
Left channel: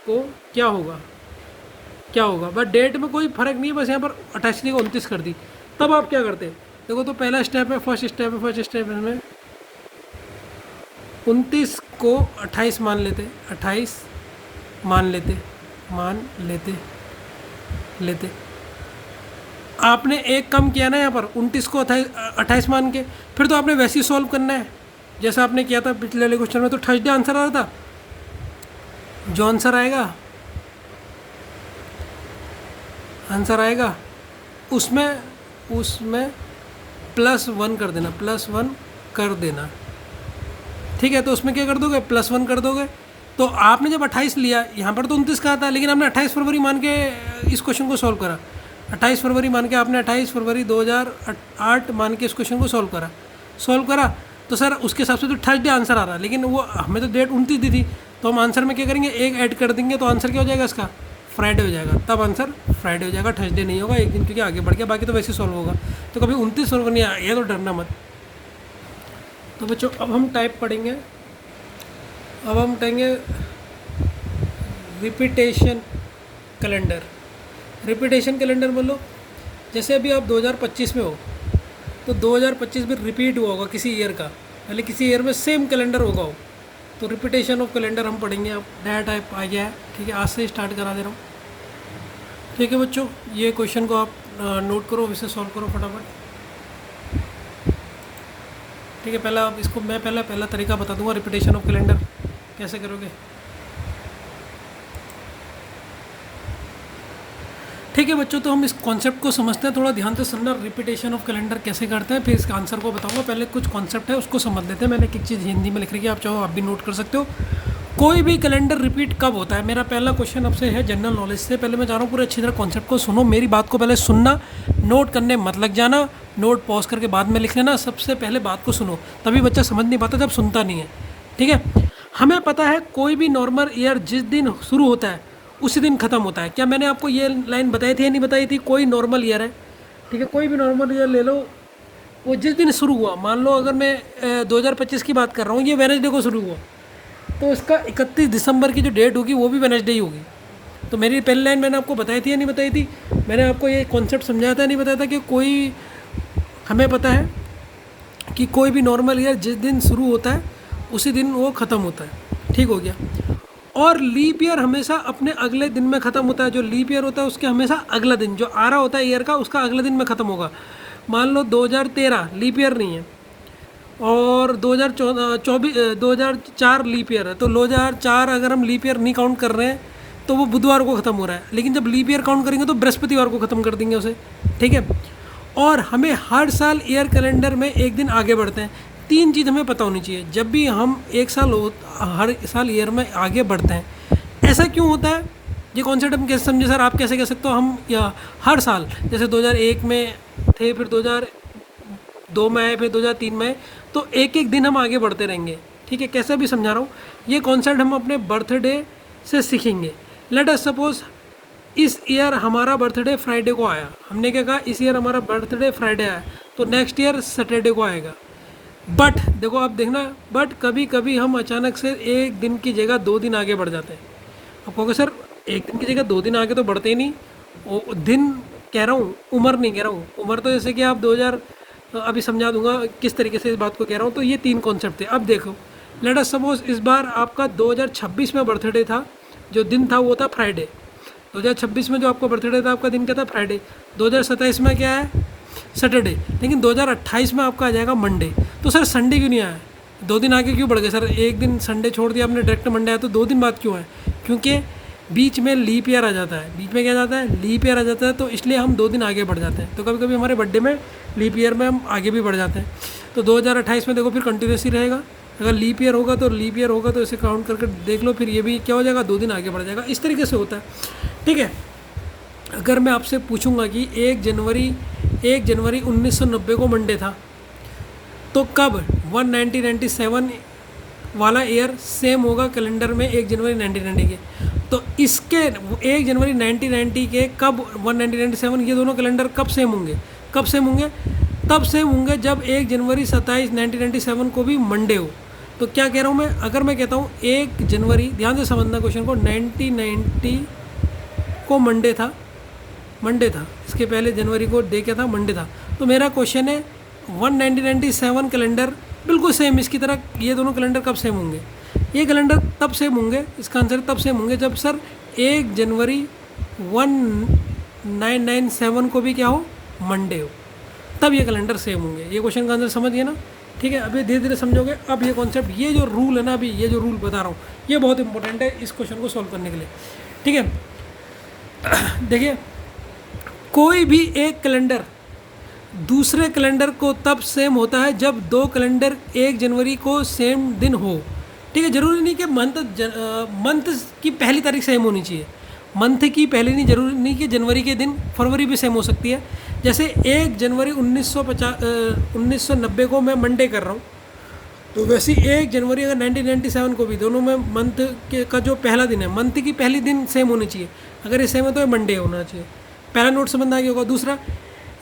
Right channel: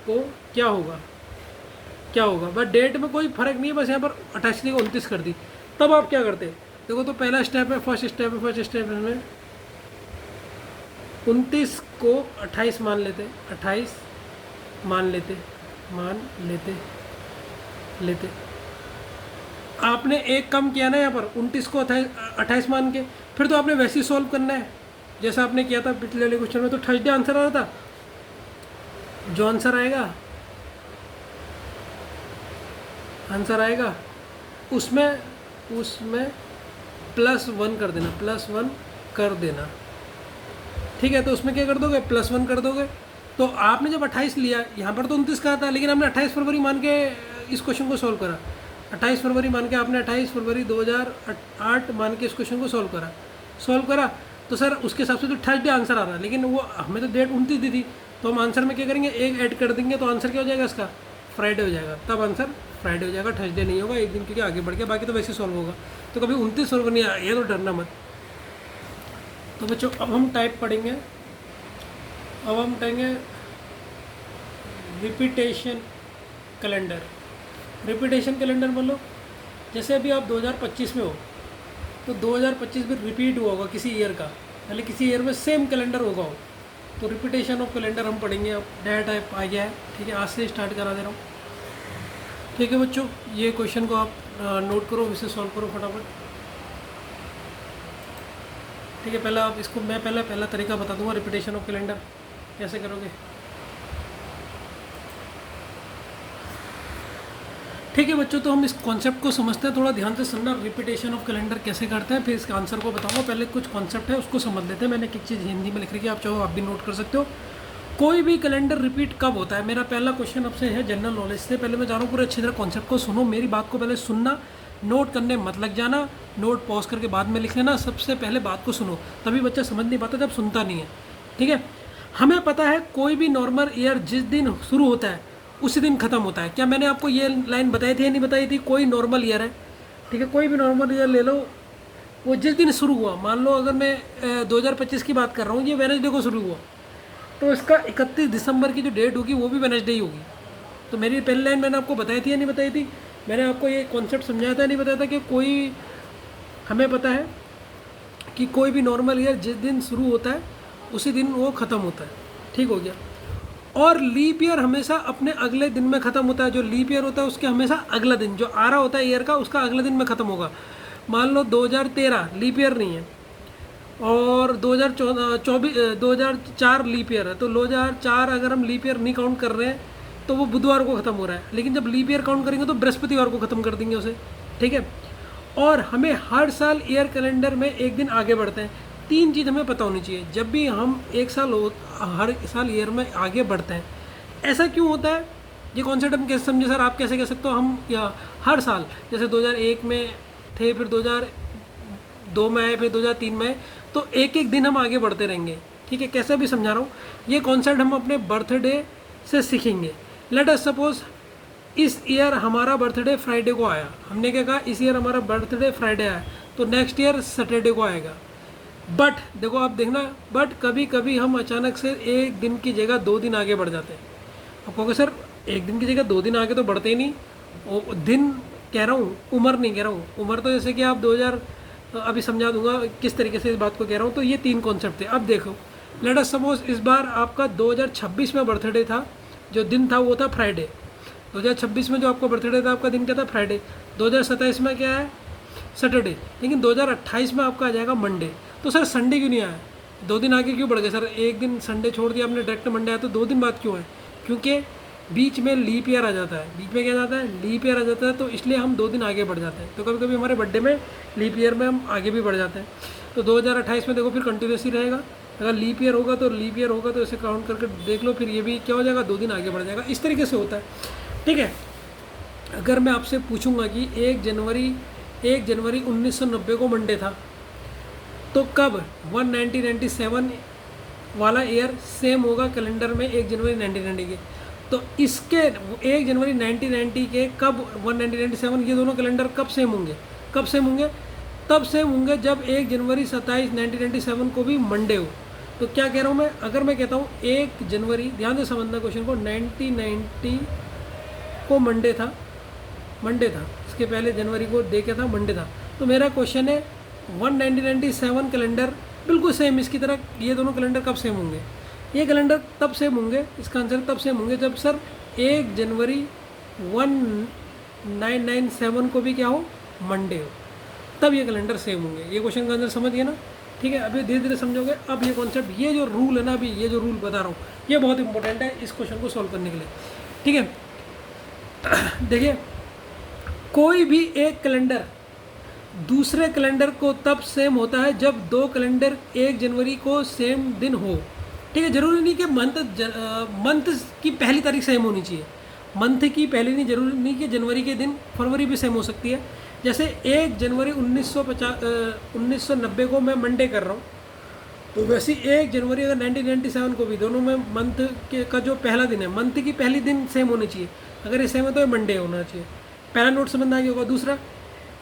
को क्या होगा। बस डेट में कोई फर्क नहीं है, बस यहाँ पर 28 को 29 कर दी। तब आप क्या करते? देखो तो पहला स्टेप है, फर्स्ट स्टेप में 29 को 28 मान लेते। आपने एक कम किया ना यहाँ पर, 29 को 28 मान के, फिर तो आपने वैसे ही सॉल्व करना है जैसा आपने किया था पिछले वाले क्वेश्चन में। तो थर्सडे आंसर आ रहा था, जो आंसर आएगा उसमें +1 कर देना, ठीक है। तो उसमें क्या कर दोगे? +1 कर दोगे। तो आपने जब 28 लिया, यहाँ पर तो 29 कहा था, लेकिन आपने 28 फरवरी मान के इस क्वेश्चन को सॉल्व करा। 28 फरवरी मान के आपने 28 फरवरी 2008 मान के इस क्वेश्चन को सॉल्व करा। तो सर उसके हिसाब से तो थर्सडे आंसर आ रहा है, लेकिन वो हमें तो डेट 29 दी थी, तो हम आंसर में क्या करेंगे? 1 ऐड कर देंगे, तो आंसर क्या हो जाएगा इसका? फ्राइडे हो जाएगा। तब आंसर फ्राइडे हो जाएगा, थर्सडे नहीं होगा एक दिन, क्योंकि आगे बढ़ गया, बाकी तो वैसे सॉल्व होगा। तो कभी 29 सॉल्व नहीं आया तो डरना मत। तो बच्चों अब हम टाइप पढ़ेंगे, रिपीटेशन कैलेंडर बोलो। जैसे अभी आप 2025 में हो, तो 2025 में रिपीट हुआ होगा किसी ईयर का, पहले किसी ईयर में सेम कैलेंडर होगा हो, तो रिपीटेशन ऑफ कैलेंडर हम पढ़ेंगे। अब नया टाइप आ गया है, ठीक है, आज से स्टार्ट करा दे रहा हूँ, ठीक है बच्चों। ये क्वेश्चन को आप नोट करो, इसे सॉल्व करो फटाफट, ठीक है। पहला आप इसको मैं पहला तरीका बता दूंगा, रिपीटेशन ऑफ कैलेंडर कैसे करोगे, ठीक है बच्चों। तो हम इस कॉन्सेप्ट को समझते हैं, थोड़ा ध्यान से सुनना। रिपीटेशन ऑफ कैलेंडर कैसे करते हैं, फिर इसका आंसर को बताऊंगा। पहले कुछ कॉन्सेप्ट है उसको समझ लेते हैं। मैंने एक चीज़ हिंदी में लिख रखी है, आप चाहो आप भी नोट कर सकते हो। कोई भी कैलेंडर रिपीट कब होता है? मेरा पहला क्वेश्चन आपसे है जनरल नॉलेज से। पहले मैं चाह रहा हूँ पूरे अच्छी तरह कॉन्सेप्ट को सुनो, मेरी बात को पहले सुनना, नोट करने मत लग जाना, नोट पॉज करके बाद में लिख लेना। सबसे पहले बात को सुनो, तभी बच्चा समझ नहीं पाता जब सुनता नहीं है, ठीक है। हमें पता है कोई भी नॉर्मल ईयर जिस दिन शुरू होता है उसी दिन ख़त्म होता है। क्या मैंने आपको ये लाइन बताई थी या नहीं बताई थी? कोई नॉर्मल ईयर है, ठीक है, कोई भी नॉर्मल ईयर ले लो, वो जिस दिन शुरू हुआ, मान लो अगर मैं 2025 की बात कर रहा हूँ, ये वेडनेसडे को शुरू हुआ, तो इसका 31 दिसंबर की जो डेट होगी वो भी वेडनेसडे ही होगी, तो मेरी पहली लाइन मैंने आपको बताई थी या नहीं बताई थी? मैंने आपको ये कॉन्सेप्ट समझाया था, नहीं बताया था कि कोई, हमें पता है कि कोई भी नॉर्मल ईयर जिस दिन शुरू होता है उसी दिन वो ख़त्म होता है, ठीक हो गया। और लीप ईयर हमेशा अपने अगले दिन में ख़त्म होता है। जो लीप ईयर होता है उसके हमेशा अगला दिन जो आ रहा होता है ईयर का, उसका अगले दिन में ख़त्म होगा। मान लो 2013 लीप ईयर नहीं है और 2004 लीप ईयर है, तो 2004 अगर हम लीप ईयर नहीं काउंट कर रहे हैं तो वो बुधवार को ख़त्म हो रहा है, लेकिन जब लीप ईयर काउंट करेंगे तो बृहस्पतिवार को ख़त्म कर देंगे उसे, ठीक है। और हमें हर साल ईयर कैलेंडर में एक दिन आगे बढ़ते हैं। तीन चीज़ हमें पता होनी चाहिए जब भी हम हर साल ईयर में आगे बढ़ते हैं। ऐसा क्यों होता है, ये कॉन्सेप्ट हम कैसे समझे सर, आप कैसे कह सकते हो? हम या हर साल जैसे 2001 में थे, फिर 2002 में आए, फिर 2003 में आए, तो एक एक दिन हम आगे बढ़ते रहेंगे, ठीक है। कैसे भी समझा रहा हूँ, ये कॉन्सेप्ट हम अपने बर्थडे से सीखेंगे। लेट अस सपोज इस ईयर हमारा बर्थडे फ्राइडे को आया, हमने क्या कहा, इस ईयर हमारा बर्थडे फ्राइडे आया, तो नेक्स्ट ईयर सैटरडे को आएगा। बट देखो आप देखना, बट कभी कभी हम अचानक से एक दिन की जगह 2 दिन आगे बढ़ जाते हैं। आप कहोगे सर एक दिन की जगह 2 दिन आगे तो बढ़ते ही नहीं, वो दिन कह रहा हूँ, उम्र नहीं कह रहा हूँ। उम्र तो जैसे कि आप 2000, अभी समझा दूंगा किस तरीके से इस बात को कह रहा हूँ। तो ये 3 कॉन्सेप्ट थे। अब देखो, लेट अस सपोज इस बार आपका 2026 में बर्थडे था, जो दिन था वो था फ्राइडे। 2026 में जो आपका बर्थडे था, आपका दिन क्या था, फ्राइडे। 2027 में क्या है, सैटरडे। लेकिन 2028 में आपका आ जाएगा मंडे। तो सर संडे क्यों नहीं आया, 2 दिन आगे क्यों बढ़ गए सर? एक दिन संडे छोड़ दिया आपने, डायरेक्ट मंडे आया, तो 2 दिन बाद क्यों आए? क्योंकि बीच में लीप ईयर आ जाता है। बीच में क्या जाता है, लीप ईयर आ जाता है, तो इसलिए हम 2 दिन आगे बढ़ जाते हैं। तो कभी कभी हमारे बर्थडे में लीप ईयर में हम आगे भी बढ़ जाते हैं। तो 2028 में देखो फिर कंटिन्यूस ही रहेगा। अगर लीप ईयर होगा तो लीप ईयर होगा, तो इसे काउंट करके देख लो, फिर ये भी क्या हो जाएगा, 2 दिन आगे बढ़ जाएगा। इस तरीके से होता है, ठीक है। अगर मैं आपसे पूछूंगा कि 1 जनवरी 1990 को मंडे था, तो कब 1997 वाला ईयर सेम होगा कैलेंडर में 1 जनवरी 1990 के? तो इसके 1 जनवरी 1990 के कब 1997, ये दोनों कैलेंडर कब सेम होंगे? कब सेम होंगे? तब सेम होंगे जब 1 जनवरी 1997 को भी मंडे हो। तो क्या कह रहा हूँ मैं, अगर मैं कहता हूँ 1 जनवरी, ध्यान से समझना क्वेश्चन को, 1990 को मंडे था, इसके पहले जनवरी को डे क्या था, मंडे था। तो मेरा क्वेश्चन है 1997 कैलेंडर बिल्कुल सेम इसकी तरह, ये दोनों कैलेंडर कब सेम होंगे? ये कैलेंडर तब सेम होंगे, इसका आंसर तब सेम होंगे जब सर 1 जनवरी 1997 को भी क्या हो, मंडे हो, तब ये कैलेंडर सेम होंगे। ये क्वेश्चन का आंसर समझ गए ना, ठीक है। अभी धीरे धीरे समझोगे। अब ये कॉन्सेप्ट, ये जो रूल है ना, अभी ये जो रूल बता रहा हूँ, ये बहुत इंपॉर्टेंट है इस क्वेश्चन को सोल्व करने के लिए, ठीक है। देखिए, कोई भी एक कैलेंडर दूसरे कैलेंडर को तब सेम होता है जब 2 कैलेंडर 1 जनवरी को सेम दिन हो, ठीक है। जरूरी नहीं कि मंथ की पहली तारीख सेम होनी चाहिए, मंथ की पहली नहीं, जरूरी नहीं कि जनवरी के दिन फरवरी भी सेम हो सकती है। जैसे 1 जनवरी 1990 को मैं मंडे कर रहा हूँ, तो वैसे 1 जनवरी अगर 1997 को भी, दोनों में मंथ का जो पहला दिन है, मंथ की पहली दिन सेम होनी चाहिए। अगर ये सेम है तो ये मंडे होना चाहिए। पहला नोट समझ आ गया होगा। दूसरा,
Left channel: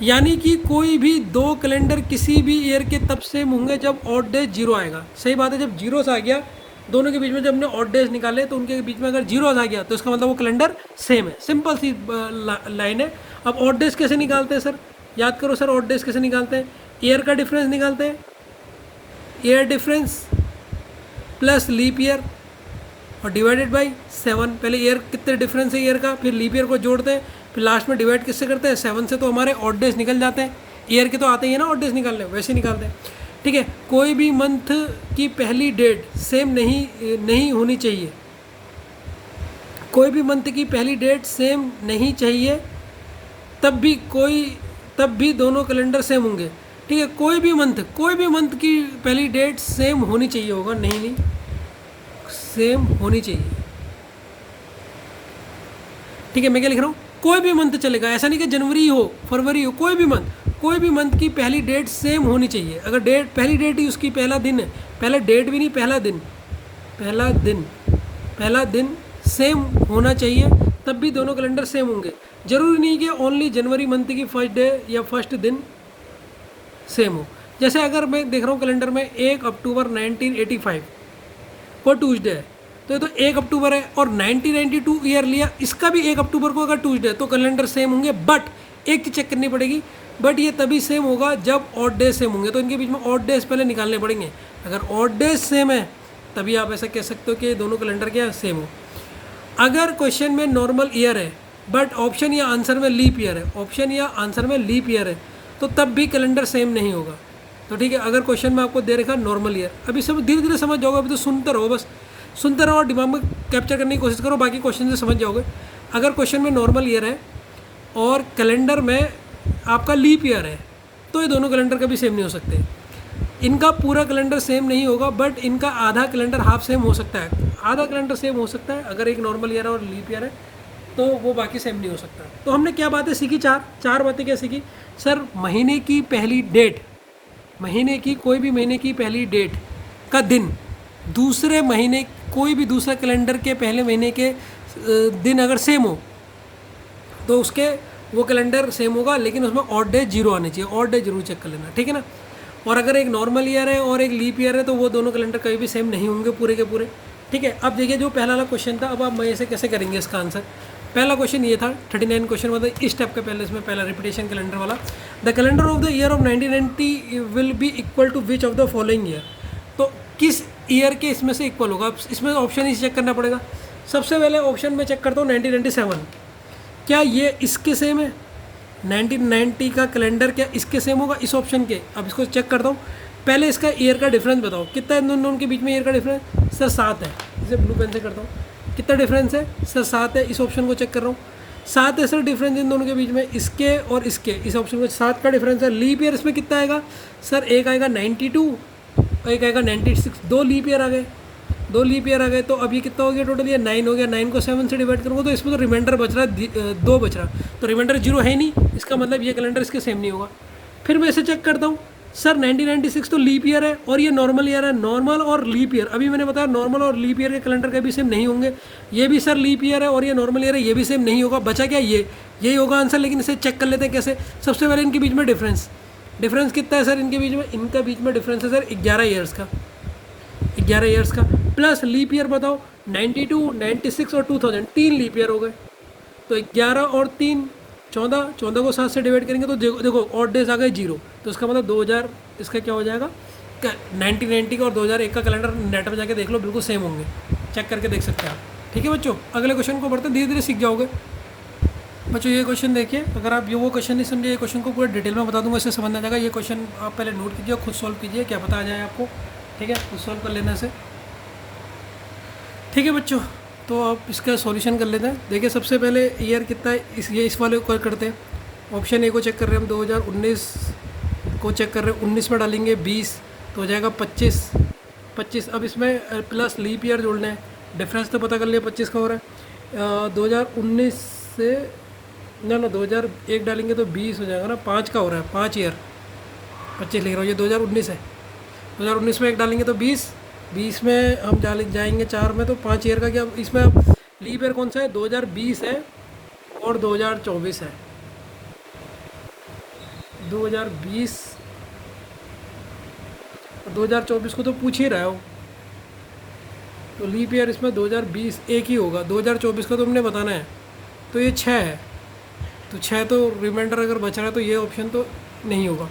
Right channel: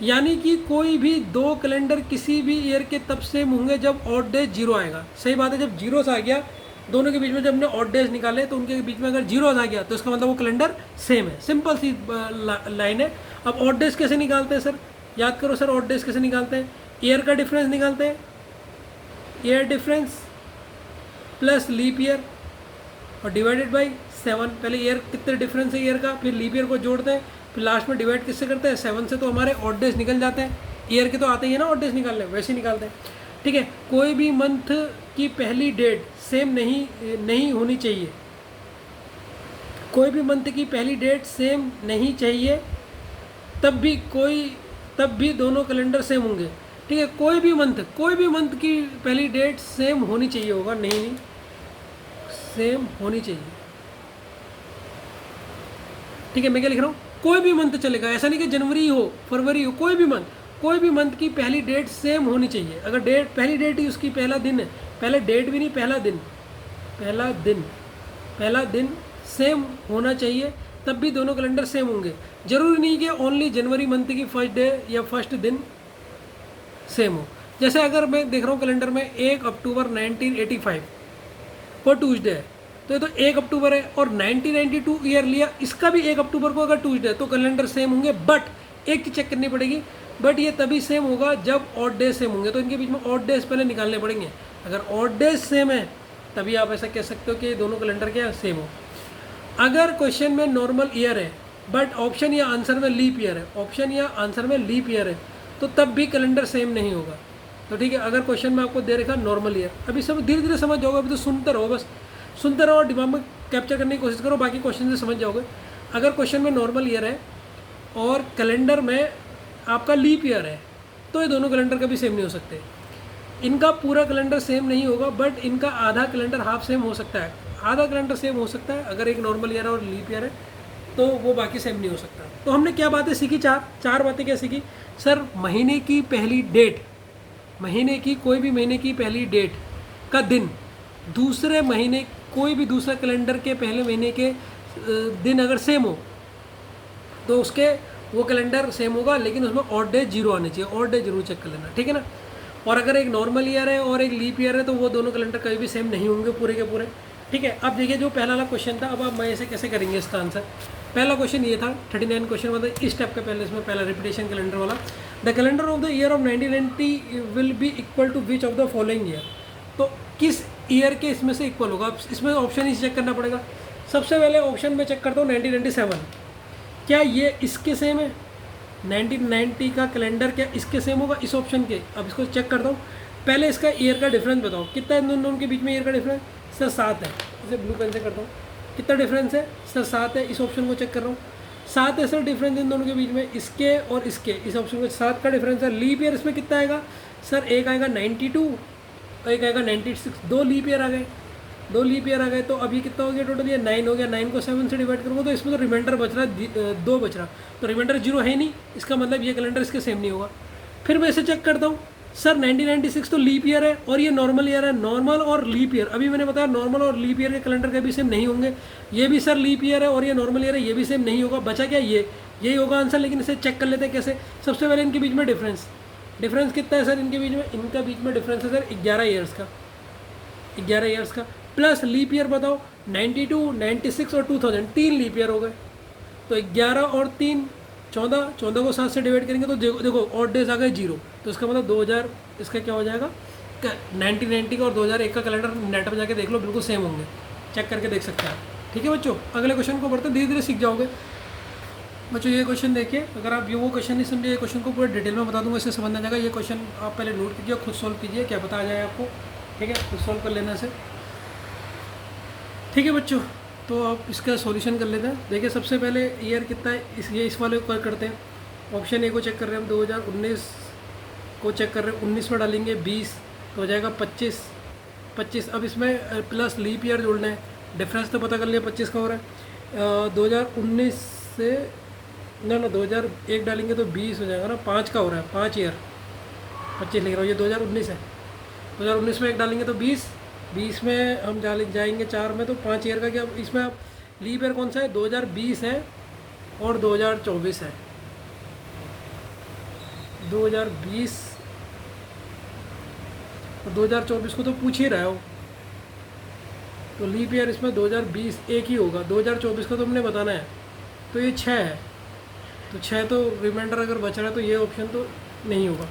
यानी कि कोई भी 2 कैलेंडर किसी भी ईयर के तब सेम होंगे जब ऑड डेज 0 आएगा। सही बात है, जब जीरोस आ गया दोनों के बीच में, जब हमने ऑड डेज निकाले तो उनके बीच में अगर 0 आ गया तो इसका मतलब वो कैलेंडर सेम है। सिंपल सी लाइन है। अब ऑड डेज कैसे निकालते हैं सर? याद करो सर, ऑड डेज कैसे निकालते हैं? ईयर का डिफरेंस निकालते हैं, year difference plus leap year और डिवाइडेड बाई 7। पहले ईयर कितने डिफरेंस है ईयर का, फिर लीप ईयर को जोड़ते हैं, फिर लास्ट में डिवाइड किससे करते हैं, 7 से। तो हमारे ऑड डेज निकल जाते हैं। ईयर के तो आते ही है ना ऑड डेज निकालने, वैसे ही निकालते हैं, ठीक है। कोई भी मंथ की पहली डेट सेम नहीं होनी चाहिए, कोई भी मंथ की पहली डेट सेम नहीं चाहिए, तब भी दोनों कैलेंडर सेम होंगे, ठीक है। कोई भी मंथ की पहली डेट सेम होनी चाहिए होगा, नहीं सेम होनी चाहिए, ठीक है। मैं क्या लिख रहा हूँ, कोई भी मंथ चलेगा, ऐसा नहीं कि जनवरी हो, फरवरी हो, कोई भी मंथ की पहली डेट सेम होनी चाहिए। अगर पहली डेट ही उसकी पहला दिन है, पहला डेट भी नहीं, पहला दिन सेम होना चाहिए, तब भी दोनों कैलेंडर सेम होंगे। जरूरी नहीं कि ओनली जनवरी मंथ की फर्स्ट डे या फर्स्ट दिन सेम हो। जैसे अगर मैं देख रहा हूँ कैलेंडर में 1 अक्टूबर 1985 वो ट्यूसडे है, तो ये तो 1 अक्टूबर है, और 1992 ईयर लिया, इसका भी 1 अक्टूबर को अगर ट्यूसडे तो कैलेंडर सेम होंगे। बट एक चीज़ चेक करनी पड़ेगी, बट ये तभी सेम होगा जब ऑड डेज सेम होंगे, तो इनके बीच में ऑड डेज पहले निकालने पड़ेंगे। अगर ऑड डेज सेम है तभी आप ऐसा कह सकते हो कि दोनों कैलेंडर क्या सेम हो। अगर क्वेश्चन में नॉर्मल ईयर है बट ऑप्शन या आंसर में लीप ईयर है, ऑप्शन या आंसर में लीप ईयर है, तो तब भी कैलेंडर सेम नहीं होगा। तो ठीक है, अगर क्वेश्चन में आपको दे रखा नॉर्मल ईयर, अभी सब धीरे धीरे समझ जाओगे, अभी तो सुनते रहो, बस सुनते रहो और दिमाग में कैप्चर करने की कोशिश करो, बाकी क्वेश्चन से समझ जाओगे। अगर क्वेश्चन में नॉर्मल ईयर है और कैलेंडर में आपका लीप ईयर है, तो ये दोनों कैलेंडर कभी सेम नहीं हो सकते। इनका पूरा कैलेंडर सेम नहीं होगा, बट इनका आधा कैलेंडर हाफ सेम हो सकता है। आधा कैलेंडर सेम हो सकता है अगर एक नॉर्मल ईयर है और लीप ईयर है, तो वो बाकी सेम नहीं हो सकता। तो हमने क्या बातें सीखी, चार बातें क्या सीखी सर। महीने की पहली डेट, महीने की कोई भी महीने की पहली डेट का दिन दूसरे महीने, कोई भी दूसरा कैलेंडर के पहले महीने के दिन अगर सेम हो तो उसके वो कैलेंडर सेम होगा, लेकिन उसमें ऑड डे जीरो आने चाहिए। ऑड डे जरूर चेक कर लेना, ठीक है ना। और अगर एक नॉर्मल ईयर है और एक लीप ईयर है तो वो दोनों कैलेंडर कभी भी सेम नहीं होंगे पूरे के पूरे, ठीक है। अब देखिए जो पहला वाला क्वेश्चन था, अब आप मैं इसे कैसे करेंगे इसका आंसर। पहला क्वेश्चन ये था 39 क्वेश्चन, मतलब इस स्टेप के पहले इसमें पहला रिपीटेशन कैलेंडर वाला। The calendar of the year of 1990 will be equal to which of the following year, तो किस ईयर के इसमें से इक्वल होगा। इसमें ऑप्शन ही चेक करना पड़ेगा। सबसे पहले ऑप्शन में चेक करता हूँ 1997, क्या ये इसके सेम है। 1990 का कैलेंडर क्या इसके सेम होगा इस ऑप्शन के। अब इसको चेक करता हूँ, पहले इसका ईयर का डिफरेंस बताओ, कितना है दोनों के बीच में ईयर का डिफरेंस। सर 7 है, इसे ब्लू पेन से करता हूँ। कितना डिफरेंस है सर 7 है, इस ऑप्शन को चेक कर रहा हूँ 7 है सर डिफरेंस इन दोनों के बीच में, इसके और इसके, इस ऑप्शन को 7 का डिफरेंस है। लीप ईयर इसमें कितना आएगा सर, एक आएगा 92 और एक आएगा 96, दो लीप ईयर आ गए, दो लीप ईयर आ गए। तो अब ये कितना हो गया टोटल, ये 9 हो गया। 9 को 7 से डिवाइड करूँगा तो इसमें तो रिमाइंडर बच रहा है 2 बच रहा, तो रिमाइंडर 0 है नहीं, इसका मतलब ये कैलेंडर इसके सेम नहीं होगा। फिर मैं इसे चेक करता हूँ सर 1996 तो लीप ईयर है और ये नॉर्मल ईयर है। नॉर्मल और लीप ईयर, अभी मैंने बताया नॉर्मल और लीप ईयर के कैलेंडर कभी सेम नहीं होंगे। ये भी सर लीप ईयर है और ये नॉर्मल ईयर है, ये भी सेम नहीं होगा। बचा क्या, ये यही होगा आंसर। लेकिन इसे चेक कर लेते हैं कैसे। सबसे पहले इनके बीच में डिफरेंस कितना है सर इनके बीच में, इनका बीच में डिफरेंस है सर 11 ईयर्स का, 11 ईयर्स का। प्लस लीप ईयर बताओ 92, 96 और 2000, 3 लीप ईयर हो गए। तो 11 और 3 14, 14 को 7 से डिवाइड करेंगे तो देखो ऑड डेज आ गए 0, तो इसका मतलब 2000, इसका क्या हो जाएगा 1990 का और 2001 का कैलेंडर नेट में जाके देख लो, बिल्कुल सेम होंगे, चेक करके देख सकते हैं। ठीक है बच्चों, अगले क्वेश्चन को बढ़ते धीरे धीरे सीख जाओगे बच्चों। ये क्वेश्चन देखिए, अगर आप ये वो क्वेश्चन नहीं समझे, ये क्वेश्चन को पूरा डिटेल में बता दूंगा, इससे समझ आ जाएगा। ये क्वेश्चन आप पहले नोट कीजिए, खुद सॉल्व कीजिए, क्या पता आ जाए आपको, ठीक है, खुद सॉल्व कर लेने से। ठीक है बच्चों, तो आप इसका सॉल्यूशन कर लेते हैं। देखिए सबसे पहले ईयर कितना है, इस वाले को करते हैं। ऑप्शन ए को चेक कर रहे हैं हम, 2019 को चेक कर रहे हैं, 19 में डालेंगे 20 तो हो जाएगा 25। अब इसमें प्लस लीप ईयर जोड़ना है, डिफरेंस तो पता कर लिया 25 का हो रहा है। 2019 से ना 2001 डालेंगे तो 20 हो जाएगा ना, 5 का हो रहा है, 5 ईयर, 25 लिख रहा हूँ, ये 2019 है। 2019 में 1 डालेंगे तो 20 में हम जाएंगे 4 में तो 5 ईयर का क्या। इसमें लीप ईयर कौन सा है, 2020 है और 2024 है। 2020 और 2024 को तो पूछ ही रहा हो, तो लीप ईयर इसमें 2020 एक ही होगा, 2024 का तो हमने बताना है, तो ये 6 है, तो 6 तो रिमाइंडर अगर बच रहा है तो ये ऑप्शन तो नहीं होगा।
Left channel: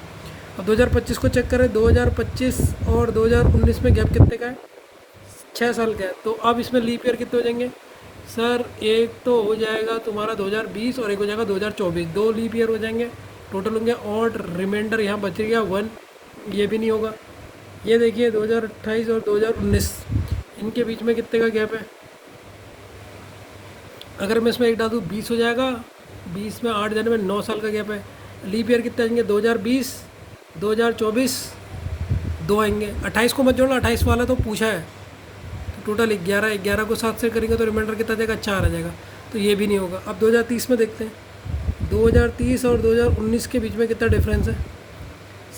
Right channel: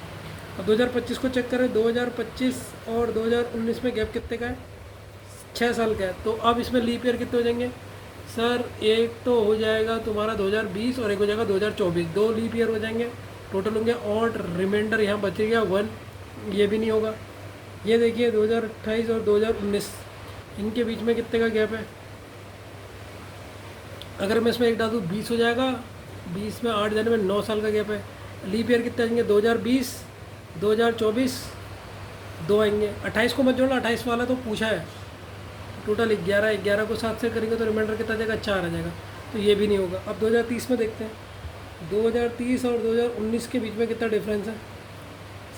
अब 2025 को चेक करें, 2025 और 2019 में गैप कितने का है, 6 साल का है। तो अब इसमें लीप ईयर कितने हो जाएंगे सर, एक तो हो जाएगा तुम्हारा 2020 और एक हो जाएगा 2024, 2 लीप ईयर हो जाएंगे, टोटल होंगे। और रिमाइंडर यहाँ बच गया 1, ये भी नहीं होगा। ये देखिए 2028 और 2019, इनके बीच में कितने का गैप है, अगर मैं इसमें 1 डाल दूँ 20 हो जाएगा, 20 में 8 जाने में 9 साल का गैप है। लीप ईयर कितने आएंगे, 2020, 2024, 2 आएंगे। 28 को मत जोड़ो, 28 वाला तो पूछा है, तो टोटल 11 को 7 से करेंगे तो रिमाइंडर कितना जाएगा, 4 आ जाएगा, तो ये भी नहीं होगा। अब 2030 में देखते हैं, 2030 और 2019 के बीच में कितना डिफरेंस है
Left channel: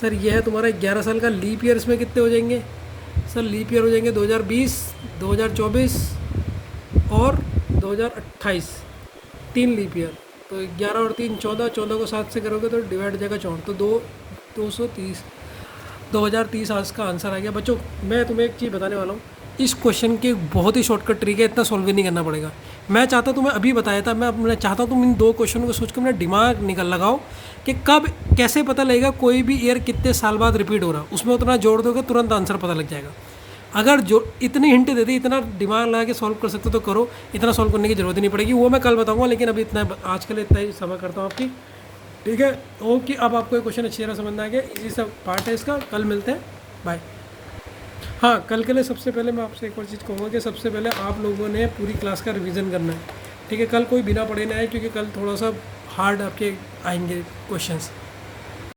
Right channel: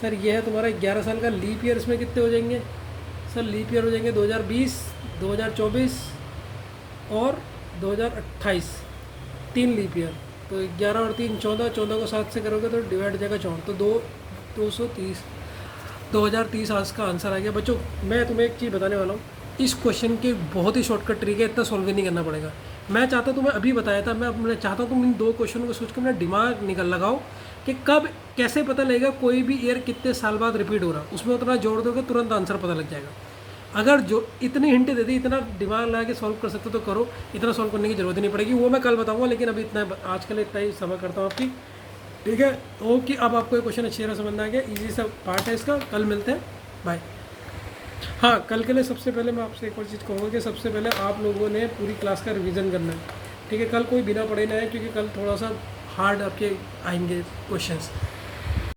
सर, ये है तुम्हारा 11 साल का। लीप ईयर इसमें कितने हो जाएंगे सर, लीप ईयर हो जाएंगे 2020, 2024 और 2028, 3 लीप ईयर, तो 11 और 3 14, 14 को 7 से करोगे तो डिवाइड हो जाएगा 4, तो 230, 2030 आज का आंसर आ गया। बच्चों मैं तुम्हें एक चीज़ बताने वाला हूँ, इस क्वेश्चन के बहुत ही शॉर्टकट तरीके, इतना सॉल्व भी नहीं करना पड़ेगा। मैं चाहता तुम्हें अभी बताया था, मैं चाहता तुम इन 2 क्वेश्चनों को सोच के अपना दिमाग निकल लगाओ कि कब कैसे पता लगेगा कोई भी ईयर कितने साल बाद रिपीट हो रहा, उसमें उतना जोड़ दोगे तुरंत आंसर पता लग जाएगा। अगर जो इतनी हिंट दे दी, इतना दिमाग लगा के सॉल्व कर सकते हो तो करो, इतना सॉल्व करने की जरूरत ही नहीं पड़ेगी, वो मैं कल बताऊँगा। लेकिन अभी इतना, आज के लिए इतना ही समय करता हूँ आपकी, ठीक है। ओके, अब आपको ये क्वेश्चन अच्छी तरह समझ में आ गया, इसी सब पार्ट है इसका। कल मिलते हैं, बाय। हाँ, कल के लिए सबसे पहले मैं आपसे एक और चीज़ कहूँगा कि सबसे पहले आप लोगों ने पूरी क्लास का रिवीजन करना है, ठीक है। कल कोई बिना पढ़े ना आए, क्योंकि कल थोड़ा सा हार्ड आपके आएंगे क्वेश्चंस।